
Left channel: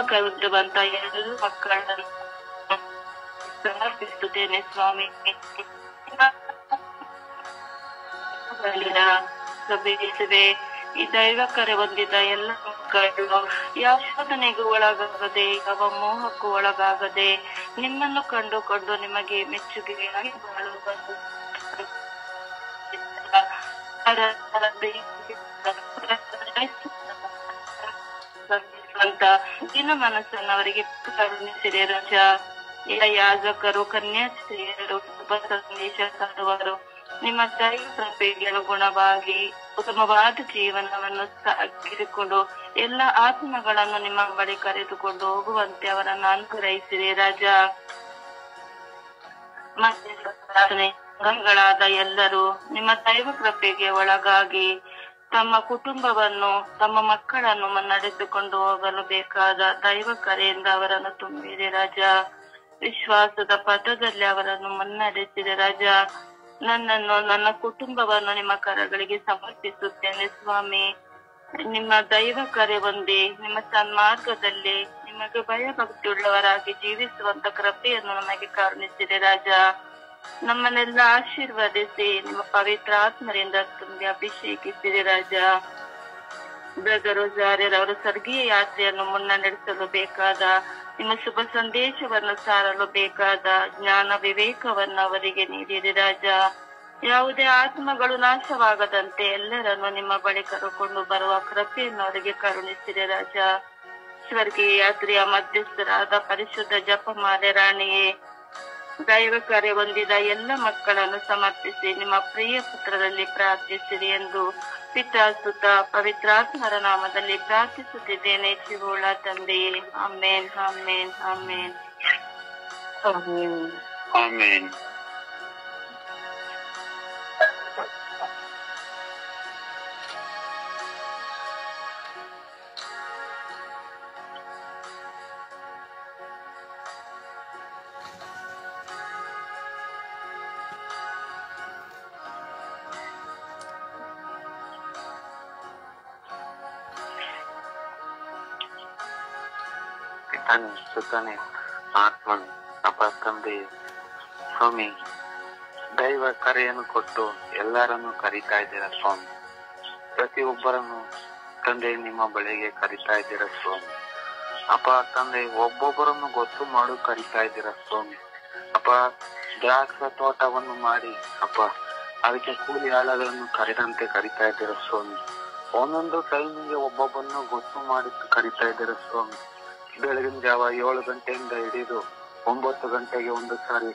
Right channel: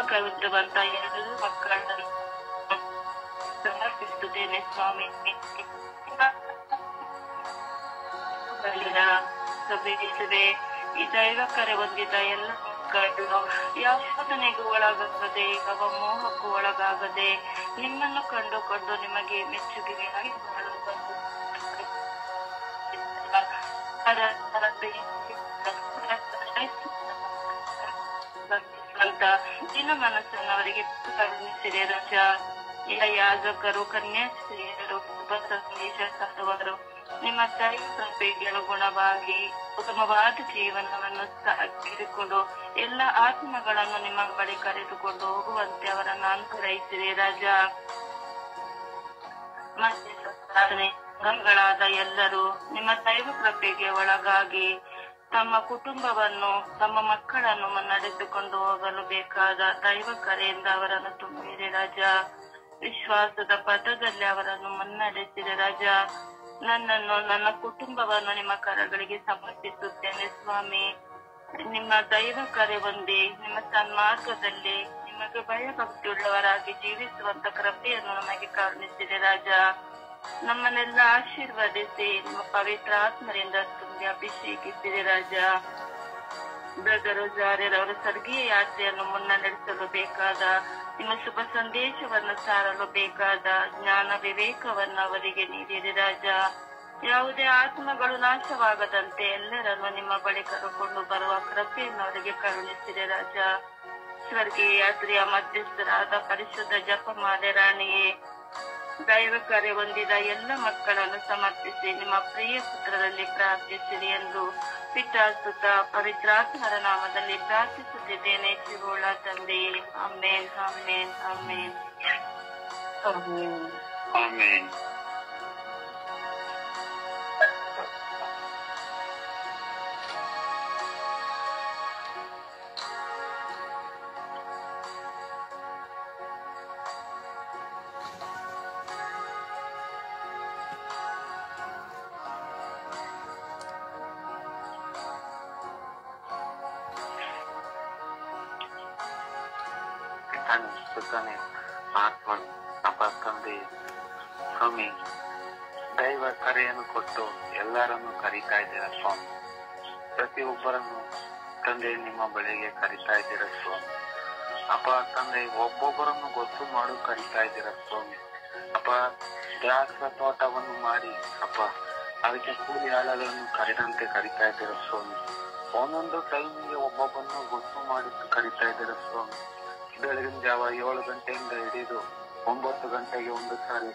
ಕರೆದಿರುವಂತ ಎಲ್ಲರೂ ಮಕ್ಕಳನ್ನು ಸಮರ್ಪಿಸುತ್ತೇನೆ ಸ್ವಾಮಿ. ಪ್ರಭುಯಿಸುವೆ, ಈ ದೈವ ಕರೆ ಹೊಂದಿದ ಎಲ್ಲ ಮಕ್ಕಳು ಯಾವ ಶೋಧನೆಗೂ ಒಳಗಾಗದೆ, ಯಾವ ಮೋಹಕ್ಕೂ ಒಳಗಾಗದೆ ನಿಮ್ಮನ್ನು ಕಂಡುಕೊಂಡು ನಿಮಗೆ ಮೆಚ್ಚುಗೆಯಾಗಿ ಬಾಳುವುದು ದಿನ ಮನಸ್ಸನ್ನು ಅವರಿಗೆ ಕರುಣಿಸಿದೆ ರಾಜ. ಎಲ್ಲ ಯಾಜಕರು, ಕನ್ಯಾಸ್ತ್ರೀಯರು, ಸಂದೇಶ ಸಾರುವರು ನಿಮ್ಮ ದೈವ ಕೃಪೆಗೆ ಅನುಗುಣವಾಗಿ ಉತ್ತಮವಾದ ಜೀವನವನ್ನು ಸಾಗಿಸಿಕೊಂಡು ಎಲ್ಲ ಆತ್ಮಗಳನ್ನು ನಿಮ್ಮ ಬಳಿ ಕರೆದುಕೊಂಡು ಹೋಗುವಂತೆ ಅವರನ್ನು ಅನುಗ್ರಹಿಸಿದೆ ರಾಜ. ಅಂಗಗಳಾದ ಎಲ್ಲರೂ ನಿಮ್ಮ ದೈವ ಕೃಪೆಗೆ ಒಳಗಾಗಿ ತಮ್ಮ ಕುಟುಂಬವನ್ನು, ತಮ್ಮ ಮಕ್ಕಳನ್ನು ನಡೆಸಿಕೊಂಡು ಹೋಗಲು ಬೇಕಾದ ದೈವ ಕರೆಯಿಂದ ಅವರನ್ನು ತುಂಬಿದೆ ರಾಜ. ವಿಶ್ವಾಸದ ಪಥದಲ್ಲಿ ಅವರನ್ನು ಮುನ್ನಡೆಸಿದೆ ರಾಜ. ನನ್ನನ್ನು, ನನ್ನ ಕುಟುಂಬವನ್ನು ನಿಮ್ಮ ಕರಗಳಿಗೆ ಸಮರ್ಪಿಸುತ್ತೇನೆ ಸ್ವಾಮಿ. ನಿಮ್ಮ ದೈವ ಕರೆ ಹೊಂದಿ ನಿಮ್ಮ ಸನ್ಮಾರ್ಗದಲ್ಲಿ ನಿಮಗೆ ಭಯಭಕ್ತಿಯುಳ್ಳವರಾಗಿ ಜೀವಿಸುವಂತ ಕೃಪೆಯನ್ನು ನಮಗೆ ಕರುಣಿಸಿದೆ ರಾಜ. ನಮ್ಮನ್ನೆಲ್ಲ ಆಶೀರ್ವದಿಸಿ ನಿಮ್ಮ ಪವಿತ್ರ ಆತ್ಮರಿಂದ ತುಂಬಿ ಅಭಿಷೇಕಿಸಿದೆ ರಾಜ. ಬ್ರದರ್ ಸ್ವರ್ಗೀಯ ಯಾತ್ರೆಯನ್ನು ನಡೆಸಲು ಬೇಕಾದ ನಿಮ್ಮ ಶುಭ ಸಂದೇಶವನ್ನು ಸಾರಲು ಬೇಕಾದ ಜ್ಞಾನ ವಿವೇಕವನ್ನು ಅವರಿಗೆ ನೀಡಿದೆ ರಾಜ. ಯಾವುದೇ ಆತ್ಮಗಳು ನಾಶವಾಗದಂತೆ ಎಲ್ಲರನ್ನು ನಿಮ್ಮ ಬಳಿ ಕರೆದುಕೊಂಡು ಬರುವ ಕೃಪೆಯನ್ನು ಅವರಿಗೆ ಕರುಣಿಸಿದೆ ರಾಜ. ಸ್ವರ್ಗೀಯ ಯಾತ್ರೆಯ ಮಧ್ಯಸ್ಥರಾದ ಪರಿಶುದ್ಧ ಜಪಮಾಲೆ ರಾಣಿಯೇ, ದೈವ ಕರೆ ಹೊಂದಿದ ಎಲ್ಲ ಮಕ್ಕಳನ್ನು ಸಮರ್ಪಿಸಿ ನಿಮ್ಮ ಪ್ರಿಯ ಪುತ್ರರಲ್ಲಿ ಪ್ರಾರ್ಥಿಸಿರಿ ಎಂದು ಪಿತಾ ಸುತ ಪವಿತ್ರಾತ್ಮರ ನಾಮದಲ್ಲಿ ಪ್ರಾರ್ಥಿಸುತ್ತಿದ್ದೇನೆ ಜೀವೋಳ ತಂದೆಯೇ. ಆಮೇನ್, ಆಮೇನ್, ಆಮೇನ್, ಆಮೆನ್. ಸುತ್ತಾನೆ ಆತ್ಮನ್ ಅಪ್ಪ ತಂದೆ ಸ್ವಾಮಿ, ದೈವ ಕರೆಯನ್ನು ಕೊಟ್ಟು ಎಲ್ಲರನ್ನು ಕರೀತಾ ಇದ್ದೀರ ಸ್ವಾಮಿ. ಪ್ರತಿಯೊಬ್ಬರನ್ನು ತಂದೆ ನಿಮ್ಮ ಬಳಿಗೆ ಕರೀತಾ ಇದ್ದೀರ ಸ್ವಾಮಿ. ಅಪ್ಪ ತಂದೆ ಒಬ್ಬೊಬ್ಬರನ್ನು ಗೊತ್ತು ಮಾಡು ಕರೀತಾ ಇದ್ದೀರ ಸ್ವಾಮಿ. ಅಪ್ಪ ದ್ರಾಕ್ಷ ತೋಟವನ್ನು ಮಾಡಿ ಅಪ್ಪ ಅದಕ್ಕೆ ಕೂಲಿ ಆಳಗಳನ್ನು ಕರೆದಂತೆ ಕರೀತಾ ಇದ್ದೀರ ಸ್ವಾಮಿ. ಒಂದೊಂದು ಟೈಮಿಗೆ ಒಬ್ಬೊಬ್ಬರನ್ನು ಗೊತ್ತು ಮಾಡಿ ಕರೀತಾ ಇದ್ದೀರ ಸ್ವಾಮಿ. ಬೆಳಗಿನ ಜಾವ 7 ಗಂಟೆಯಿಂದ ಹಿಡಿದು 9 ಗಂಟೆಗೆ ಒಂದು ಸಾರಿ,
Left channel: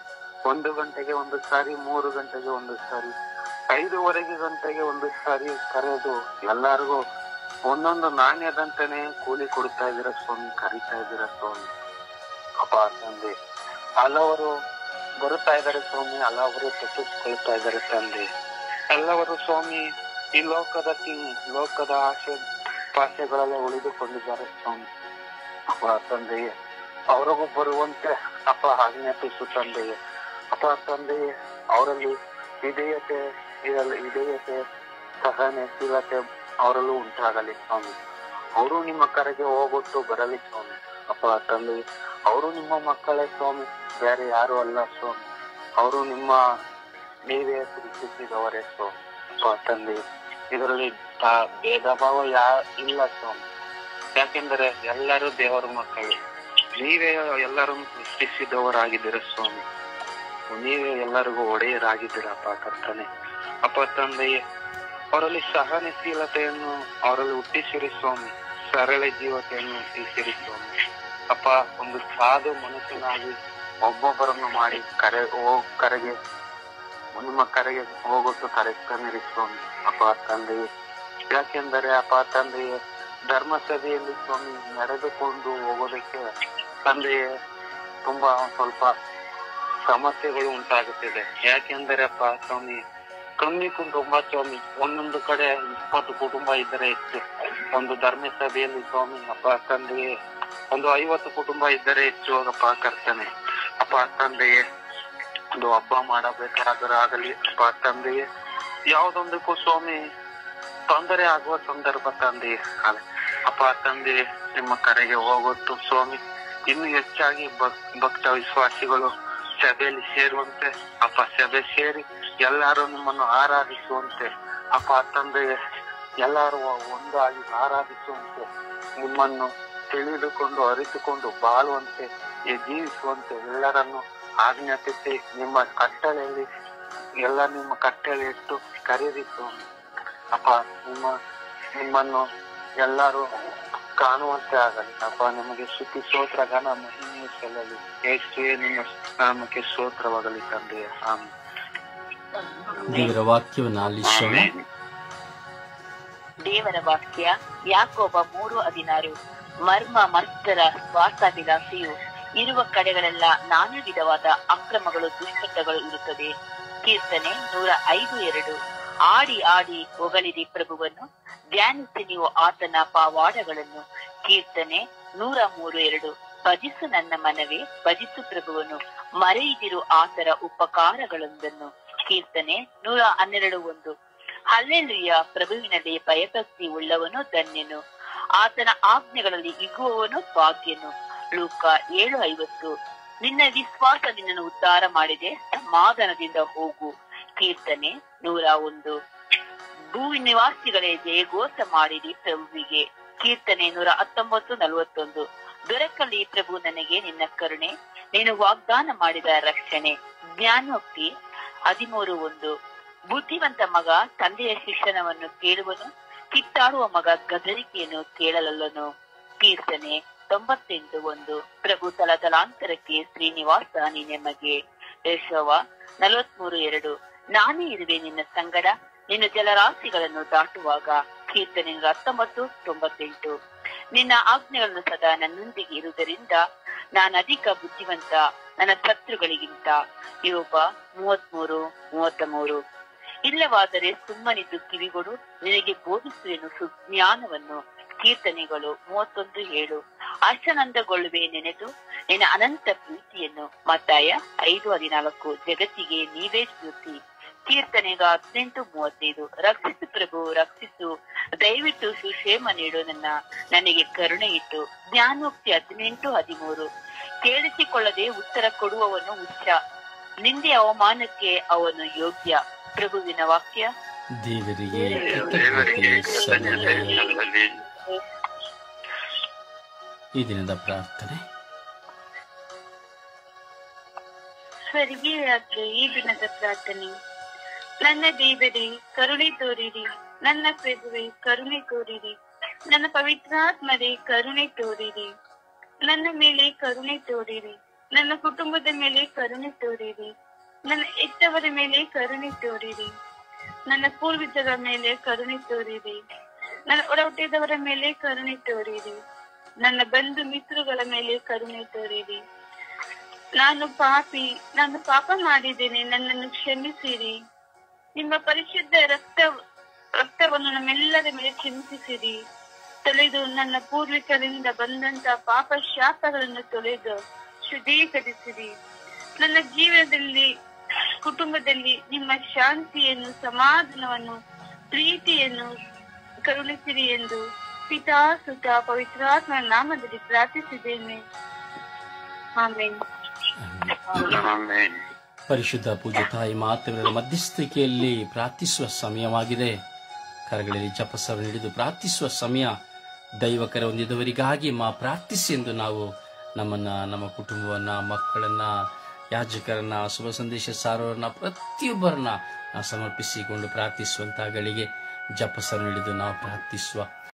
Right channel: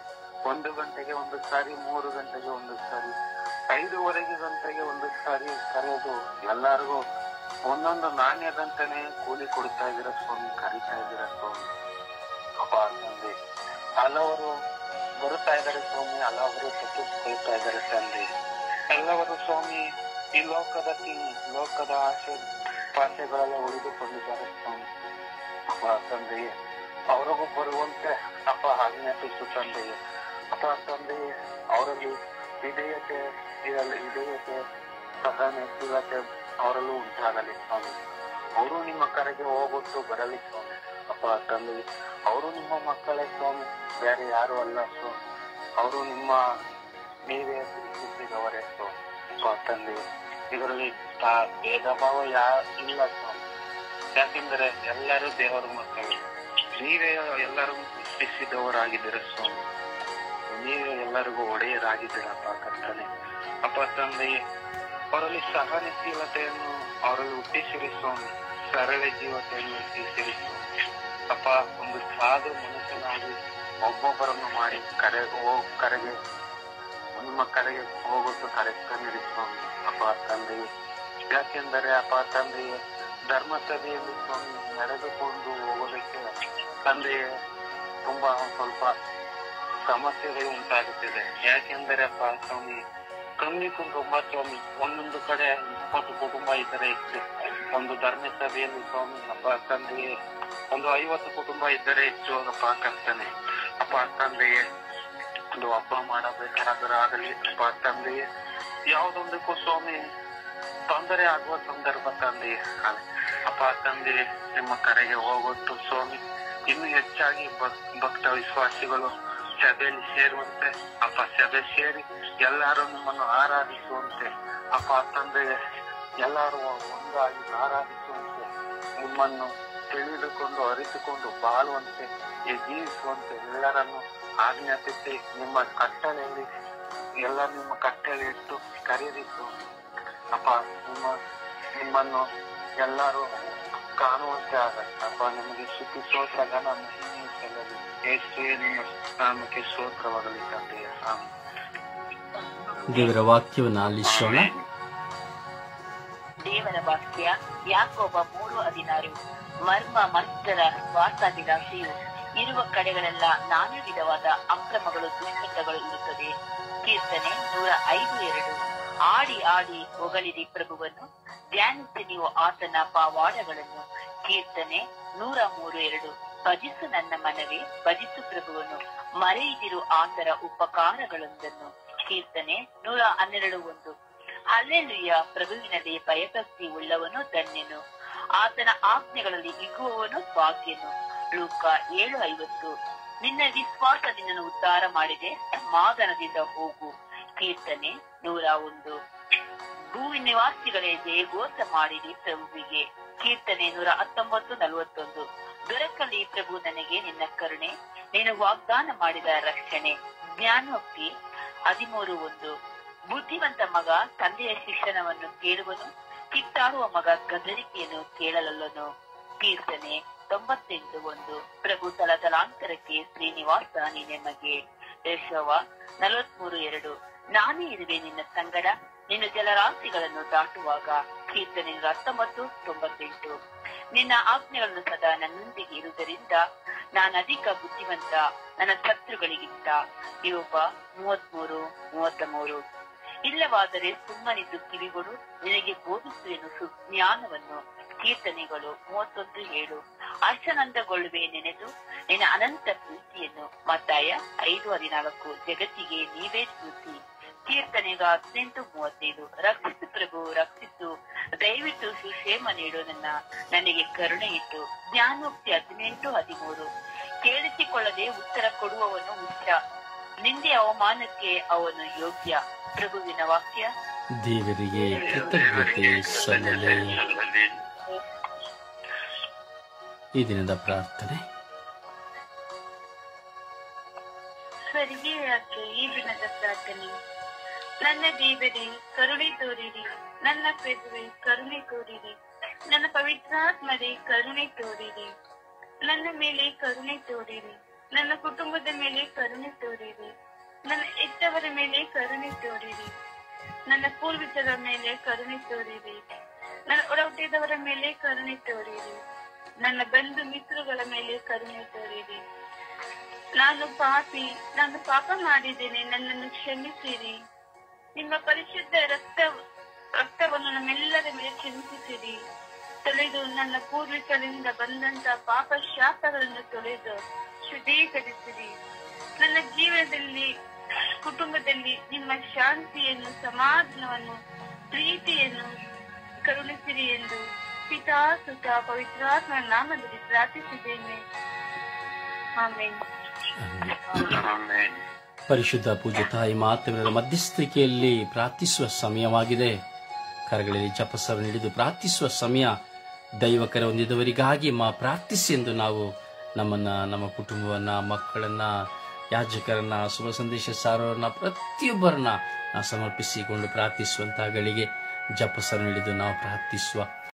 1 ಗಂಟೆಗೆ ಒಂದು ಸಾರಿ, 3 ಗಂಟೆಗೆ ಒಂದು ಸಾರಿ, 5:15 ಗಂಟೆಗೆ ಒಂದು ಸಾರಿ ಕರೆದು ಎಲ್ಲರಿಗೂ ಒಂದೊಂದು ನಾಣ್ಯದಂತಾನೆ ಕೂಲಿ ಕೊಡ್ತಾ ಇದ್ದೀರ ಸ್ವಾಮಿ, ಕರೀತಾ ಇದ್ದೀರ ಸ್ವಾಮಿ. ಅಪ್ಪ ತಂದೆ ಹಲವರು ಬರುತ್ತಾ ಇದ್ದಾರೆ ಸ್ವಾಮಿ, ಹಲವರು ತಪ್ಪಿಸ್ಕೊಳ್ತಾ ಇದ್ದಾರೆ ತಂದೆ. ಎಲ್ಲವರು ಸ್ವಾಮಿ ಈ ಲೋಕದ ಆಸೆ ಪಾಸೆಗಳೆಲ್ಲ ಉಳಿದುಕೊಂಡಿದ್ದಾರೆ ಸ್ವಾಮಿ. ಅಪ್ಪ ತಂದೆಯೇ ಅವರಿಗೂ ಬರುವಂತೆ ಅಪ್ಪ ಆಜ್ಞಾಪಿಸು ತಂದೆಯೇ. ಅಪ್ಪ ತಂದೆಯೇ ಅವರಲ್ಲಿ ವಿಧೇಯತೆ ಸಹನಶೀಲತೆ ಅವರಲ್ಲೂ ಉಂಟಾಗಲಿ ಸ್ವಾಮಿ. ಅವರು ನಿಮ್ಮ ಕರೆಗೆ ಹೋಗುತ್ತು ಬರಲಿ ಸ್ವಾಮಿ. ಅಪ್ಪ ತಂದೆ ಅವರು ನಿಮ್ಮ ಮಕ್ಕಳೇ ಸ್ವಾಮಿ, ಬೇರೆ ಯಾರು ಅಲ್ಲ ಸ್ವಾಮಿ. ಅವರು ನೀವೇ ಪ್ರೀತಿಸಿದವರೇ ಸ್ವಾಮಿ. ಅಪ್ಪ ತಂದೆ ಇದರಲ್ಲಿ ಭೇದ ಭಾವ ಇಲ್ಲ ಸ್ವಾಮಿ. ಯಾಕೆಂದರೆ ಎಲ್ಲರೂ ದೇವರ ಮಕ್ಕಳು. ನೀವೇ ಎಲ್ಲರನ್ನು ಸೃಷ್ಟಿಸಿದವರಾಗಿದ್ದೀರ ಸ್ವಾಮಿ. ನೀವೇ ಎಲ್ಲರಿಗೂ ಒಡೆಯರಾಗಿದ್ದೀರಪ್ಪ ಕರ್ತನೆ. ಅಪ್ಪ ತಂದೆಯೇ, ಅವರಲ್ಲಿ ಸಹನಶೀಲತೆಯನ್ನು ಅವರಲ್ಲಿ ಹುಟ್ಟಿಸಿರಿ ಸ್ವಾಮಿ. ಸರಳ ಜೀವತೆಯನ್ನು ಹುಟ್ಟಿಸಿರಿ ಸ್ವಾಮಿ. ಅಪ್ಪ, ಒಂದು ಸಾಧು ಮನುಷ್ಯನಾಗಿ ಒಬ್ಬೊಬ್ಬರನ್ನು ಮಾಡಿ ಕರೆಗೆ ನಿಮ್ಮ ಕರೆಗೆ ಹೋಗೋದು ಕರೆಸ್ತನಿರಿ ಸ್ವಾಮಿ. ಅಪ್ಪ ತಂದೆಯೇ, ಯಾಕೆಂದರೆ ಅಪ್ಪ ತಂದೆಯೇ, ಧರ್ಮಸಭೆಯಲ್ಲಿ ಸ್ವಾಮಿ ನಡೆದುಕೊಂಡು ಹೋಗೋದಕ್ಕೆ ತಂದೆಯೇ ತುಂಬಾ ಸ್ವಲ್ಪ ಸಮಸ್ಯೆಗಳು ಉಂಟಾಗುತ್ತಿದೆ. ಯಾಕೆಂದರೆ ಅಪ್ಪ ಸ್ವಾಮಿ, ಕಮ್ಮಿ ಕುಟುಂಬ ಸ್ವಾಮಿ, ಒಂದೊಂದು ಕಡೆ 20 ಕುಟುಂಬ ಇದ್ದರೆ ಹೆಚ್ಚು. ಒಂದು ಧರ್ಮಸಭೆಯಲ್ಲಿ ಸ್ವಾಮಿ ಅಪ್ಪ ತಂದೆಯೇ ಒಂದು 50 ಕುಟುಂಬ ಇದ್ದರೆ ಹೆಚ್ಚು ಅಪ್ಪ ಕರ್ತನೆ. ಅಪ್ಪ ತಂದೆಯೇ, ಒಂದು ಹಬ್ಬ ಮಾಡಬೇಕಾದರಾಗಲಿ ಅಪ್ಪ ತಂದೆಯೇ, ಯಾವುದೊಂದಕ್ಕೂ ಸ್ವಾಮಿ ತೊಂದರೆ ಆಗುವ ಸಂದರ್ಭ ತಂದೆಯೇ ಅಪ್ಪ ತಂದೆಯೇ, ನಿಮ್ಮ ಕರೆಗೆ ಹೋಗೊಟ್ಟು ಸ್ವಾಮಿ ಇನ್ನು ಹೆಚ್ಚಾಗಿ ಭಕ್ತ ವಿಶ್ವಾಸಿಗಳು ಸಭೆಯಲ್ಲಿ ಸೇರುವಂತೆ ಅಪ್ಪ, ಸಭೆ ಸೇರಿ ಎಲ್ಲರೂ ನಿಮ್ಮನ್ನು ಆರಾಧಿಸುವಂತೆ ಅಪ್ಪ ತಂದೆಯೇ, ಎಲ್ಲರೂ ಒಂದಾಗಿ ಆರಾಧಿಸುವಂತೆ, ನಿಮ್ಮನ್ನು ತಿಳಿದುಕೊಂಡು ಅರಿತುಕೊಂಡು ಬಾಳುವಂತೆ ಜೀವಿಸುವಂತೆ ಎಲ್ಲರನ್ನು ಆಜ್ಞಾಪಿಸಿ ನಿಮ್ಮ ಕಟ್ಟಳೆಯಲ್ಲಿ ನಿಮ್ಮ ಕಟ್ಟಳೆ ಇಟ್ಟು ಕರೆದಿತ್ತು ಅಪ್ಪ. ನಿಮ್ಮನ್ನು ಎಲ್ಲರೂ ಕಾಣುವಂತೆ ಆಗಲಿ ಅಪ್ಪ. ನಿಮಗೆ ಸ್ತುತಿ ಸ್ತೋತ್ರ ಘನ ಮಹಿಮೆ ಸಲ್ಲಲಿ. ಯೇಸುವೇ, ನಿಮ್ಮ ನಾಮಕ್ಕೆ ಸ್ತೋತ್ರವಾಗಲಿ ತಂದೆಯ. ದೇವರ ವಾಕ್ಯವನ್ನು ಆಲಿಸೋಣ. ದೇವರ ವಾಕ್ಯ ಯಾಕೋಬ 3:16. ಮರ್ಮ ಮತ್ತರ ಸ್ವಾರ್ಥಾಭಿಲಾಷೆಯು ಇರುವ ಕಡೆಗಳೆಲ್ಲ ನಾನಾ ವಿಧವಾದ ಅಕ್ರಮಗಳು ದುಷ್ಟಗಳು ಇರುತ್ತದೆ. ಕೀರ್ತನೆ 105:2. ಆಡಿ ಆಡಿ ಹೊಗಳಿರಿ ಪ್ರಭುವನ್ನು, ಧ್ಯಾನಿಸಿ ನೀವು ಆತನ ಪವಾಡಗಳನ್ನು. ಕೀರ್ತನೆ 103:2. ಭಜಿಸು ನನ್ನ ಮನವೇ, ಭಜಿಸು ಪ್ರಭುವನ್ನು, ಮರೆಯಿದಿರು ಆತರ ಉಪಕಾರಗಳೊಂದನ್ನು. ಕೀರ್ತನೆ 112:1. ಹಲ್ಲೆಲೂಯ, ಪ್ರಭುವಿನಲ್ಲಿ ಭಯಭಕ್ತಿ ಉಳ್ಳವನು ಧನ್ಯನು, ಆತನ ಆಜ್ಞೆಗಳಲ್ಲಿ ಇಗುವವನು ಭಾಗ್ಯನು. ಲೂಕ 7:50. ನಿನ್ನ ವಿಶ್ವಾಸ ನಿನ್ನನ್ನು ಉದ್ಧಾರ ಮಾಡಿದೆ, ಸಮಾಧಾನದಿಂದ ಹೋಗು. ಕೀರ್ತನೆ 101. ಭೂ ನಿವಾಸಿಗಳೇ, ಜಯಘೋಷ ಮಾಡಿರಿ ಪ್ರಭುವಿಗೆ. ಕೀರ್ತನೆ 119:41. ದೊರಕಲಿ ಪ್ರಭು ನನಗೆ ನಿನ್ನ ಕರುಣೆ, ನೀನು ವಾಗ್ದಾನ ಮಾಡಿದ ರಕ್ಷಣೆ. ಜ್ಞಾನೋಕ್ತಿ 13:1. ಬುದ್ಧಿವಂತ ಮಗ ತಂದೆಯ ಶಿಕ್ಷಣವನ್ನು ಕೇಳುವನು, ಕಿತ್ತಾಡುವ ಮಗ ಗದರಿಕೆಯನ್ನು ಕೇಳಲಲ್ಲನು. ಕೀರ್ತನೆ 98:1. ಪ್ರಭು ತಲತಲಾಂತರಕ್ಕೆ ಶ್ರೀನಿವಾಸ ನಿನಗೆ. ಯೆಶಾಯ 43:2. ನಾನೇ ಇರುವೆ ನಿನ್ನ ಸಂಗಡ, ನಿನ್ನ ಜಲರಾಶಿಗಳನ್ನು ದಾಟುವಾಗ. ಕೀರ್ತನೆ 19:98. ನಿನ್ನ ಆಜ್ಞೆಗಳನ್ನು ಸದಾ ನನ್ನೊಂದಿಗೆ ಇರುವುದರಿಂದ ನಾನು ಅಧಿಕ ಬುದ್ಧಿವಂತ ನನ್ನ ಶತ್ರುಗಳಿಗಿಂತ. ಯೋಬ 33:33. ಇಲ್ಲವಾದರೆ ಸುಮ್ಮನಿದ್ದು ಕಿವಿಗಳು, ನಿನಗೆ ಬೋಧಿಸುವೆನು ಸುಜ್ಞಾನವನ್ನು. ಕೀರ್ತನೆಗಳು 31:7. ಹರ್ಷಾನಂದಗೊಳ್ಳುವೆ ನೆನೆದು ನಿನ್ನ ಅನಂತ ಪ್ರೀತಿಯನ್ನು. ಮತ್ತಾಯ 5:14. ಜಗತ್ತಿಗೆ ನೀವೇ ಸ್ಫೂರ್ತಿ. ಕೀರ್ತನೆಗ 18:35. ರಕ್ಷಿಸು ಪ್ರಭು, ರಕ್ಷಿಸು, ದಯವಿಟ್ಟು ಸುಕ್ಷೇಮ ನೀಡು, ನನಗೆ ಕರುಣೆ ಇಟ್ಟು. ಜ್ಞಾನೋಕ್ತಿ 18:13. ಕೇಳಿಸಿಕೊಳ್ಳದೆ ಉತ್ತರ ಕೊಡುವವನು ಹುಚ್ಚ, ನಿಂದೆ ಅವಮಾನಕ್ಕೆ ಅವನು ಯೋಗ್ಯ. ಪ್ರಭುವಿನ ವಾಕ್ಯ. ದೇವರಿಗೆ ಕೃತಜ್ಞತೆ ಸಲ್ಲಲಿ. ಈ ದಿನದ ಪ್ರಾರ್ಥನೆ. ಸ್ವರ್ಗೀಯಕ್ಕೆ ಈ ದಿನದ ಪ್ರಾರ್ಥನೆ. ನನ್ನ ದೇವರೇ, ಕರುಣೆ ತೋರಿರಿ. ನನ್ನ ಪ್ರಭುವೆ, ಕರುಣೆ ತೋರಿರಿ. ನನ್ನ ಪವಿತ್ರಾತ್ಮರೇ, ಕರುಣೆ ತೋರಿರಿ. ನನ್ನ ಮೇಲೆ ಕರುಣೆ ತೋರಿರಿ. ನನ್ನ ಕುಟುಂಬದ ಮೇಲೆ ಕರುಣೆ ತೋರಿರಿ. ನನ್ನ ಹೆತ್ತವರ ಮೇಲೆ ಕರುಣೆ ತೋರಿರಿ. ನನ್ನ ಪೂರ್ವಿಕರ ಮೇಲೆ ಕರುಣೆ ತೋರಿರಿ. ನನ್ನ ಒಡಹುಟ್ಟಿದವರ ಮೇಲೆ ಕರುಣೆ ತೋರಿರಿ. ನನ್ನ ಬಂಧು ಮಿತ್ರಗಳ ಮೇಲೆ ಕರುಣೆ ತೋರಿರಿ. ನಾನು ಪಾಪ ಮಾಡಿದ್ದೇನೆ, ನನ್ನನ್ನು ಕ್ಷಮಿಸಿರಿ. ನಿಮ್ಮ ಪರಿಶುದ್ಧ ರಕ್ತವನ್ನು ನಮ್ಮೆಲ್ಲರ ಮೇಲೆ ಚಿಂತಿಸಿರಿ. ತೊಳೆದು ನನ್ನ ಪೂರ್ವಿಕರಿಂದ ಬಂದಂತ ಪಾಪ ಶಾಪಗಳನ್ನು ತೊಳೆದು ಶುದ್ಧೀಕರಿಸಿರಿ. ನನ್ನ ಜೀವನದಲ್ಲಿ, ಕುಟುಂಬದಲ್ಲಿ ನಿಮ್ಮ ಶಾಂತಿಯನ್ನು, ಸಮಾಧಾನವನ್ನು, ಪ್ರೀತಿಯನ್ನು ಕರುಣಿಸಿರಿ ಎಂದು ಪಿತಾ, ಸುತ, ಪವಿತ್ರಾತ್ಮ ನಾಮದಲ್ಲಿ ಪ್ರಾರ್ಥಿಸಿದ್ದೇನೆ. ಆಮೆನ್. ಪರಿಶುದ್ಧ ಪೂಜ್ಯ ತಾಯಿ ಮಾತೆಯವರ ಮಧ್ಯಸ್ಥಿಕೆಯಲ್ಲಿ ಪ್ರಾರ್ಥಿಸುವ ಸಮಯವಾಗಿದೆ. ಕರಗಳಲ್ಲಿ ಜಪಸವನ್ನು ಹಿಡಿದು ಪ್ರಾರ್ಥಿಸುವ ಸಮಯ. ದೈವ ಕರೆ ಹೊಂದಿದವರಿಗಾಗಿ ಪ್ರಾರ್ಥಿಸಿ ಎಂದು ನಾವು ನಮ್ಮನ್ನ, ನಮ್ಮ ಕುಟುಂಬವನ್ನ, ಮಕ್ಕಳನ್ನ, ಯಾಜಕರನ್ನ, ಶುಭ ಸಂದೇಶ ಸಾರೋರನ್ನ, ಪ್ರತಿಯೊಬ್ಬರನ್ನ ನಾವು ಸಮರ್ಪಿಸಿಕೊಂಡು ಪ್ರಾರ್ಥಿಸುವಂತಹ ಗಳಿಗೆ ಜಪಸರ ಹಿಡಿದು ನಾವು ಪ್ರಾರ್ಥಿಸುವ